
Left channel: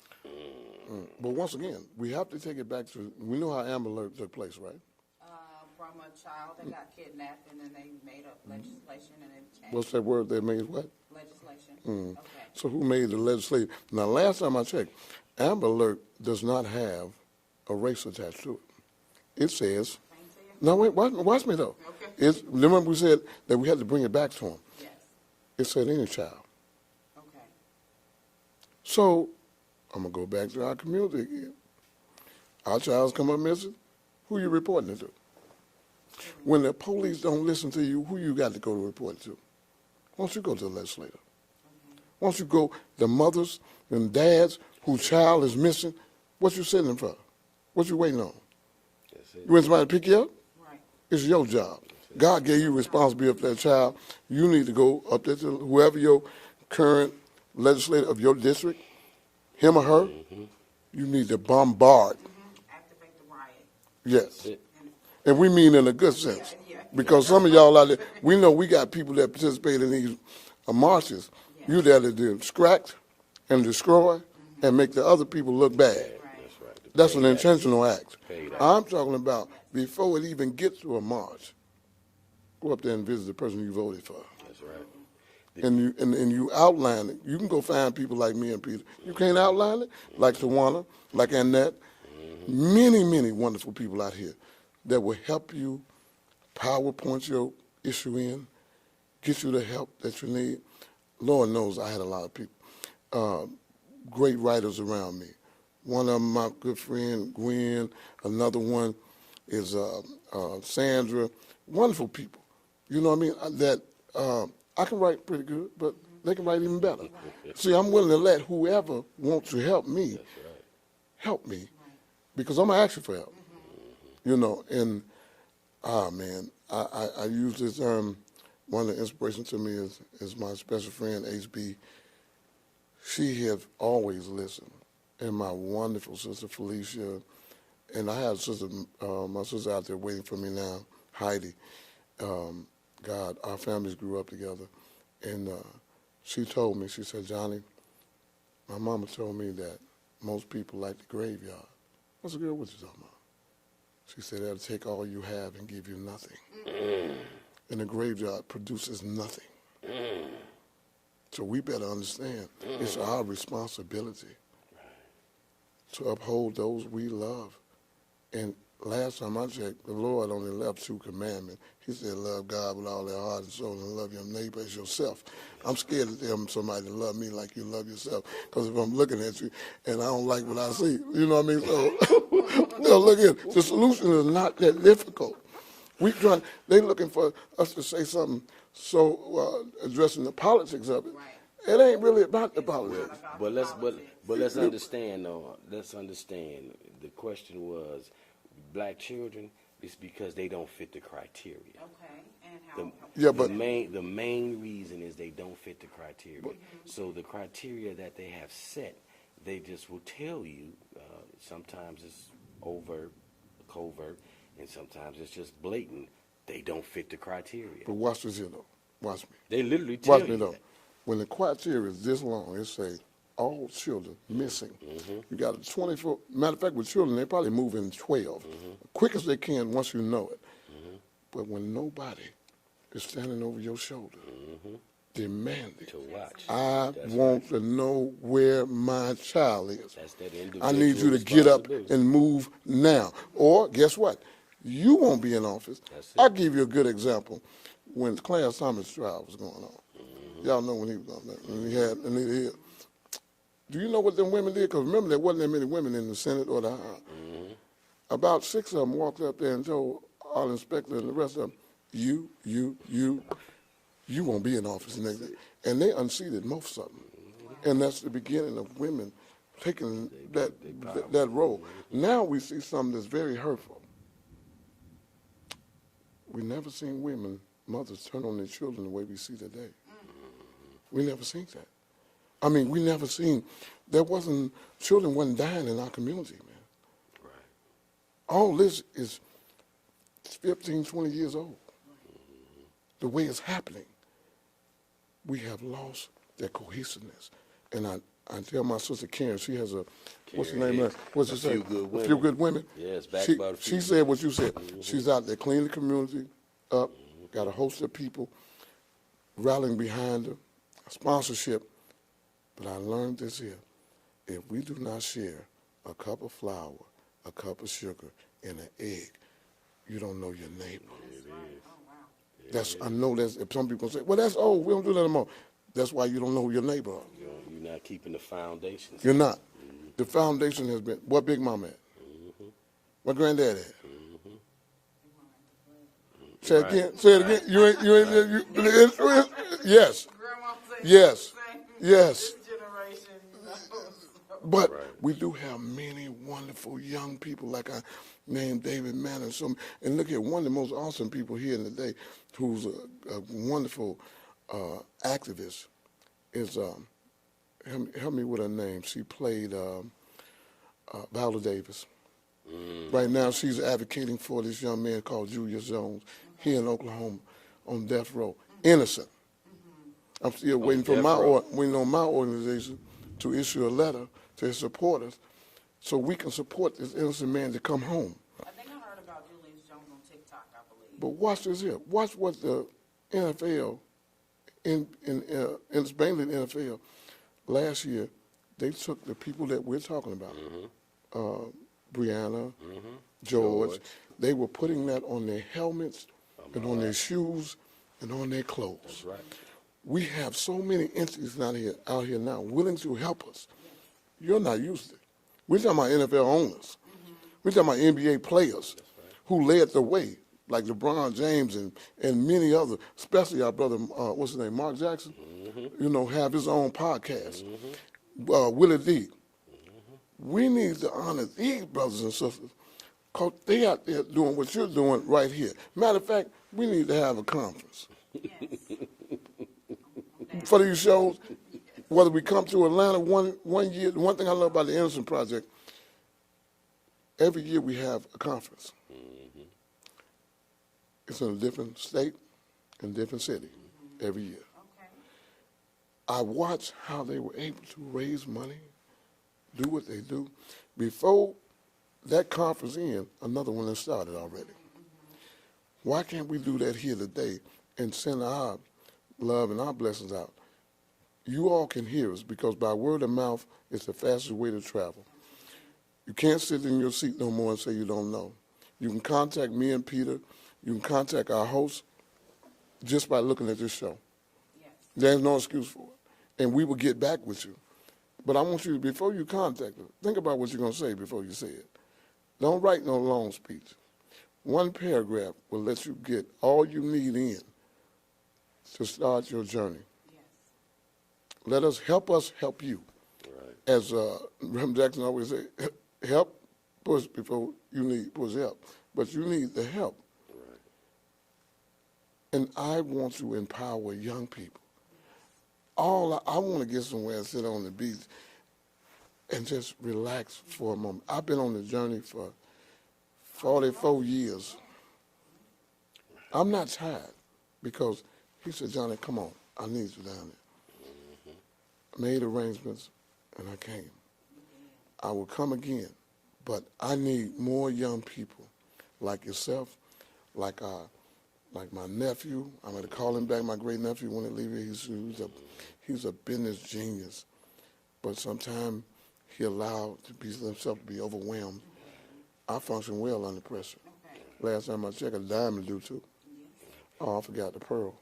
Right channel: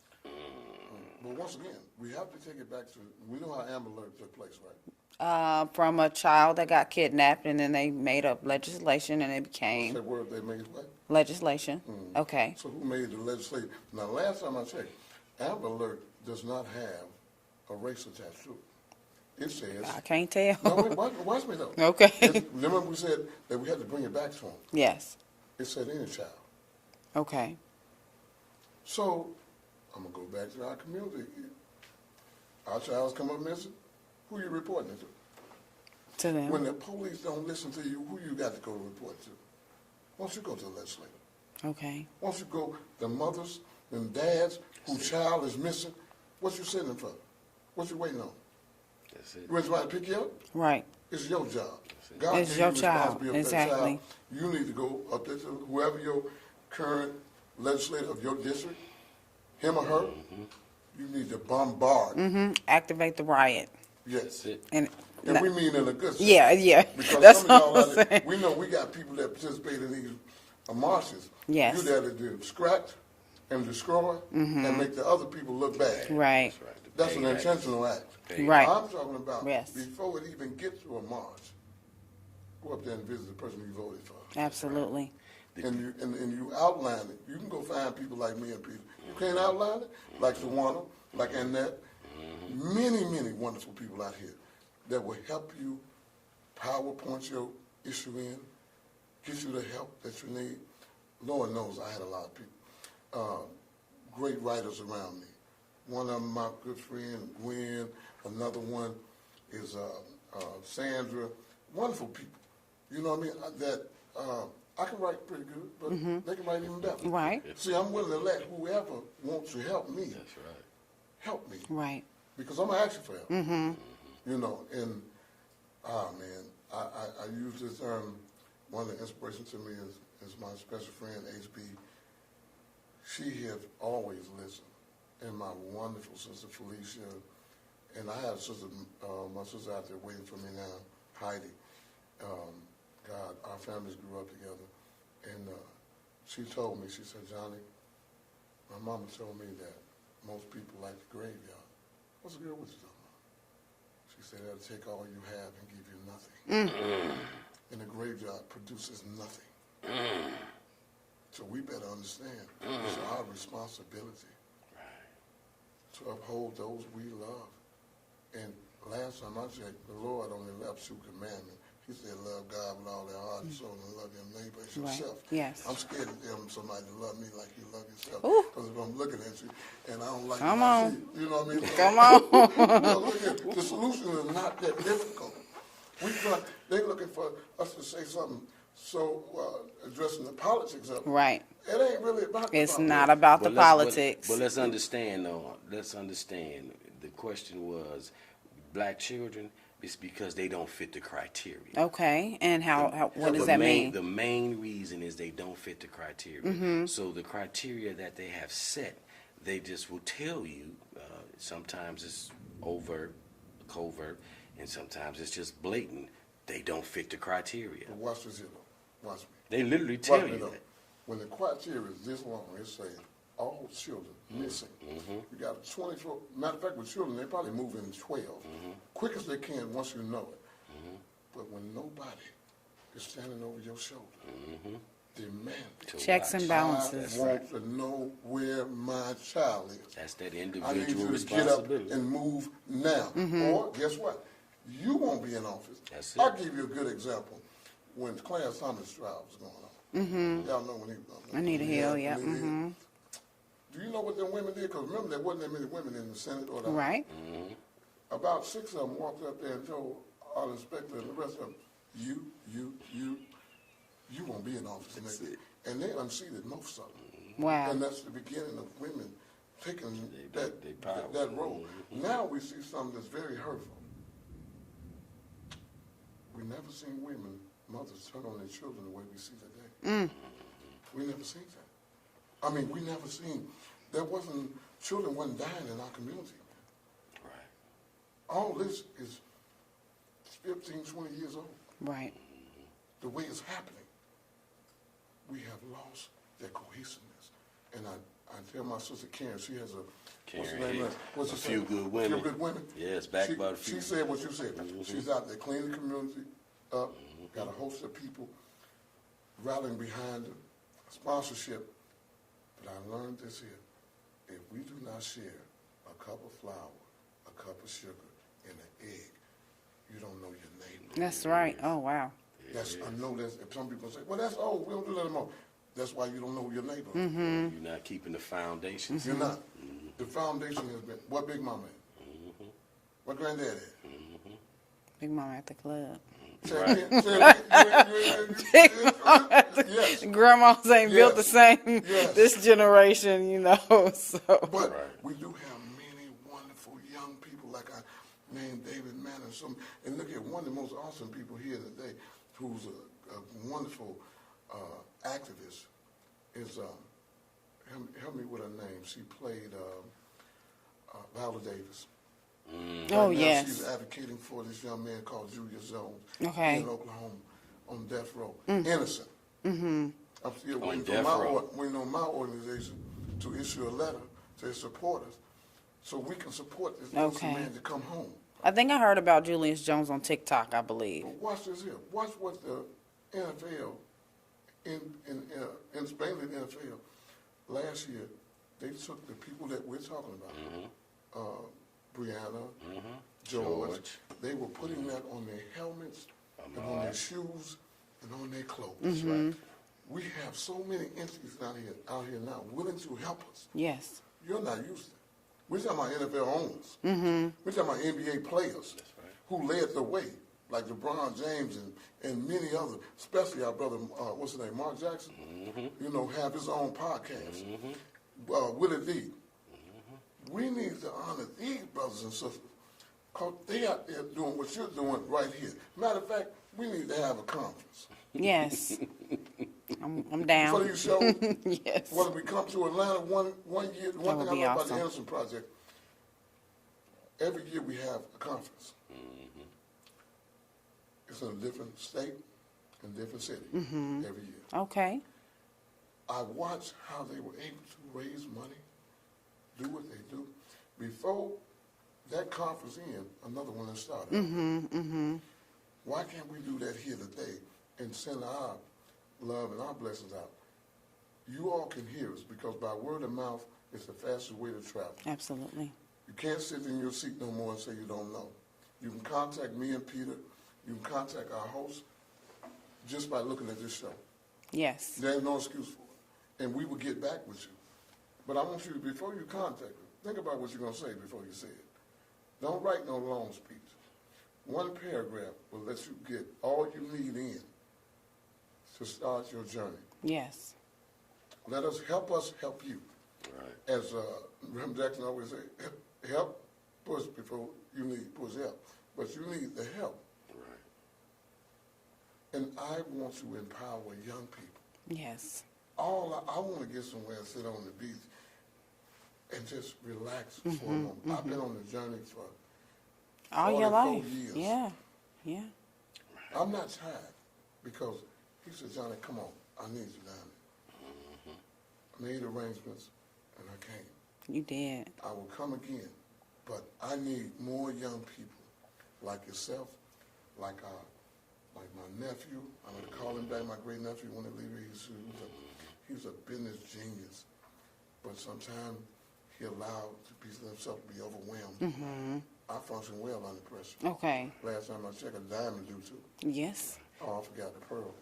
But once again, we have to take it back to, we know how Amber Alert took place, right? From a child that got kidnapped, and then they made up legislation, and it became What's that word they made? What? legislation. Okay. So who made the legislation? Now, last time I checked, Amber Alert does not have a race attached to it. It says. I can't tell. No, wait, watch me though. Okay. Remember we said that we had to bring it back to them. Yes. It said any child. Okay. So I'm gonna go back to our community again. Our child's come up missing. Who you reporting it to? To them. When the police don't listen to you, who you got to go to report to? Why don't you go to the legislator? Okay. Why don't you go, the mothers and dads whose child is missing, what you sitting in for? What you waiting on? You want somebody to pick you up? Right. It's your job. God It's gave you your child. responsibility for that Exactly. child. You need to go up there to whoever your current legislator of your district, him or her, you need to bombard. Activate the riot. Yes. And we mean in a good sense. Yeah. Because That's some of y'all what out I'm there, saying. we know we got people that participate in these marches. Yes. You there to distract and destroy and make the other people look bad. Right. That's an intentional act. Right. I'm talking about Yes. before it even gets to a march, go up there and visit the person you voted for. Absolutely. And you outline it. You can go find people like me and Peter. You can't outline it? Like Tawana, like Annette. Many, many wonderful people out here that will help you PowerPoint your issue in, get you the help that you need. Lord knows I had a lot of people, great writers around me. One of them, my good friend, Gwen. Another one is Sandra. Wonderful people. You know what I mean? That I can write pretty good, but they can write even better. Right. See, I'm willing to let whoever wants to help me, help me. Right. Because I'm going to ask you for help. You know, and, man, I use this, one of the inspirations to me is my special friend, HB. She has always listened. And my wonderful sister, Felicia, and I have a sister, my sister out there waiting for me now, Heidi. God, our families grew up together. And she told me, she said, Johnny, my mama told me that most people like the graveyard. I said, girl, what you talking about? She said, that'll take all you have and give you nothing. And the graveyard produces nothing. So we better understand it's our responsibility to uphold those we love. And last time I checked, the Lord only left 2 commandments. He said, love God with all their heart and soul and love your neighbor as yourself. Yes. I'm scared to tell somebody to love me like you love yourself. Because if I'm looking at you and I don't like what I see, you know what I mean? So, Come on. no, look here. The solution is not that difficult. They looking for us to say something so addressing the politics of it. Right. It ain't really about the It's politics. not about the politics. But let's understand, though. Let's understand. The question was, black children, it's because they don't fit the criteria. Okay. And what does that mean? The main reason is they don't fit the criteria. So the criteria that they have set, they just will tell you. Sometimes it's overt, covert, and sometimes it's just blatant. They don't fit the criteria. But watch this here, though. Watch me. They literally tell Watch me, you though. that. When the criteria is this long, it says all children missing. You got a 24, matter of fact, with children, they probably move in 12. Quick as they can once you know it. But when nobody is standing over your shoulder, demanding. Checks and balances. I want to know where my child is. That's that I need you to get up and move now. Or guess what? You won't be in office. I'll give you a good example. When Clarence Thomas' trial was going on, y'all know when he was going on. Anita Hill, yeah. Do you know what them women did? Because remember, there wasn't that many women in the Senate or the House. Right. About 6 of them walked up there and told our inspector and the rest of them, you won't be in office next year. And they unseated most of them. Wow. And that's the beginning of women taking that role. Now we see something that's very hurtful. We never seen women mothers turn on their children the way we see today. We never seen that. I mean, we never seen, children wasn't dying in our community, man. All this is 15, 20 years old. Right. The way it's happening, we have lost that cohesiveness. And I tell my sister Karen, she has what's the name of it? What's it say? A Few Good Women. Yes, backed by a few. She said what you said. She's out there cleaning the community up, got a host of people rallying behind her, sponsorship. But I learned this here. If we do not share a cup of flour, a cup of sugar, and an egg, you don't know your neighbor. That's right. Oh, wow. I know that's, if some people say, well, that's old, we don't do that anymore. That's why you don't know who your neighbor is. You're not keeping the foundations. You're not. The foundation has been, what Big Mama at? What Granddad at? Big Mama at the club. Say it again. Say it again. Yes. Grandmas ain't built the same. Yes. This generation, you know. So. But we do have many wonderful young people, like I named David Mann and some. And look at one of the most awesome people here in the day, who's a wonderful activist. Is help me with her name. She played Viola Davis. Right now, she's advocating for this young man called Julius Jones here in Oklahoma on death row, innocent. I'm still waiting for my organization to issue a letter to his supporters so we can support this innocent man to come home. I think I heard about Julius Jones on TikTok, I believe. But watch this here. Watch what the NFL, mainly the NFL, last year, they took the people that we're talking about, Brianna, George, they were putting that on their helmets and on their shoes and on their clothes. We have so many entities out here now willing to help us. Yes. You're not used to it. We're talking about NFL owners. We're talking about NBA players who led the way, like LeBron James and many others, especially our brother, what's his name, Mark Jackson, you know, have his own podcast. Willie D. We need to honor these brothers and sisters because they out there doing what you're doing right here. Matter of fact, we need to have a conference. Yes. I'm down. For these shows, yes. Whether we come to Atlanta one year, one thing I love about the Innocent Project, every year we have a conference. It's in a different state and different city every year. Okay. I watch how they were able to raise money, do what they do. Before that conference end, another one has started already. Why can't we do that here today and send our love and our blessings out? You all can hear us because by word of mouth, it's the fastest way to travel. Absolutely. You can't sit in your seat no more and say you don't know. You can contact me and Peter. You can contact our host just by looking at this show. Yes. There's no excuse for it. And we will get back with you. But I want you, before you contact them, think about what you're going to say before you say it. Don't write no long speech. One paragraph will let you get all you need in to start your journey. Yes. Let us help you. Right. As Rem Jackson always say, help push before you need push help. But you need the help. Right. And I want to empower young people. Yes. I want to get somewhere and sit on the beach and just relax for a moment. I've been on the journey for 44 years. Yeah, yeah. I'm not tired because he said, Johnny, come on, I need you down there. I made arrangements and I came. You did. I will come again, but I need more young people like yourself, like my nephew. I'm going to call him back, my great nephew, when he leaves. He's a business genius, but sometimes he allowed himself to be overwhelmed. I function well under pressure. Okay. Last time I checked, a diamond do too. Yes. Oh, I forgot the pearl.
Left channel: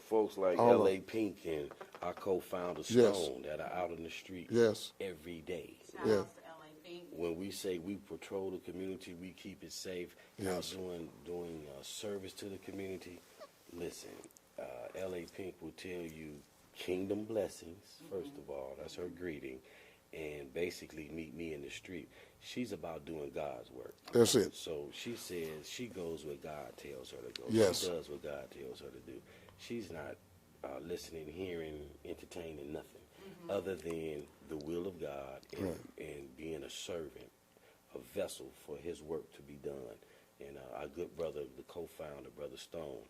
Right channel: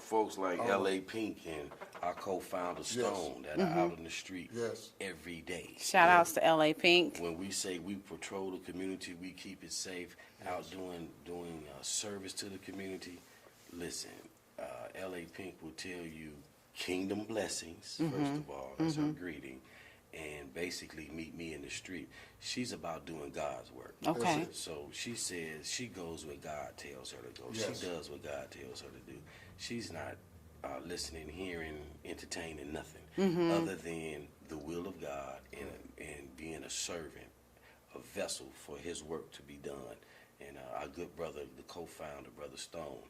Folks like L.A. Pink and our co-founder Stone that are out in the street every day. Shout outs to L.A. Pink. When we say we patrol the community, we keep it safe. Out doing service to the community. Listen, L.A. Pink will tell you kingdom blessings, first of all. That's her greeting. and basically meet me in the street. She's about doing God's work. Okay. That's it. So she says she goes where God tells her to go. Yes. She does what God tells her to do. She's not listening, hearing, entertaining nothing other than the will of God and being a servant, a vessel for His work to be done. And our good brother, the co-founder, Brother Stone,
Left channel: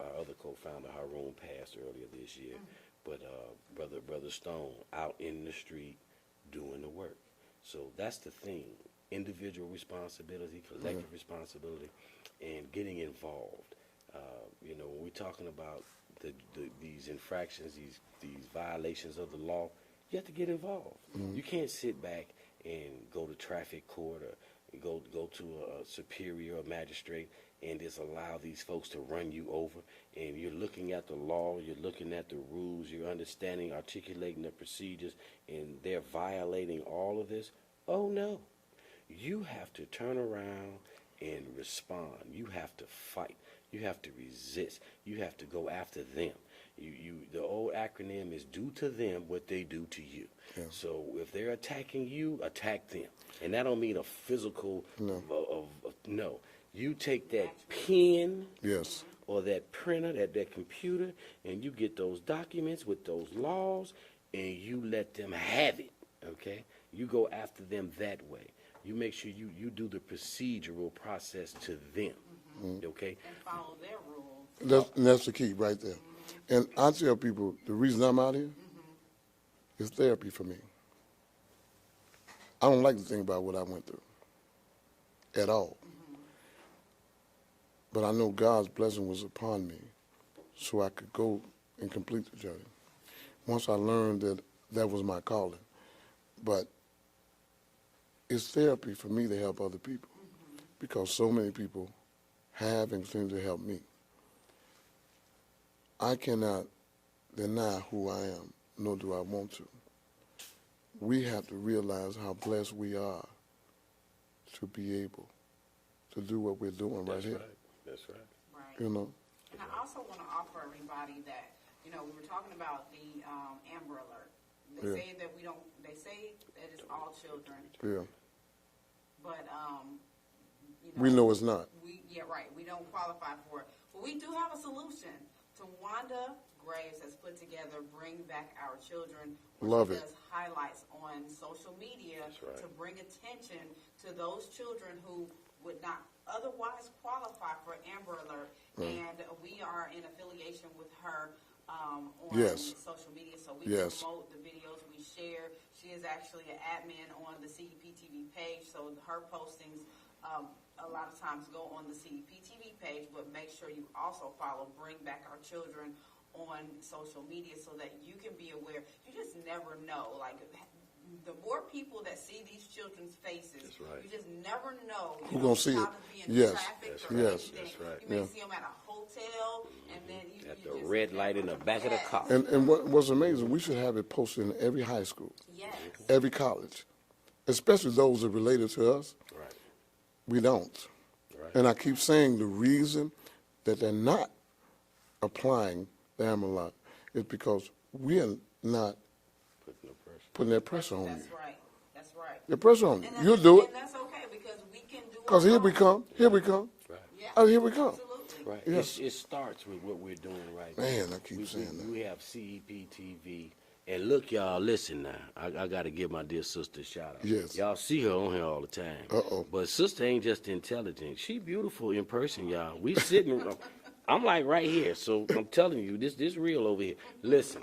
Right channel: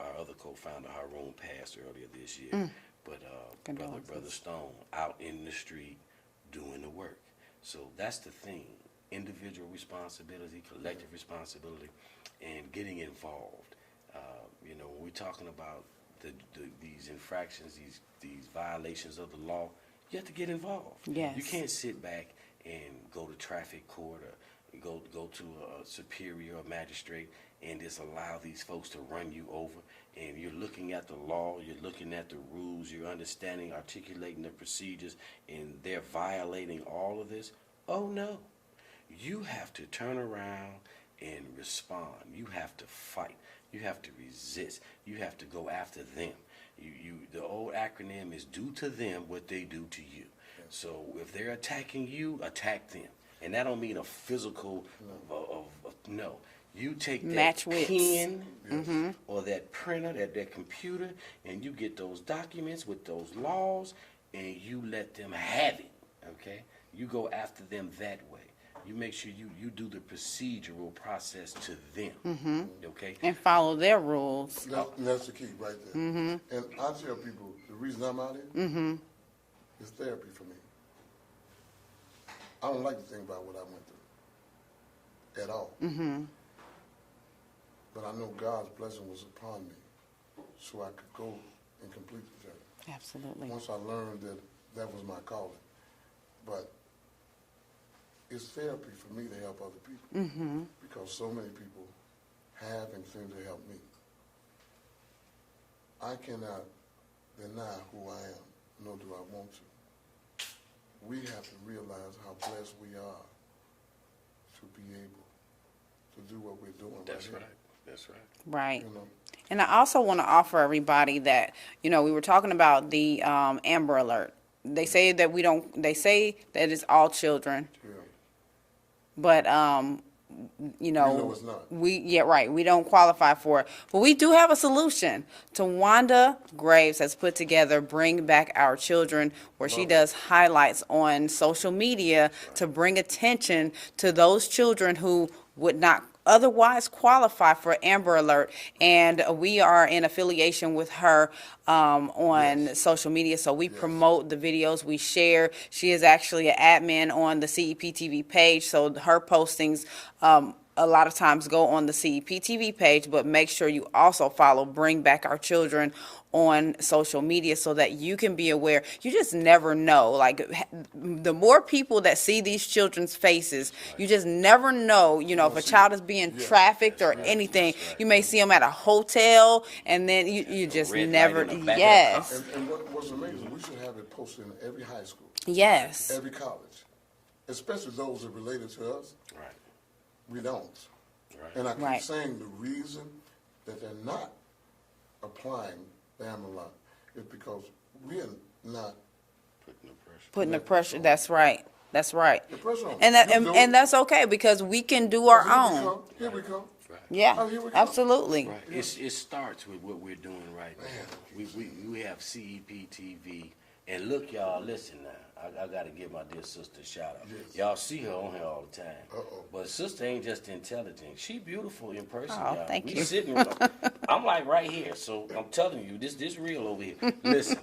our other co-founder, Haroon, passed earlier this year. But Brother Stone out in the street doing the work. So that's the thing: individual responsibility, collective responsibility, and getting involved. When we're talking about these infractions, these violations of the law, you have to get involved. Yes. You can't sit back and go to traffic court or go to a superior or magistrate and just allow these folks to run you over. And you're looking at the law, you're looking at the rules, you're understanding, articulating the procedures, and they're violating all of this. Oh no. You have to turn around and respond. You have to fight. You have to resist. You have to go after them. The old acronym is do to them what they do to you. Yeah. So if they're attacking you, attack them. And that don't mean a physical, no. You take that pen or that printer, that computer, and you get those documents with those laws, and you let them have it, okay? You go after them that way. You make sure you do the procedural process to them, okay? And follow their rules. That's the key right there. And I tell people, the reason I'm out here is therapy for me. I don't like to think about what I went through at all. But I know God's blessing was upon me so I could go and complete the journey. Absolutely. Once I learned that was my calling. But it's therapy for me to help other people because so many people have and continue to help me. I cannot deny who I am, nor do I want to. We have to realize how blessed we are to be able to do what we're doing right here. That's right. Right. You know? And I also want to offer everybody that, we were talking about the Amber Alert. They say that they say that it's all children. Yeah. But, we know it's not. We don't qualify for it. But we do have a solution. Tawanda Graves has put together Bring Back Our Children, where she does highlights on social media to bring attention to those children who would not otherwise qualify for Amber Alert. And we are in affiliation with her on social media, so we promote the videos, we share. She is actually an admin on the CEPTV page, so her postings a lot of times go on the CEPTV page, but make sure you also follow Bring Back Our Children on social media so that you can be aware. You just never know. Like, the more people that see these children's faces, you just never know, if a child is being trafficked or anything. You may see them at a hotel, and then you just never, And what's amazing, we should have it posted in every high school. Yes. Every college, especially those that are related to us. Right. We don't. Right. And I keep saying the reason that they're not applying the Amber Alert is because we are not putting the pressure. That's right. That's right. The pressure on and that's okay because we can do our own. Here we come. Yeah, here we go. Absolutely. Right. Yes. It starts with what we're doing right now. Man, I keep saying that. We have CEPTV. And look, y'all, listen now. I got to give my dear sister a shout out. Yes. Y'all see her on here all the time. Uh-oh. But sister ain't just intelligent. She beautiful in person, y'all. Thank we you. sitting, I'm like right here. So I'm telling you, this real over here. Listen,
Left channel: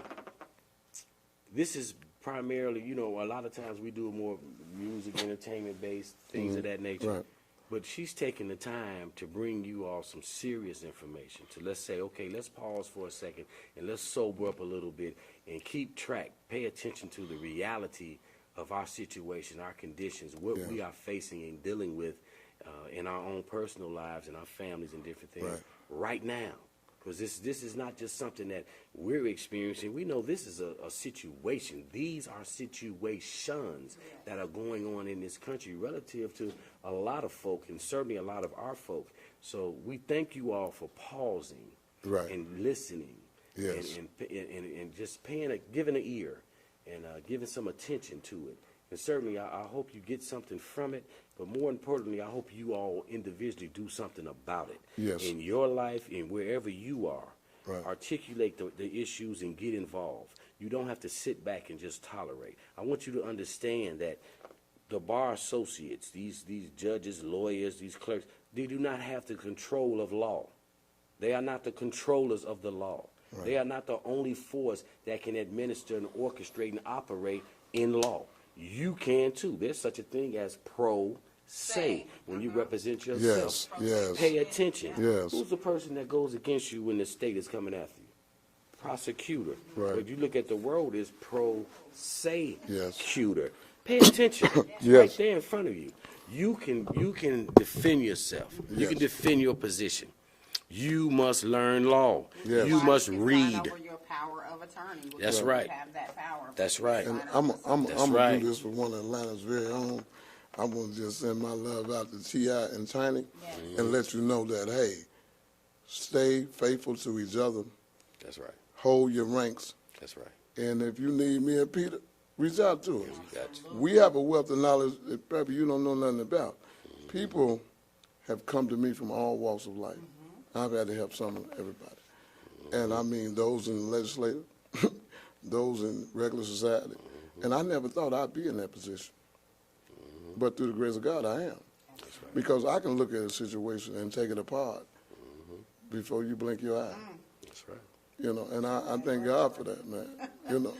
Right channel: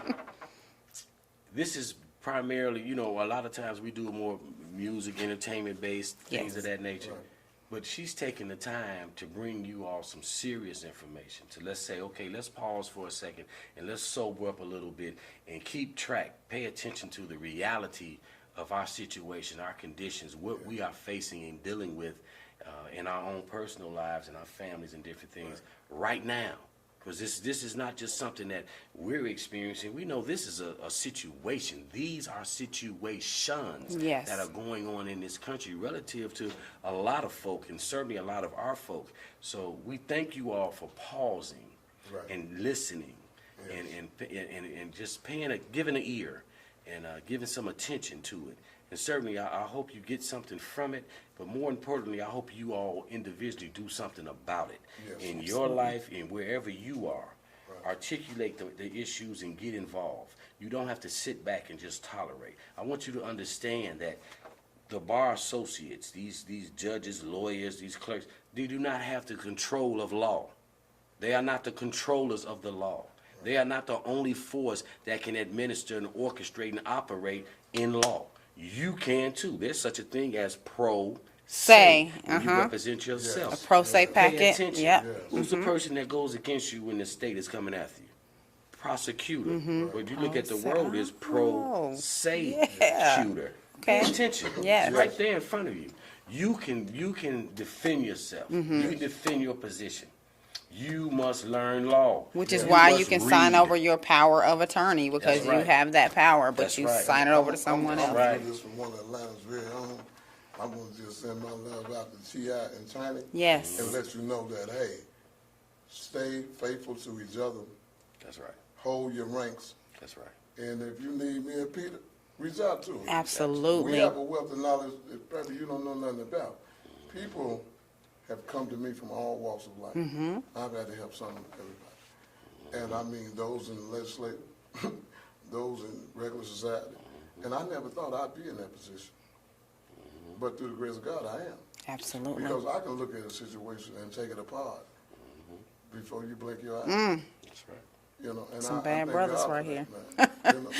this is primarily, a lot of times we do more music, entertainment-based things of that nature. Right. But she's taking the time to bring you all some serious information to let's say, okay, let's pause for a second and let's sober up a little bit and keep track, pay attention to the reality of our situation, our conditions, what we are facing and dealing with in our own personal lives and our families and different things right now. Because this is not just something that we're experiencing. We know this is a situation. These are situations that are going on in this country relative to a lot of folk and certainly a lot of our folk. So we thank you all for pausing and listening and just giving an ear and giving some attention to it. And certainly, I hope you get something from it, but more importantly, I hope you all individually do something about it in your life and wherever you are. Articulate the issues and get involved. You don't have to sit back and just tolerate. I want you to understand that the bar associates, these judges, lawyers, these clerks, they do not have the control of law. They are not the controllers of the law. They are not the only force that can administer and orchestrate and operate in law. You can too. There's such a thing as pro se. When you represent yourself. A pro se packet. Pay attention. Who's the person that goes against you when the state is coming after you? Prosecutor. But if you look at the word, it's pro se shooter. Pay attention. Right there in front of you. You can defend yourself. You can defend your position. You must learn law. Which is why you can sign over your power of attorney, because you have that power, but you sign it over to someone else. I'm going to do this for one of Atlanta's very own. I'm going to just send my love out to T.I. and Tiny. And let you know that, hey, stay faithful to each other. That's right. Hold your ranks. That's right. And if you need me and Peter, reach out to us. Absolutely. We have a wealth of knowledge that probably you don't know nothing about. People have come to me from all walks of life. I've had to help some of everybody. And I mean those in the legislature, those in regular society. And I never thought I'd be in that position. But through the grace of God, I am. Absolutely. Because I can look at a situation and take it apart before you blink your eye. That's right. You know, and Some I bad thank brothers God right for here. that, man. You know.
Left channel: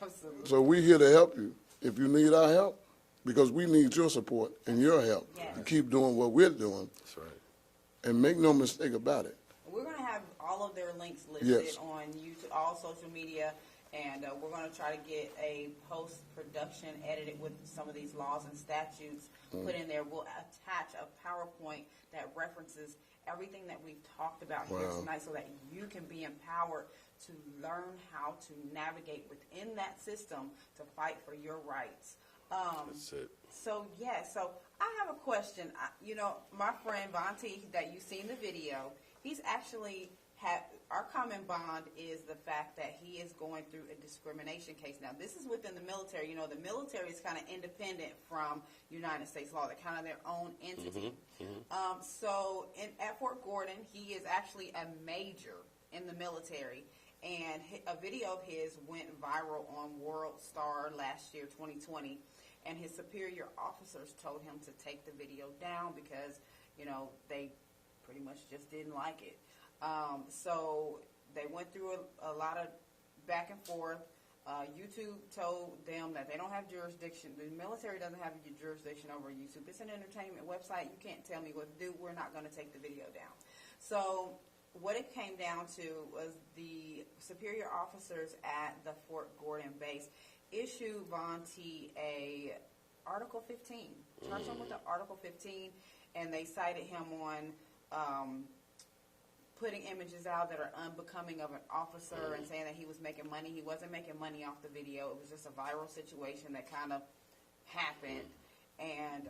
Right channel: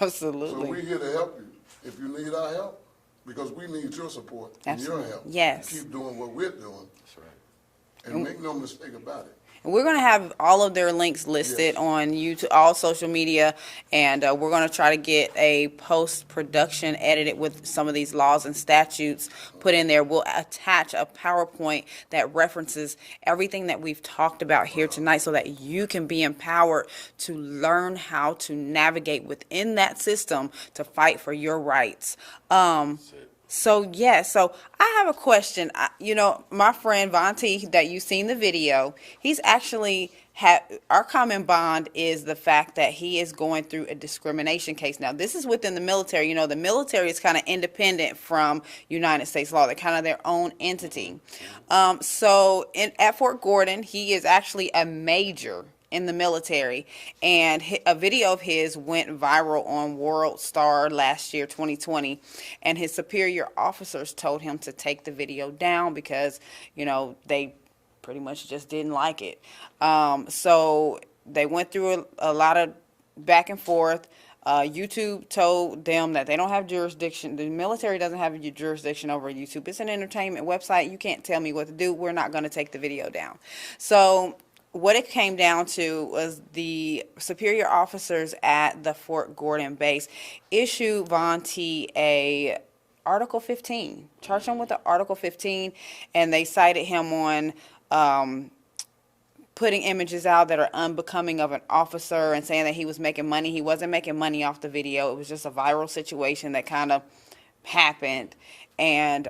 Absolutely. So we're here to help you. If you need our help, because we need your support and your help. Yes. Keep doing what we're doing. That's right. And make no mistake about it. We're going to have all of their links listed on YouTube, all social media, and we're going to try to get a post-production edited with some of these laws and statutes put in there. We'll attach a PowerPoint that references everything that we've talked about here tonight so that you can be empowered to learn how to navigate within that system to fight for your rights. So I have a question. You know, my friend Von T, that you've seen the video, he's actually our common bond is the fact that he is going through a discrimination case. Now, this is within the military. You know, the military is kind of independent from United States law. They're kind of their own entity. So at Fort Gordon, he is actually a major in the military, and a video of his went viral on World Star last year, 2020, and his superior officers told him to take the video down because, you know, they pretty much just didn't like it. So they went through a lot of back and forth. YouTube told them that they don't have jurisdiction. The military doesn't have jurisdiction over YouTube. It's an entertainment website. You can't tell me what to do. We're not going to take the video down. So what it came down to was the superior officers at the Fort Gordon base issued Von T a Article 15, charged him with the Article 15, and they cited him on putting images out that are unbecoming of an officer and saying that he was making money. He wasn't making money off the video. It was just a viral situation that kind of happened. And,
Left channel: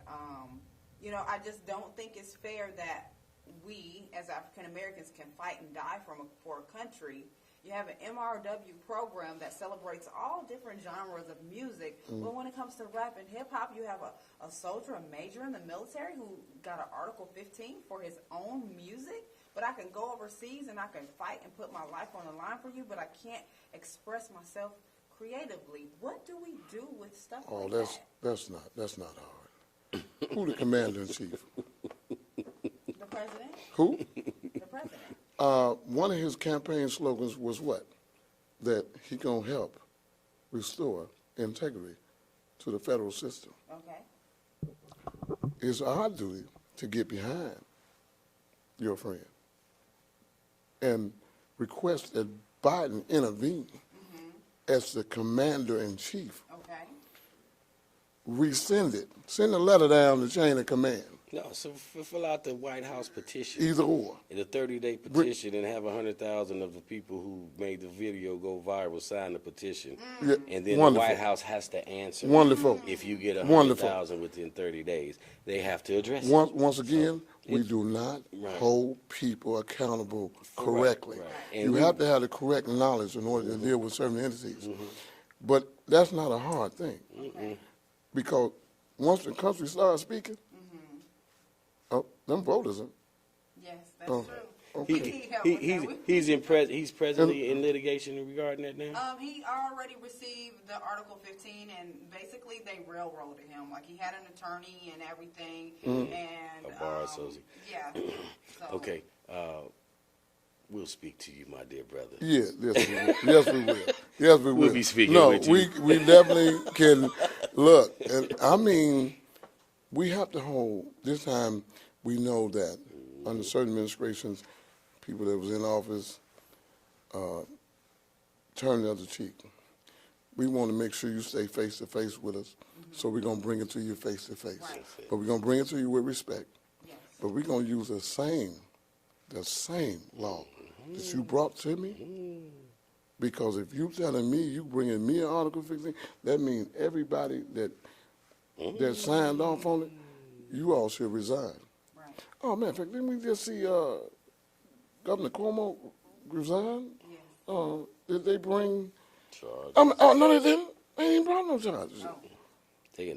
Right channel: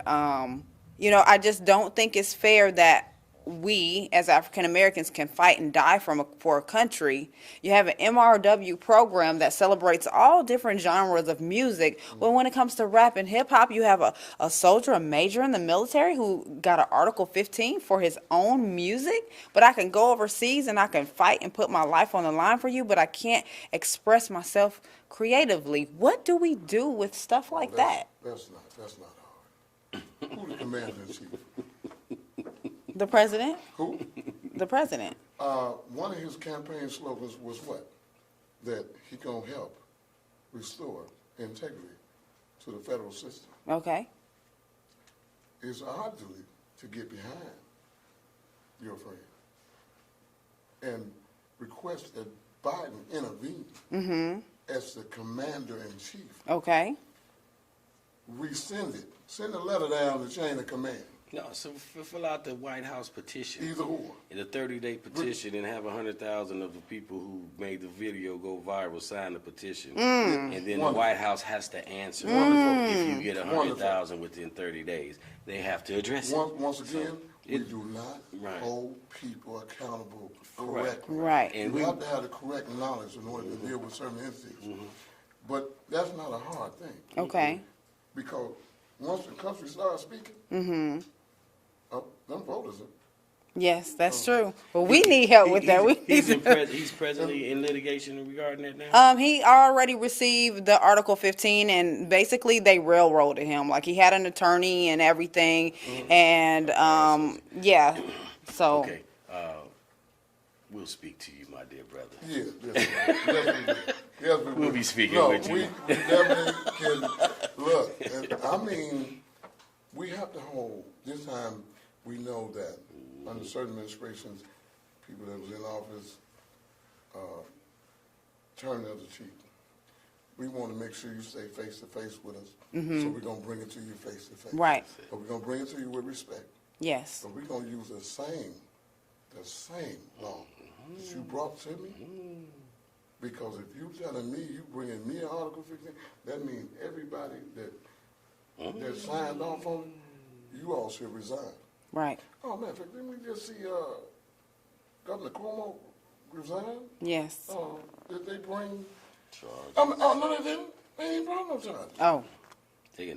you know, I just don't think it's fair that we as African Americans can fight and die for a country. You have an MRW program that celebrates all different genres of music. But when it comes to rap and hip hop, you have a soldier, a major in the military who got an Article 15 for his own music. But I can go overseas and I can fight and put my life on the line for you, but I can't express myself creatively. What do we do with stuff like that? That's not hard. Who the commander-in-chief? The president? Who? The president. One of his campaign slogans was what? That he gonna help restore integrity to the federal system. Okay. It's our duty to get behind your friend and request that Biden intervene as the commander-in-chief. Okay. Rescind it. Send a letter down the chain of command. No, so fill out the White House petition. Either or. The 30-day petition, and have 100,000 of the people who made the video go viral sign the petition. And then the White House has to answer. Wonderful. If you get 100,000 within 30 days, they have to address it. Once again, we do not hold people accountable correctly. Right. You have to have the correct knowledge in order to deal with certain entities. But that's not a hard thing. Okay. Because once the country starts speaking, Mm-hmm. them voters are. Yes, that's true. But we need help with that. He's presently in litigation regarding that now? He already received the Article 15, and basically they railroaded him. Like, he had an attorney and everything, and yeah. So. Okay. We'll speak to you, my dear brother. Yes, we will. Yes, we will. We'll be speaking no, with you. we definitely can look. And I mean, we have to hold. This time, we know that under certain administrations, people that was in office turned the other cheek. We want to make sure you stay face to face with us. So we're gonna bring it to you face to face. Right. But we're gonna bring it to you with respect. Yes. But we're gonna use the same law that you brought to me. Because if you telling me you bringing me an Article 15, that means everybody that signed off on it, you all should resign. Right. Oh man, in fact, didn't we just see Governor Cuomo resign? Yes. Did they bring? Oh no, they didn't. They didn't bring no charges. Oh. The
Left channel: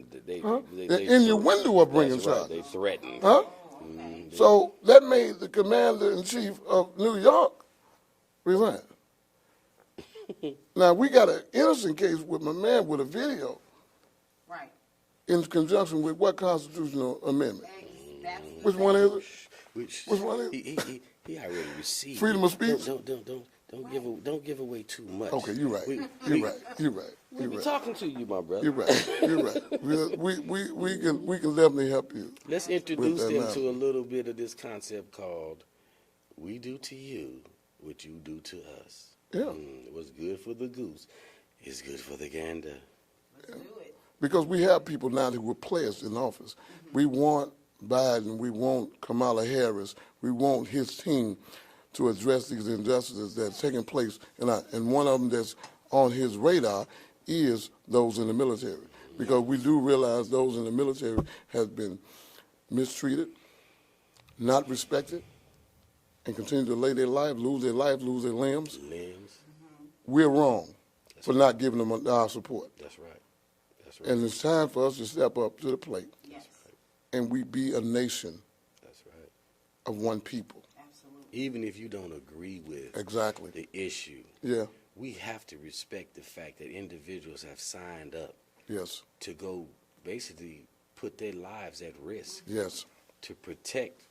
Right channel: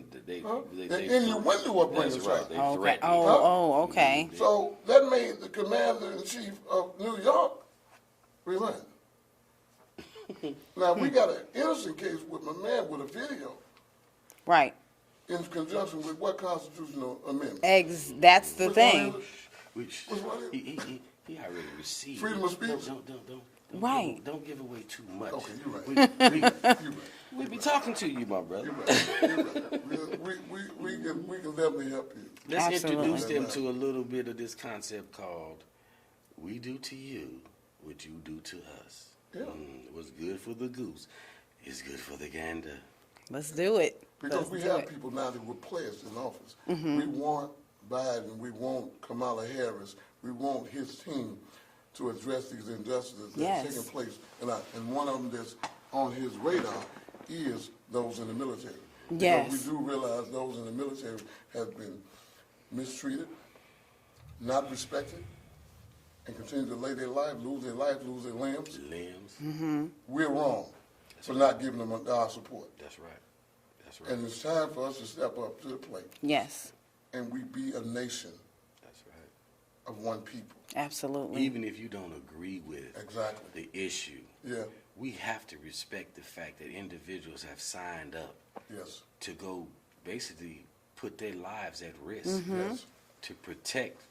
innuendo of bringing charges. Okay. Oh, okay. So that made the commander-in-chief of New York resign. Now, we got an innocent case with my man with a video. Right. In conjunction with what constitutional amendment? That's the Which thing. one is it? Which one is it? He already received Freedom of speech? Don't give away too much. Okay, you're right. You're right. We be talking to you, my brother. You're right. You're right. We can definitely help you. Let's introduce them to a little bit of this concept called "We do to you what you do to us." Yeah. What's good for the goose is good for the gander. Let's do it. Because we have people now that were players in office. We want Biden, we want Kamala Harris, we want his team to address these injustices that's taking place. And one of them that's on his radar is those in the military. Because we do realize those in the military have been mistreated, not respected, and continue to lose their life, lose their limbs. We're wrong for not giving them our support. That's right. And it's time for us to step up to the plate. Yes. And we be a nation. That's right. Of one people. Absolutely. Even if you don't agree with the issue, we have to respect the fact that individuals have signed up to go basically put their lives at risk to protect,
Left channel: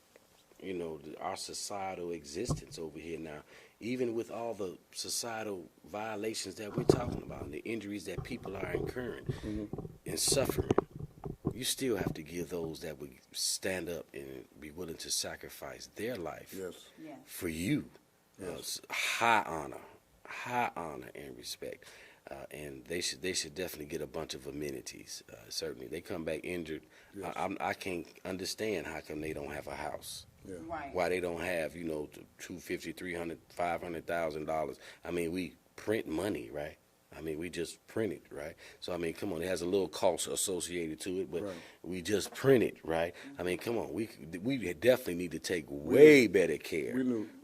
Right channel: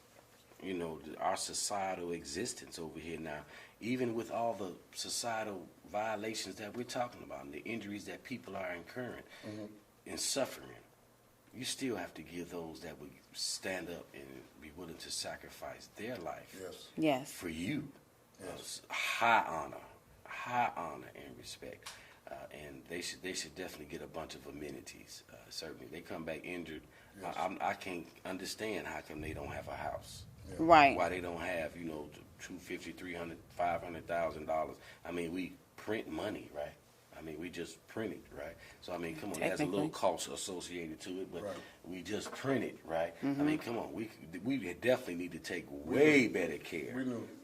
our societal existence over here now. Even with all the societal violations that we're talking about, and the injuries that people are incurring and suffering, you still have to give those that would stand up and be willing to sacrifice their life for you high honor and respect. And they should definitely get a bunch of amenities. Certainly, they come back injured. I can't understand how come they don't have a house. Right. Why they don't have, $250,000, $300,000, $500,000. I mean, we print money, right? I mean, we just print it, right? So, I mean, come on, it has a little cost associated to it, but we just print it, right? I mean, come on, we definitely need to take way better care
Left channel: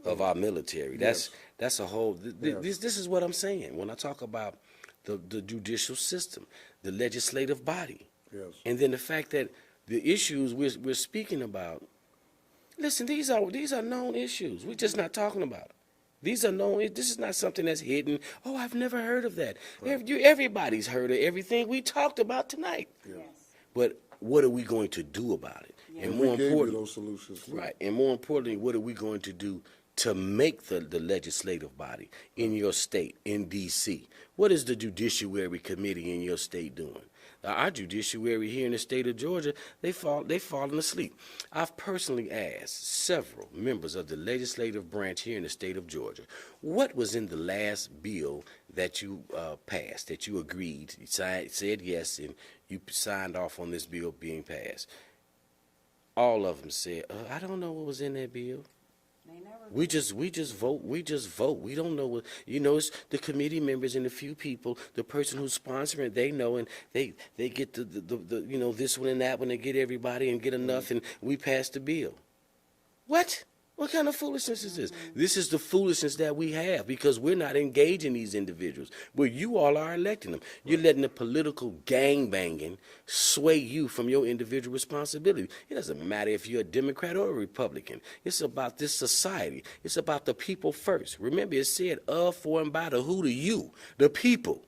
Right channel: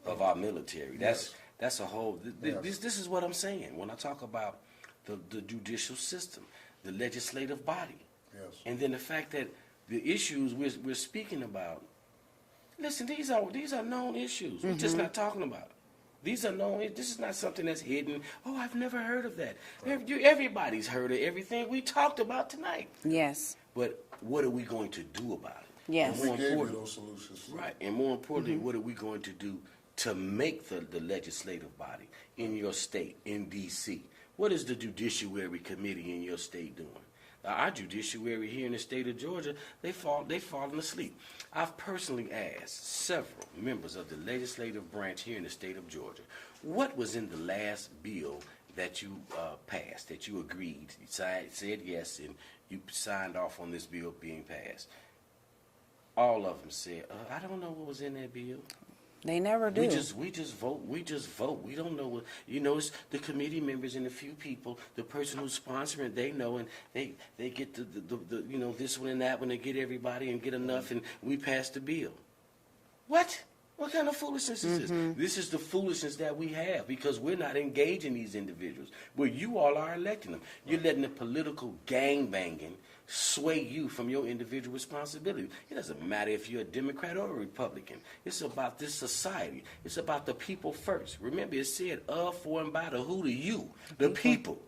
of our military. That's a whole, this is what I'm saying when I talk about the judicial system, the legislative body, and then the fact that the issues we're speaking about, listen, these are known issues. We're just not talking about it. These are known. This is not something that's hidden. Oh, I've never heard of that. Everybody's heard of everything we talked about tonight. Yes. But what are we going to do about it? Yes. And we gave you those solutions. Right. And more importantly, what are we going to do to make the legislative body in your state, in D.C.? What is the Judiciary Committee in your state doing? Our judiciary here in the state of Georgia, they've fallen asleep. I've personally asked several members of the legislative branch here in the state of Georgia, what was in the last bill that you passed, that you agreed, you said yes, and you signed off on this bill being passed? All of them said, I don't know what was in that bill. They never do. We just vote. We don't know what, it's the committee members and the few people, the person who's sponsoring, they know, and they get the this one and that one, and get everybody and get enough, and we pass the bill. What? What kind of foolishness is this? This is the foolishness that we have because we're not engaging these individuals. Well, you all are electing them. You're letting the political gangbanging sway you from your individual responsibility. It doesn't matter if you're a Democrat or a Republican. It's about this society. It's about the people first. Remember, it said of, for, and by the who to you, the people.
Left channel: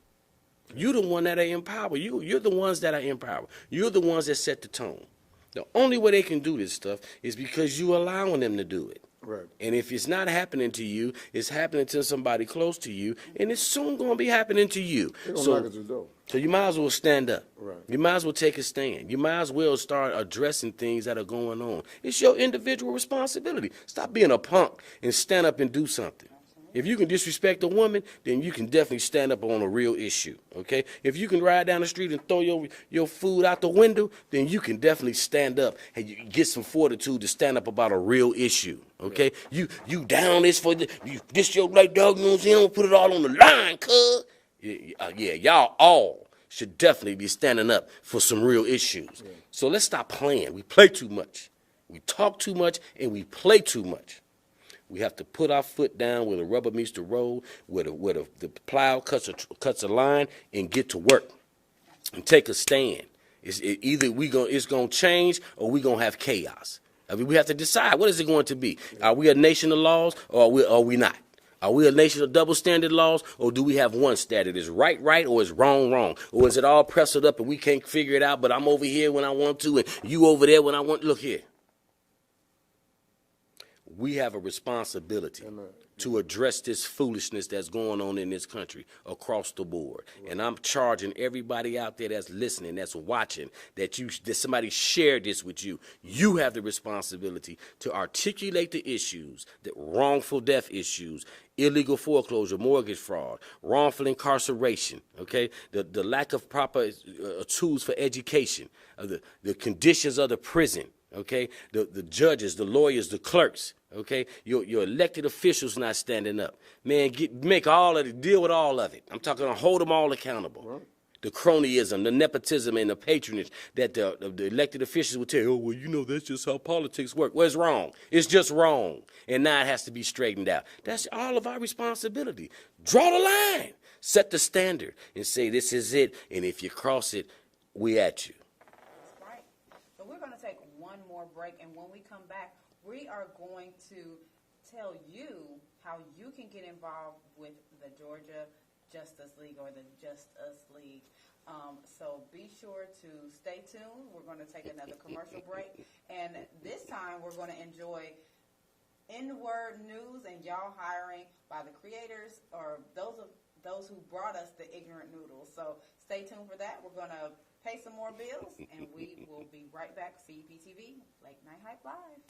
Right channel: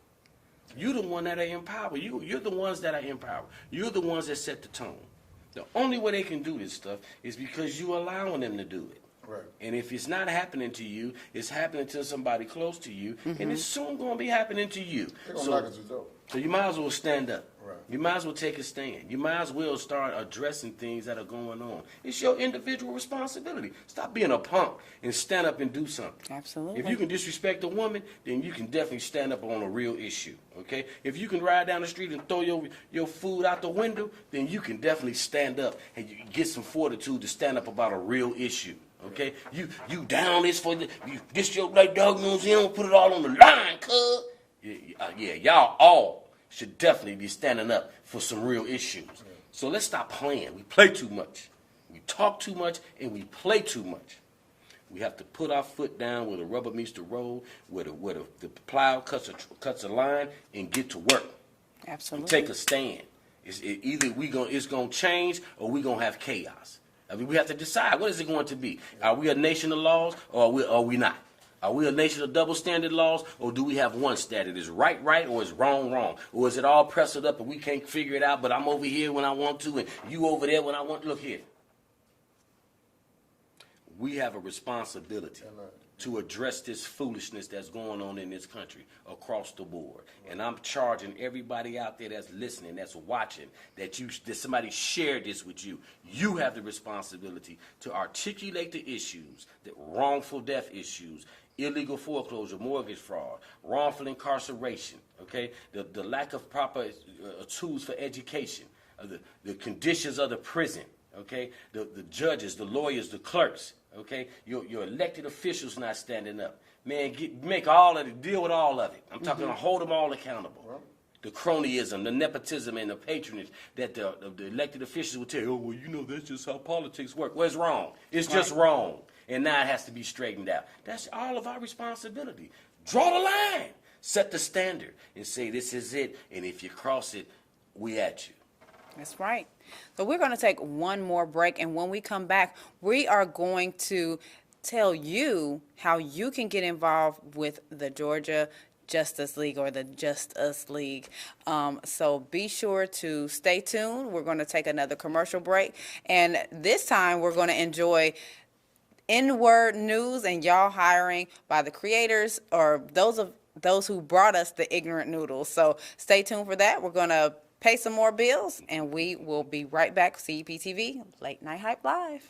You're the one that are in power. You're the ones that are in power. You're the ones that set the tone. The only way they can do this stuff is because you're allowing them to do it. Right. And if it's not happening to you, it's happening to somebody close to you, and it's soon going to be happening to you. They're gonna knock at your door. So you might as well stand up. Right. You might as well take a stand. You might as well start addressing things that are going on. It's your individual responsibility. Stop being a punk and stand up and do something. Absolutely. If you can disrespect a woman, then you can definitely stand up on a real issue, okay? If you can ride down the street and throw your food out the window, then you can definitely stand up and you get some fortitude to stand up about a real issue, okay? You down this for this your black dog, you know what I'm saying? I'm gonna put it all on the line, cuz. Yeah, y'all all should definitely be standing up for some real issues. Yeah. So let's stop playing. We play too much. We talk too much, and we play too much. We have to put our foot down where the rubber meets the road, where the plow cuts a line, and get to work. Absolutely. And take a stand. Either it's gonna change or we're gonna have chaos. I mean, we have to decide, what is it going to be? Are we a nation of laws, or are we not? Are we a nation of double standard laws, or do we have one standard? Is right, or is wrong? Or is it all pressed up and we can't figure it out, but I'm over here when I want to and you over there when I want? Look here. We have a responsibility to address this foolishness that's going on in this country across the board. And I'm charging everybody out there that's listening, that's watching, that somebody shared this with you. You have the responsibility to articulate the issues, the wrongful death issues, illegal foreclosure, mortgage fraud, wrongful incarceration, okay? The lack of proper tools for education, the conditions of the prison, okay? The judges, the lawyers, the clerks, okay? Your elected officials not standing up. Man, deal with all of it. I'm talking to hold them all accountable. Right. The cronyism, the nepotism, and the patronage that the elected officials would tell you, oh, well, you know, that's just how politics work. Well, it's wrong. It's just wrong. And now it has to be straightened out. That's all of our responsibility. Draw the line. Set the standard and say this is it. And if you cross it, we at you. That's right. So we're going to take one more break. And when we come back, we are going to tell you how you can get involved with the Georgia Justice League or the Just Us League. So be sure to stay tuned. We're going to take another commercial break. And this time we're going to enjoy N-word news and y'all hiring by the creators or those who brought us the ignorant noodles. So stay tuned for that. We're going to pay some more bills, and we will be right back. CEPTV Late Night Hype Live.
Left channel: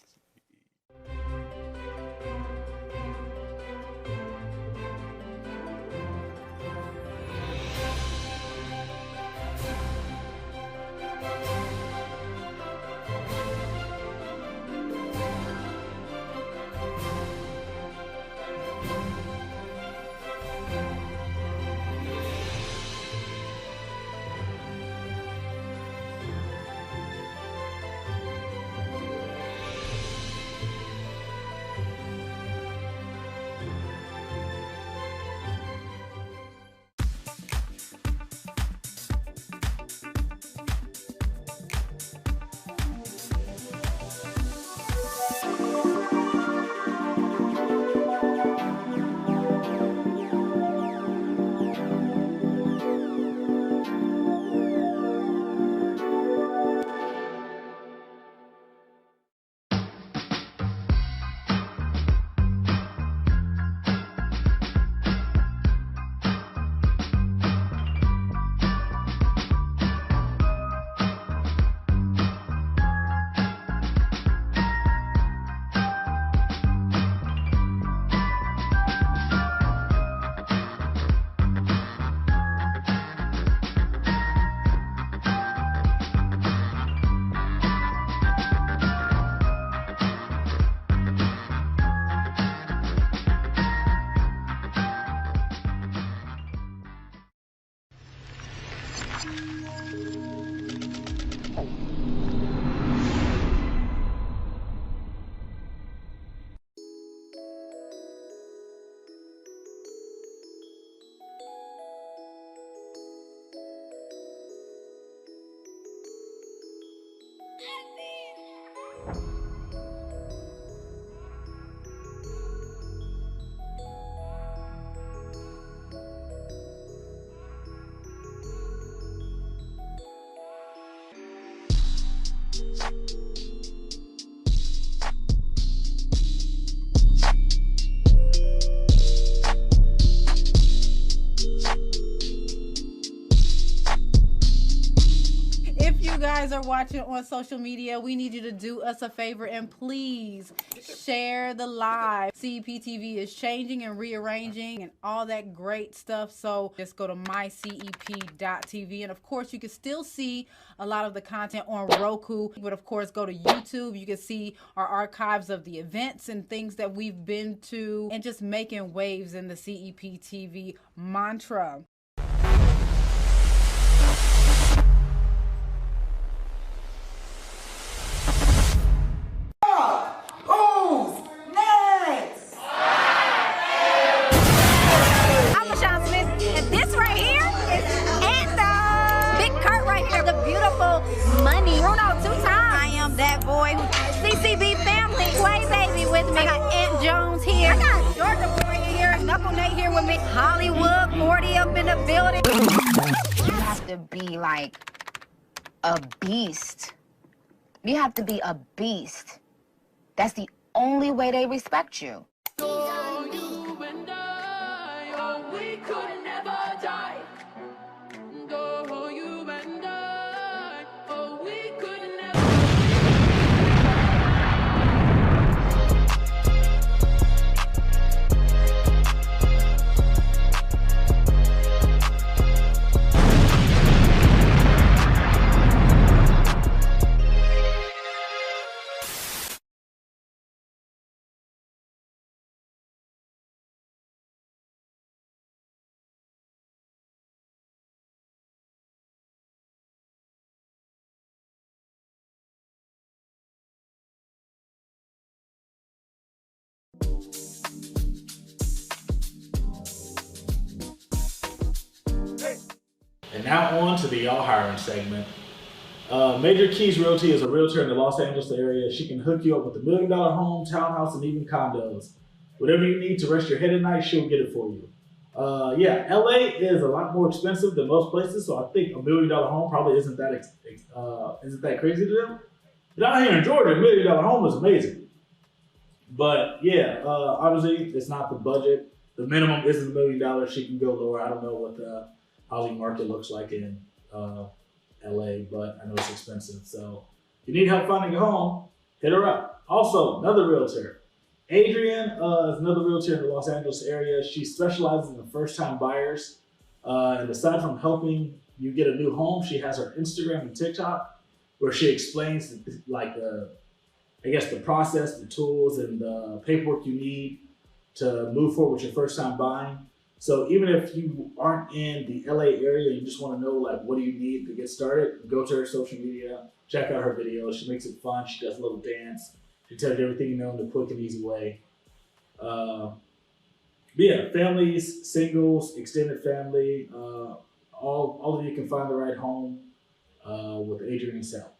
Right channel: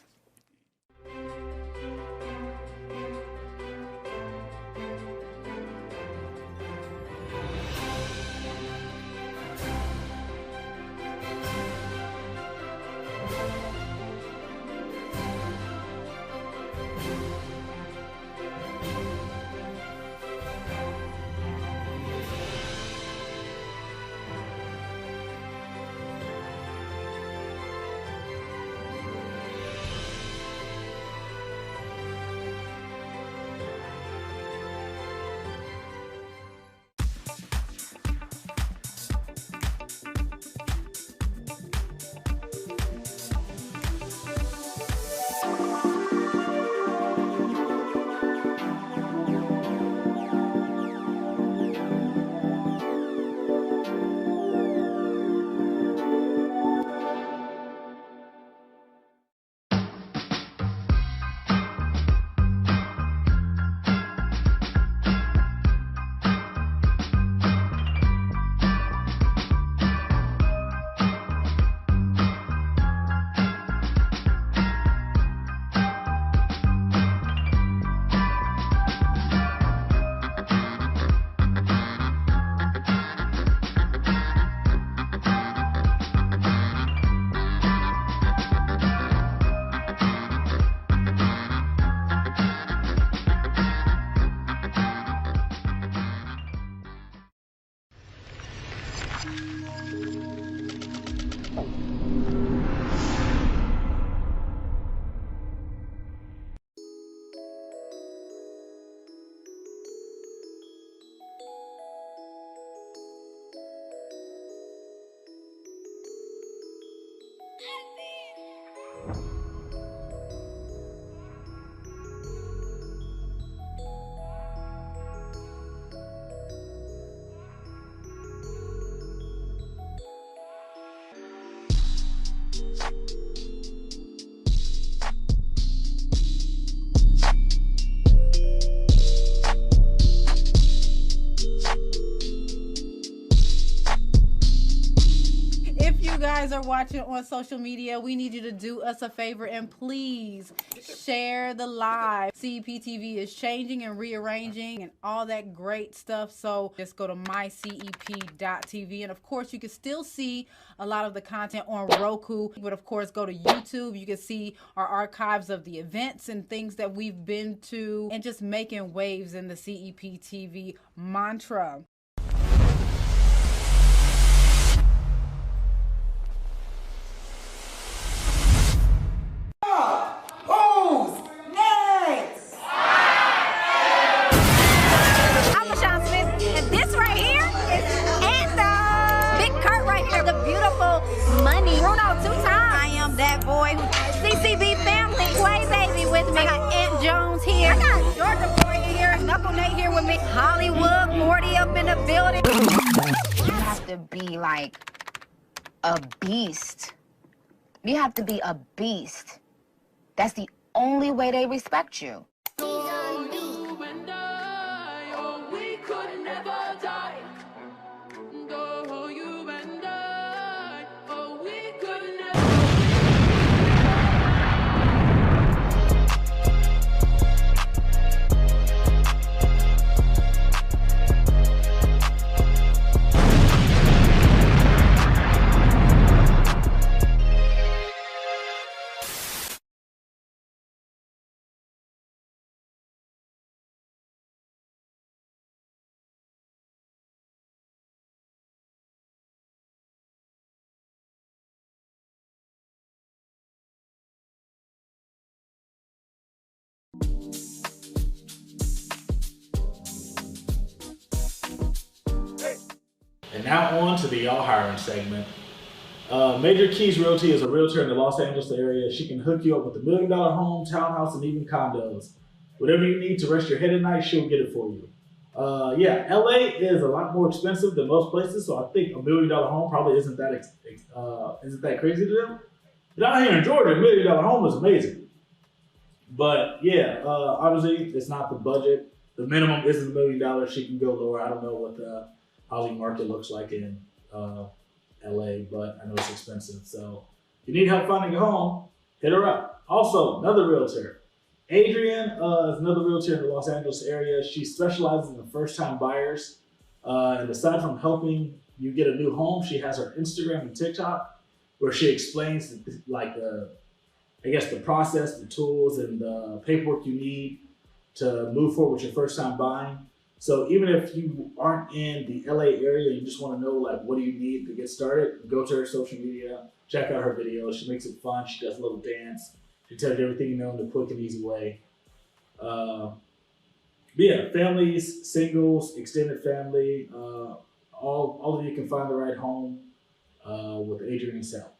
guys are watching on social media, we need you to do us a favor and please share the live. CEPTV is changing and rearranging and all that great stuff. So just go to mycep.tv. And of course, you can still see a lot of the content on Roku. But of course, go to YouTube. You can see our archives of the events and things that we've been to and just making waves in the CEPTV mantra. I'm LaShon Smith, and this right here is Anthem. Big Kurt right here, the beautiful Money. Bruno 2 times. I am that boy. CCB family, Play Baby with me. I got Aunt Jones here. I got Georgia boy here, Knuckle Nate here with me. Hollywood 40 up in the building. You have to be like a beast. You have to be a beast. That's the only way they respect you. And now on to the Y'all Hiring segment. Major Keys Realty is a realtor in the Los Angeles area. She can hook you up with a $1 million home, townhouse, and even condos. Whatever you need to rest your head at night, she'll get it for you. Yeah, LA is a lot more expensive than most places, so I think a $1 million home probably isn't that crazy to them. But out here in Georgia, $1 million home is amazing. But yeah, obviously it's not the budget. The minimum isn't $1 million. She can go lower. I don't know what the housing market looks like in LA, but I know it's expensive. So if you need help finding a home, hit her up. Also, another realtor. Adrienne is another realtor in the Los Angeles area. She specializes in first-time buyers. And aside from helping you get a new home, she has her Instagram and TikTok where she explains the process, the tools, and the paperwork you need to move forward with your first time buying. So even if you aren't in the LA area and you just want to know what do you need to get started, go to her social media, check out her videos. She makes it fun. She does a little dance. She tells you everything you know in a quick and easy way. But yeah, families, singles, extended family, all of you can find the right home with Adrienne's help.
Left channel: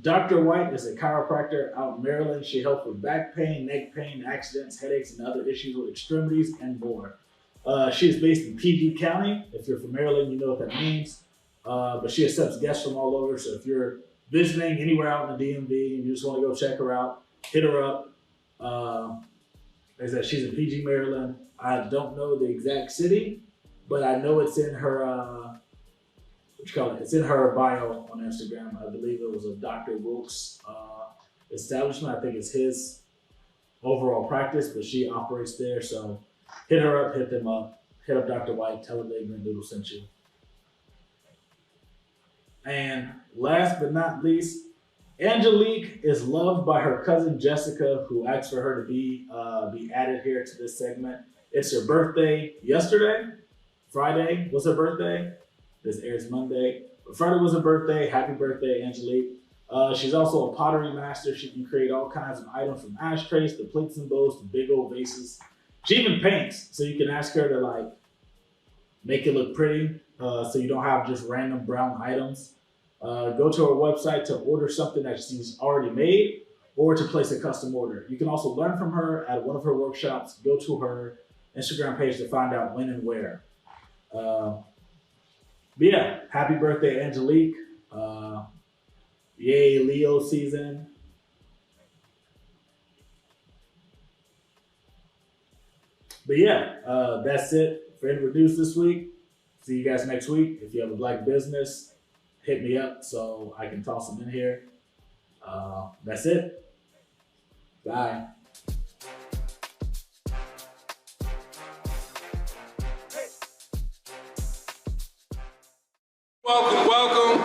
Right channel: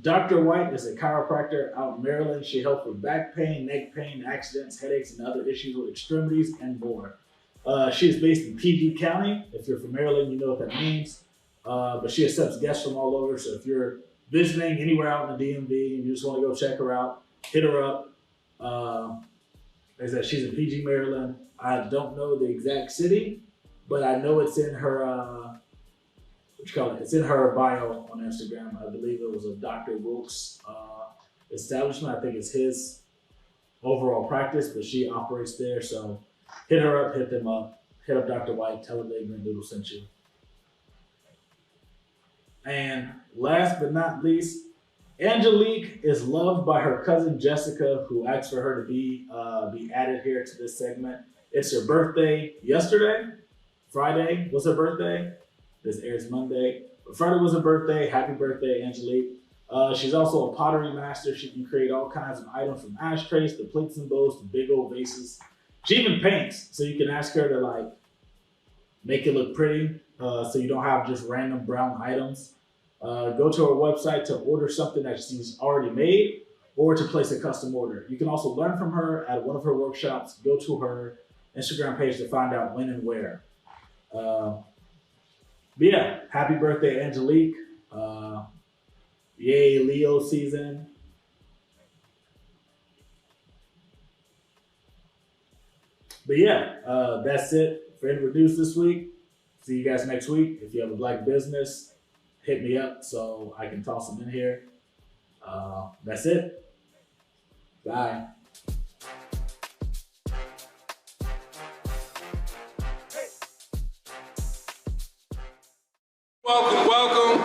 Dr. White is a chiropractor out in Maryland. She helps with back pain, neck pain, accidents, headaches, and other issues with extremities and more. She is based in PG County. If you're from Maryland, you know what that means. But she accepts guests from all over. So if you're visiting anywhere out in the DMV and you just want to go check her out, hit her up. Like I said, she's in PG, Maryland. I don't know the exact city, but I know it's in her it's in her bio on Instagram. I believe it was a Dr. Wilkes establishment. I think it's his overall practice, but she operates there. So hit her up, hit them up, hit up Dr. White, tell her that Green Doodle sent you. And last but not least, Angelique is loved by her cousin Jessica, who asked for her to be added here to this segment. It's her birthday yesterday. Friday was her birthday. This airs Monday. But Friday was her birthday. Happy birthday, Angelique. She's also a pottery master. She can create all kinds of items from ashtrays to plates and bowls to big old vases. She even paints, so you can ask her to make it look pretty, so you don't have just random brown items. Go to her website to order something that she's already made or to place a custom order. You can also learn from her at one of her workshops. Go to her Instagram page to find out when and where. But yeah, happy birthday, Angelique. Yay, Leo season. But yeah, that's it for Introduce this week. See you guys next week. If you have a black business, hit me up so I can toss them in here. That's it. Bye. Welcome, welcome.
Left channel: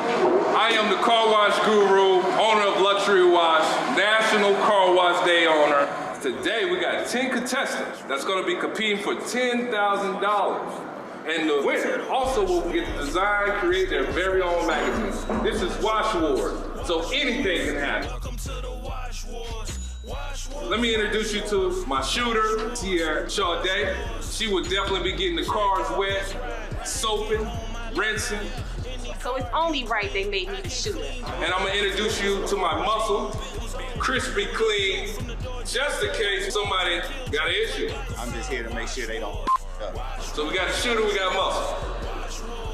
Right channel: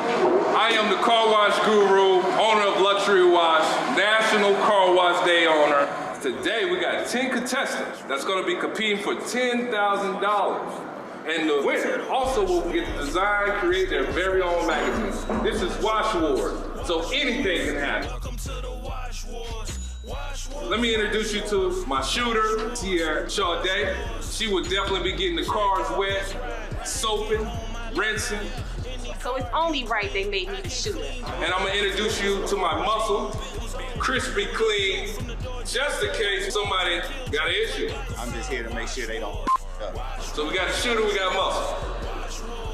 I am the car wash guru, owner of Luxury Wash, National Car Wash Day owner. Today we got 10 contestants that's going to be competing for $10,000. And the winner also will get to design, create their very own magazine. This is Wash Wars, so anything can happen. Let me introduce you to my shooter, Sierra Sade. She would definitely be getting the cars wet, soaping, rinsing. So it's only right they made me the shooter. And I'm gonna introduce you to my muscle, crispy clean, just in case somebody got an issue. I'm just here to make sure they don't up. So we got a shooter, we got muscle.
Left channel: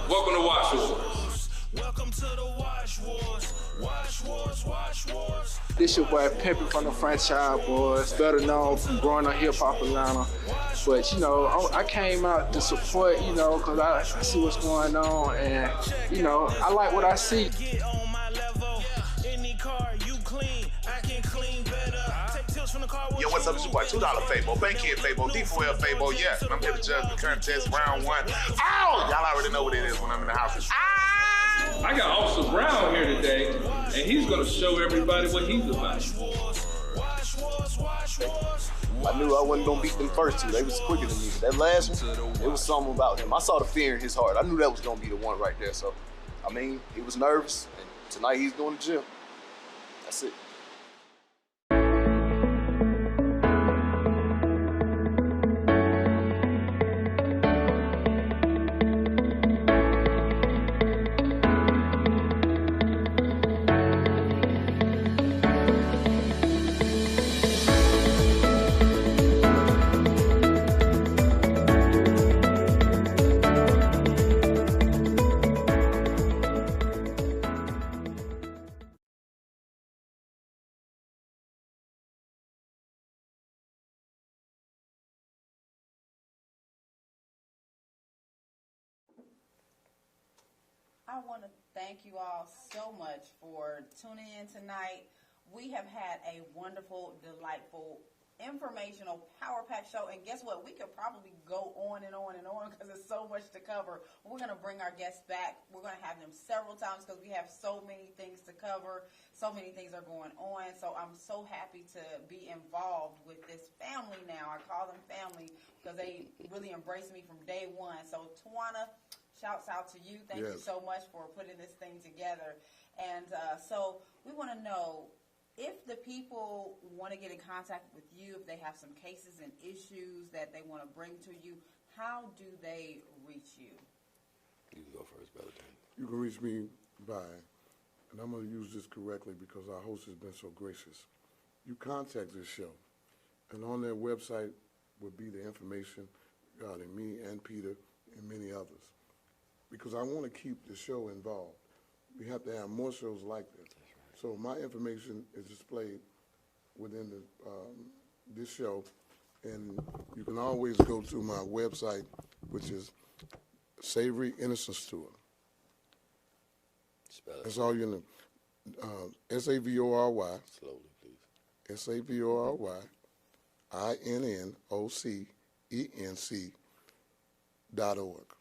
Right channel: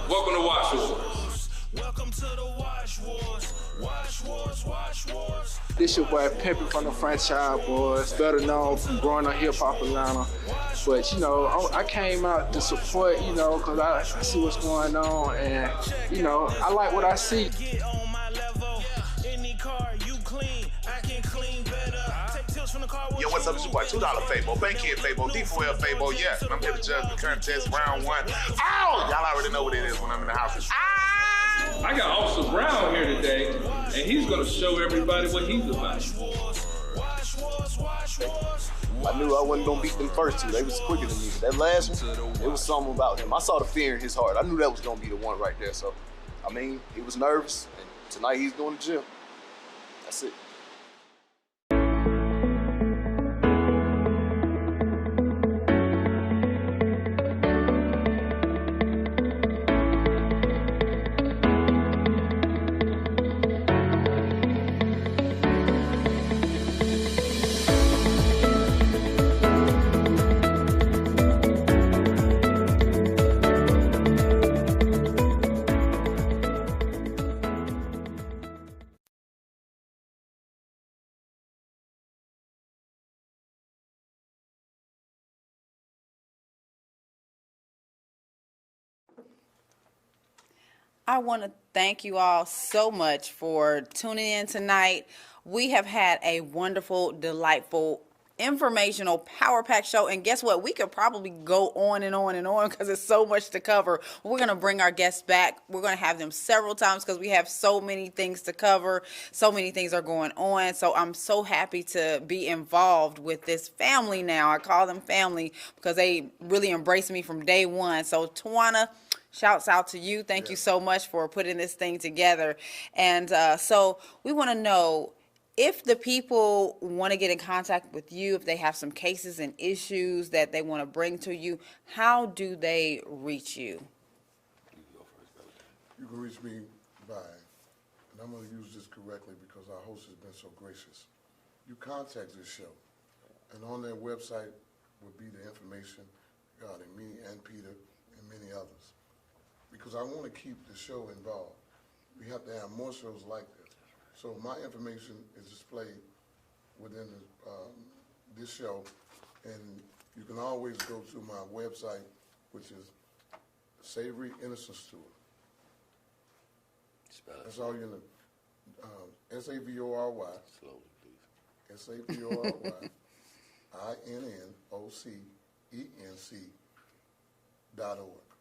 Welcome to Wash Wars. Welcome to the Wash Wars. Wash Wars, Wash Wars. This your boy Pimpin' from the Franchise Boys, better known from growing up hip hop Atlanta. But you know, I came out to support, you know, cause I see what's going on, and you know, I like what I see. Yo, what's up? It's your boy $2 Fabo, Bankhead Fabo, D4L Fabo, yes. And I'm here to judge the current test, round one. Ow! Y'all already know what it is when I'm in the house. I got Officer Brown here today, and he's gonna show everybody what he's about. I knew I wasn't gonna beat them first two. They was quicker than me. But that last one, it was something about him. I saw the fear in his heart. I knew that was gonna be the one right there. So, I mean, he was nervous, and tonight he's going to gym. That's it. I want to thank you all so much for tuning in tonight. We have had a wonderful, delightful, informational, power-packed show. And guess what? We could probably go on and on and on because there's so much to cover. We're going to bring our guests back. We're going to have them several times because we have so many things to cover. So many things are going on. So I'm so happy to be involved with this family now. I call them family because they really embraced me from day one. So Tawana, shouts out to you. Thank you so much for putting this thing together. And so we want to know if the people want to get in contact with you, if they have some cases and issues that they want to bring to you, how do they reach you? You can reach me by, and I'm going to use this correctly because our host has been so gracious. You contact this show, and on their website will be the information regarding me and Peter and many others. Because I want to keep the show involved. We have to have more shows like this. So my information is displayed within this show, and you can always go to my website, which is Savory Innocence Tour. That's all you know. S-A-V-O-R-Y. Slowly, please. SAVORY-INNOCENC.org.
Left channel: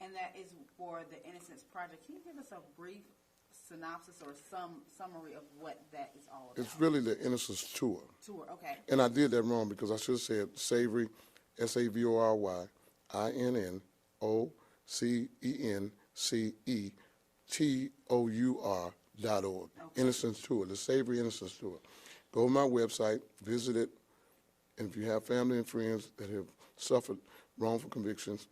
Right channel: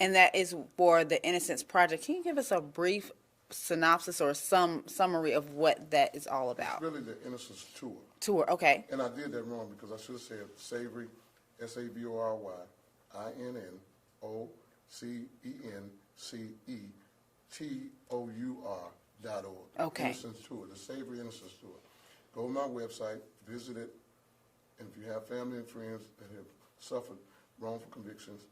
And that is for the Innocence Project. Can you give us a brief synopsis or some summary of what that is all about? It's really the Innocence Tour. Tour, okay. And I did that wrong because I should have said Savory, SAVORY-INNOCENCETOUR.org. Okay. Innocence Tour, the Savory Innocence Tour. Go to my website, visit it, and if you have family and friends that have suffered wrongful convictions,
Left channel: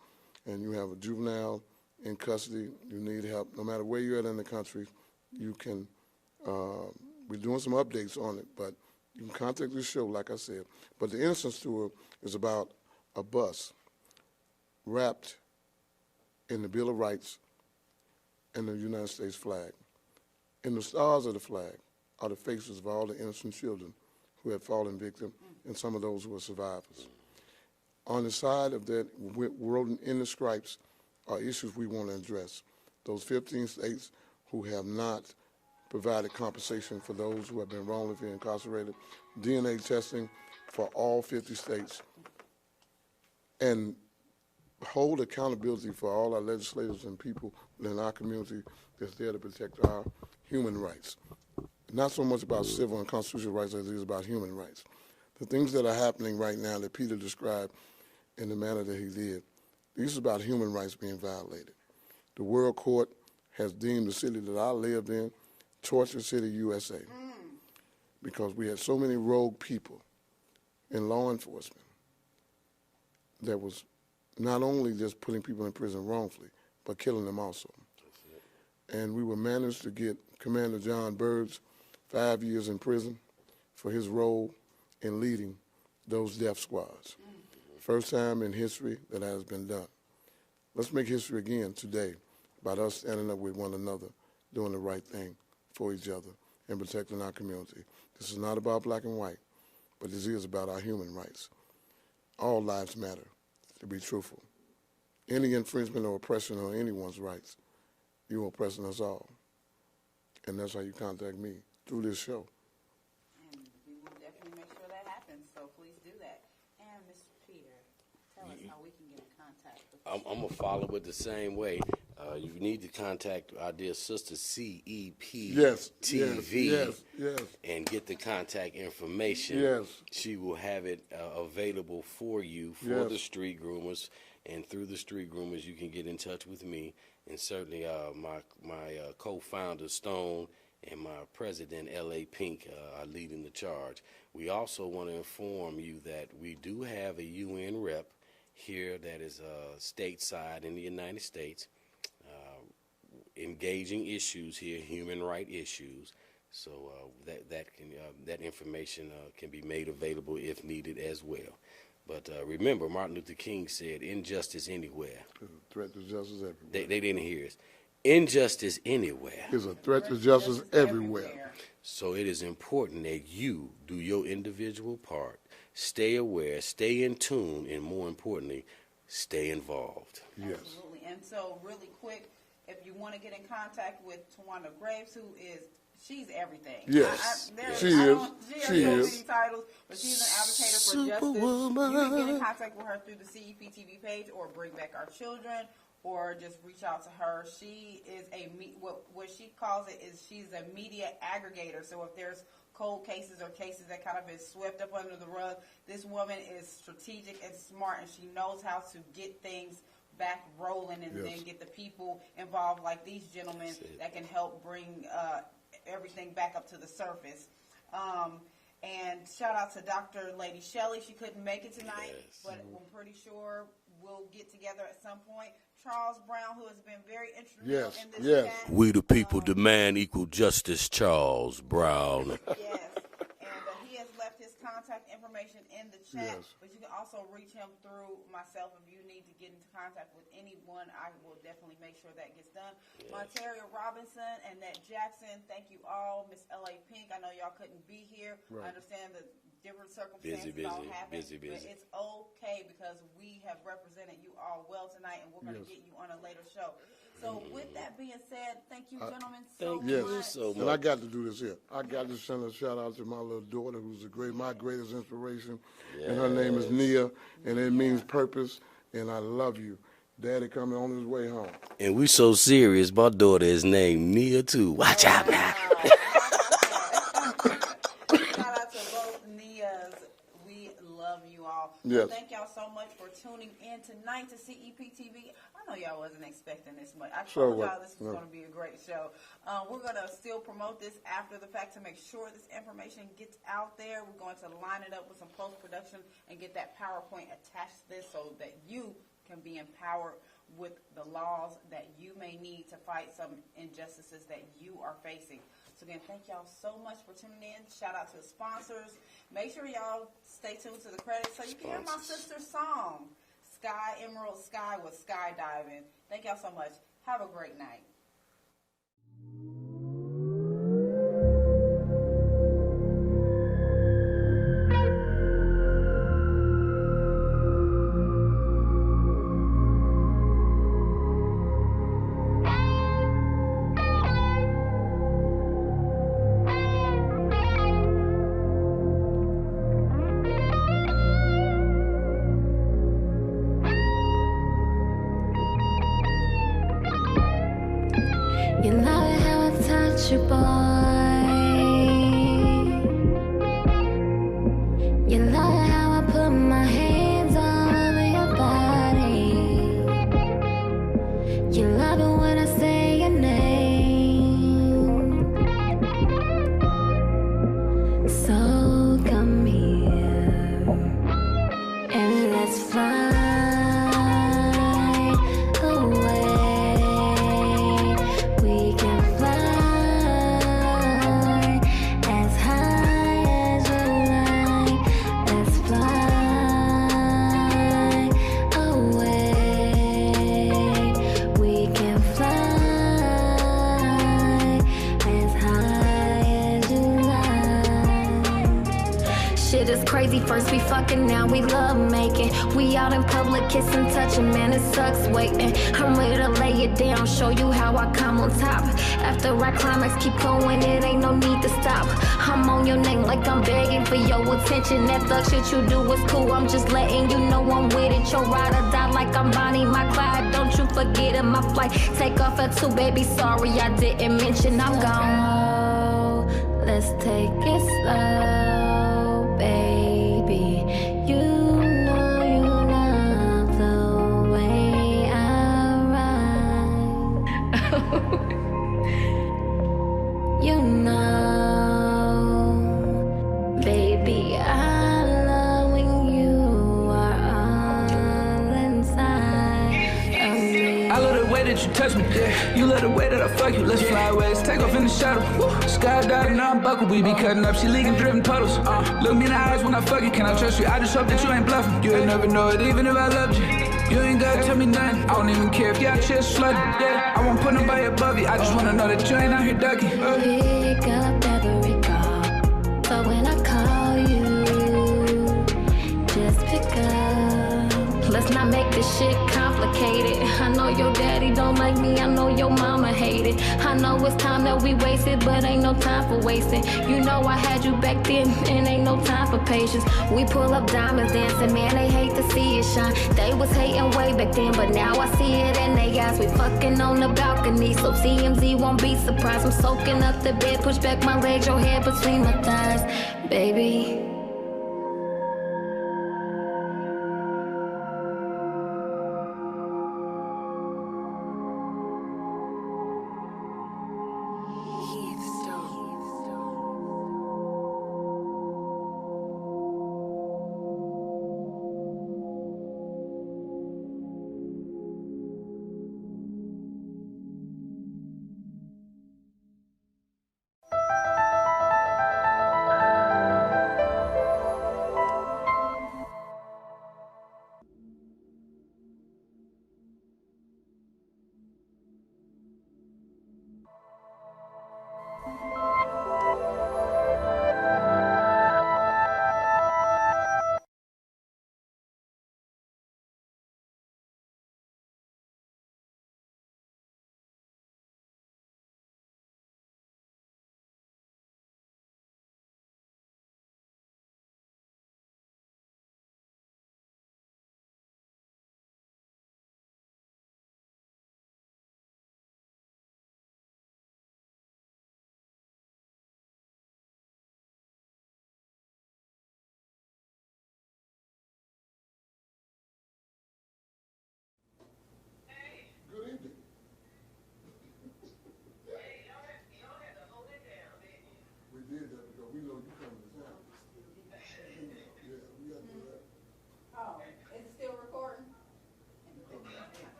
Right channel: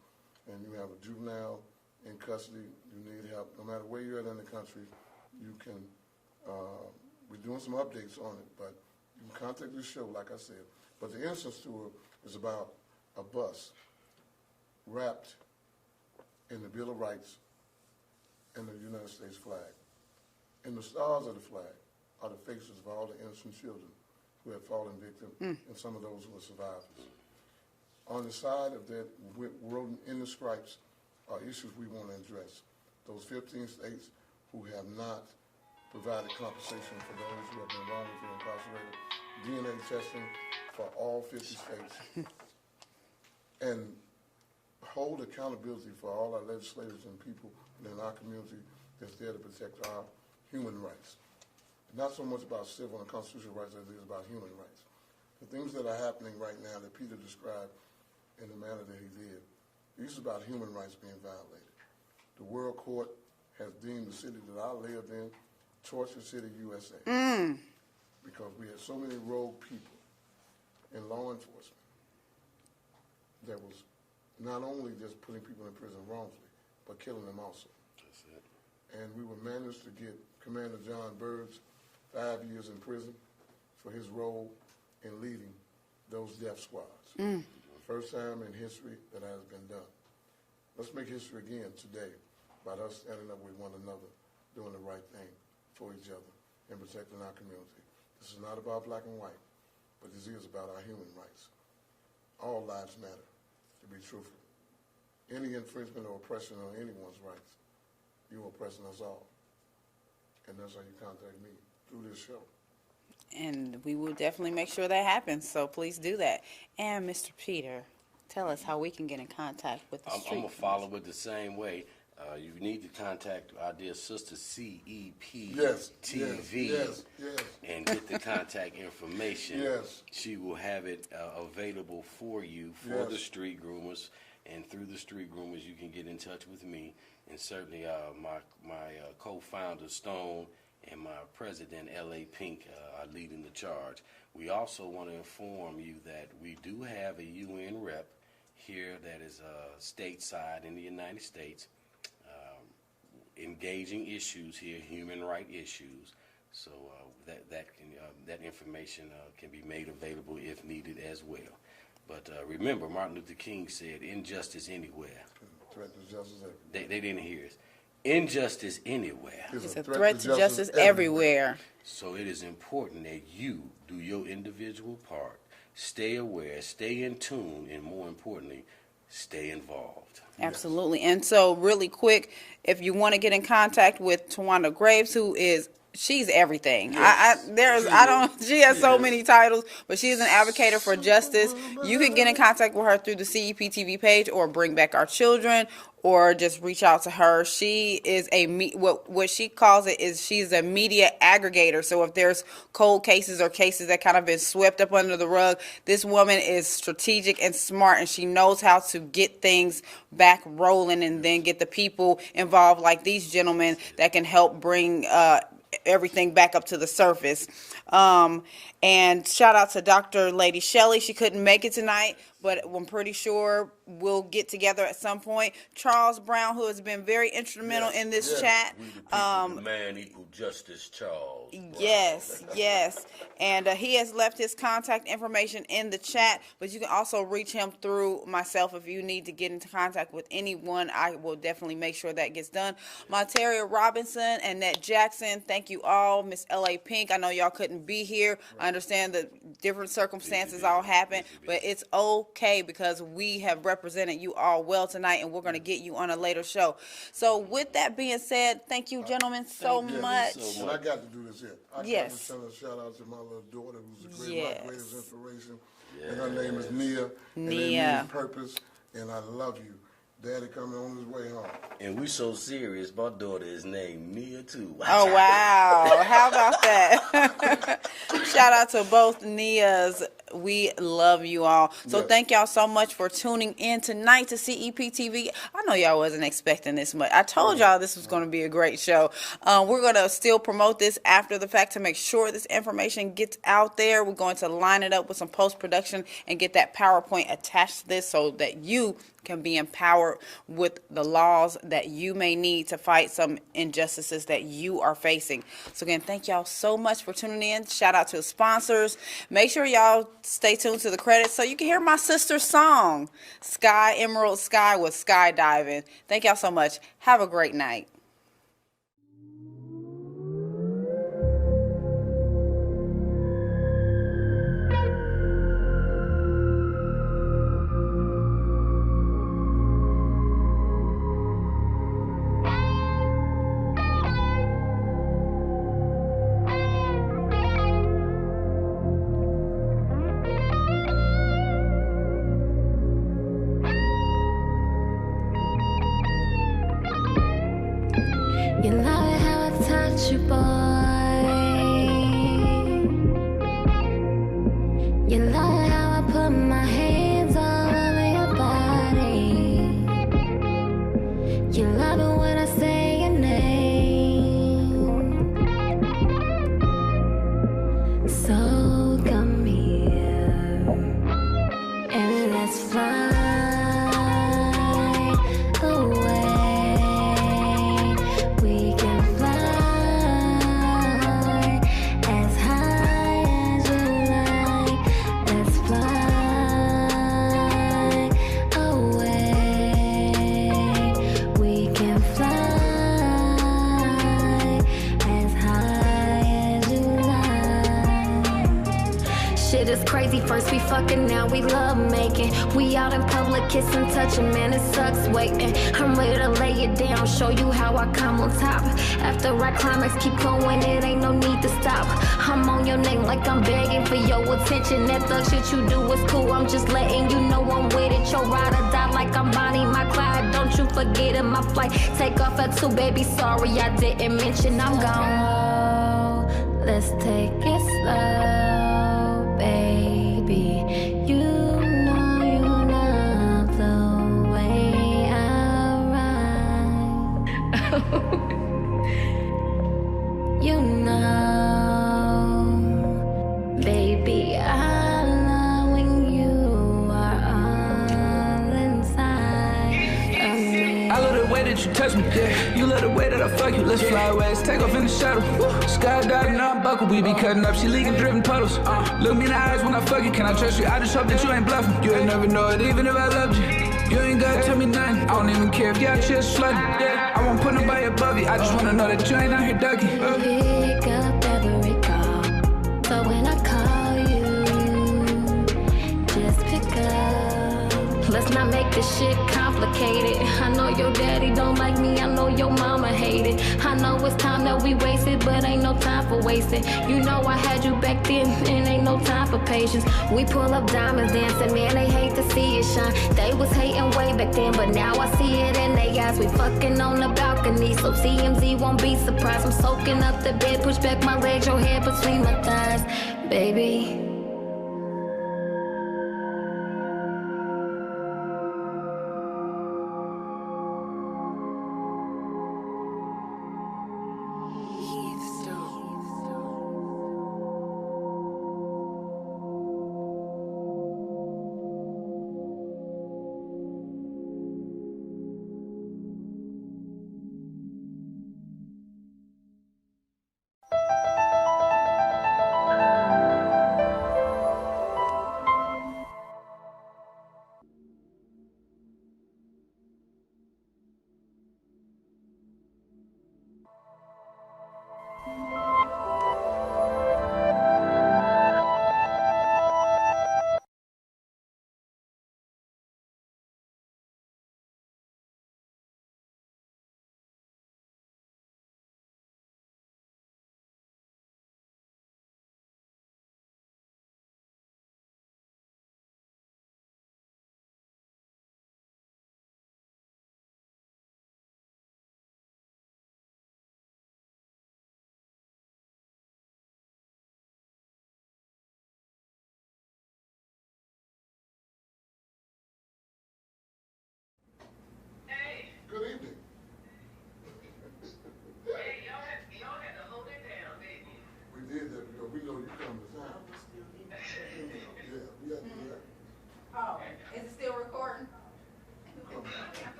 and you have a juvenile in custody, you need help, no matter where you're at in the country, you can, we're doing some updates on it, but you can contact this show, like I said. But the Innocence Tour is about a bus wrapped in the Bill of Rights and the United States flag. And the stars of the flag are the faces of all the innocent children who have fallen victim and some of those who are survivors. On the side of that, written in the stripes, are issues we want to address. Those 15 states who have not provided compensation for those who have been wrongfully incarcerated, DNA testing for all 50 states, and hold accountability for all our legislators and people in our community that's there to protect our human rights. Not so much about civil and constitutional rights as it is about human rights. The things that are happening right now that Peter described in the manner that he did, these are about human rights being violated. The World Court has deemed the city that I lived in Torture City, USA, because we had so many rogue people in law enforcement that was not only just putting people in prison wrongfully, but killing them also. And we were managed to get Commander John Bird's 5 years in prison for his role in leading those death squads. First time in history that has been done. Let's make history again today about us standing up with one another, doing the right thing for each other, and protecting our community. This is not about black and white, but this is about our human rights. All lives matter, to be truthful. Any infringement or oppression on anyone's rights, you're oppressing us all. And that's how you contact me, through this show. And we will definitely make sure that happens, so please do that. And Mr. Peter, tell us how we can get in contact with the street. I'm going to follow it the same way. You need to contact our dear sister CEPTV and get the contact information. She will have it available for you for the street groomers, and through the street groomers you can get in touch with me, and certainly my co-founder Stone and my president L.A. Pink are leading the charge. We also want to inform you that we do have a UN rep here that is stateside in the United States, engaging issues here, human rights issues. So that information can be made available if needed as well. But remember, Martin Luther King said, "Injustice anywhere." Threat to justice everywhere. They didn't hear us. Injustice anywhere. It's a threat to justice everywhere. So it is important that you do your individual part. Stay aware, stay in tune, and more importantly, stay involved. Absolutely. And so really quick, if you want to get in contact with Tawanda Graves, she's everything. She has so many titles, but she's an advocate for justice. You can get in contact with her through the CEPTV page, or Bring Back Our Children, or just reach out to her. She is what she calls it is she's a media aggregator. So if there's cold cases or cases that kind of been swept up under the rug, this woman is strategic and smart, and she knows how to get things back rolling and then get the people involved, like these gentlemen, that can help bring everything back up to the surface. And shout out to Dr. Lady Shelley. She couldn't make it tonight, but I'm pretty sure we'll get together at some point. Charles Brown, who has been very instrumental in this chat. We the people demand equal justice, Charles Brown. Yes. And he has left his contact information in the chat, but you can also reach him through myself if you need to get into contact with anyone. I will definitely make sure that gets done. Monteria Robinson and Ned Jackson, thank you all. Miss L.A. Pink, I know y'all couldn't be here. I understand that different circumstances all happen, but it's okay because we have represented you all well tonight, and we're going to get you on a later show. So with that being said, thank you, gentlemen, so much. And I got to do this here. I got to send a shout out to my little daughter, who's my greatest inspiration, and her name is Nia, and it means purpose, and I love you. Daddy coming on his way home. And we so serious, my daughter is named Nia too. Watch out. Wow, how about that? Shout out to both Nias. We love you all. So thank y'all so much for tuning in tonight to CEPTV. I know y'all wasn't expecting this much. I told y'all this was going to be a great show. We're going to still promote this after the fact to make sure this information gets out there. We're going to line it up with some post-production and get that PowerPoint attached to this so that you can be empowered with the laws that you may need to fight some injustices that you are facing. So again, thank y'all so much for tuning in. Shout out to the sponsors. Make sure y'all stay tuned to the credits so you can hear my sister's song, Sky Emerald Sky with Skydiving. Thank y'all so much. Have a great night. You love it how I touch you, boy. You love it how I put my hands all over your body. You love it when I say your name. So come here and let's fly away. We can fly as high as you like. Let's fly away. We can fly as high as you like. Shit is crazy, first we fucking, now we love making. We out in public kissing, touching, man, it sucks waiting. I'm ready to lay it down, show you how I come on top. After I climax, keep going, it ain't no need to stop. I'm on your name like I'm begging for your attention. That thug shit you do is cool, I'm just letting you know I'm with it. Your ride or die like I'm Bonnie, my Clyde. Don't you forget it, my flight take off at 2, baby, sorry I didn't mention I'm gone. Let's take it slow, baby. You know you love the way I ride. You know, baby, I love when you are all inside of me. I love the way that you touch me, yeah. You love the way that I fuck you. Let's fly away, let's take off in the shadow. Skydiving, now I'm buckled, we be cutting up. She leaking, driven puddles. Look me in the eyes when I fuck you. Can I trust you? I just hope that you ain't bluffing. You ain't never know it, even if I loved you. You ain't gotta tell me nothing. I don't even care if y'all just flooded. Yeah, I won't put nobody above you. I just wanna know that you ain't out here ducking. Pick up every call, so when I call you, just pick up. Let's not make this shit complicated. I know your daddy don't like me, I know your mama hate it. I know it's time that we wasted, but ain't no time for wasting. You know I had you back then, and ain't no time for patience. We pull up diamonds dancing, man, they hate to see it shine. They was hating way back then, but now I see it in they eyes. We fucking on the balcony, so TMZ won't be surprised. I'm soaking up the bed, push back my legs, your head between my thighs, baby.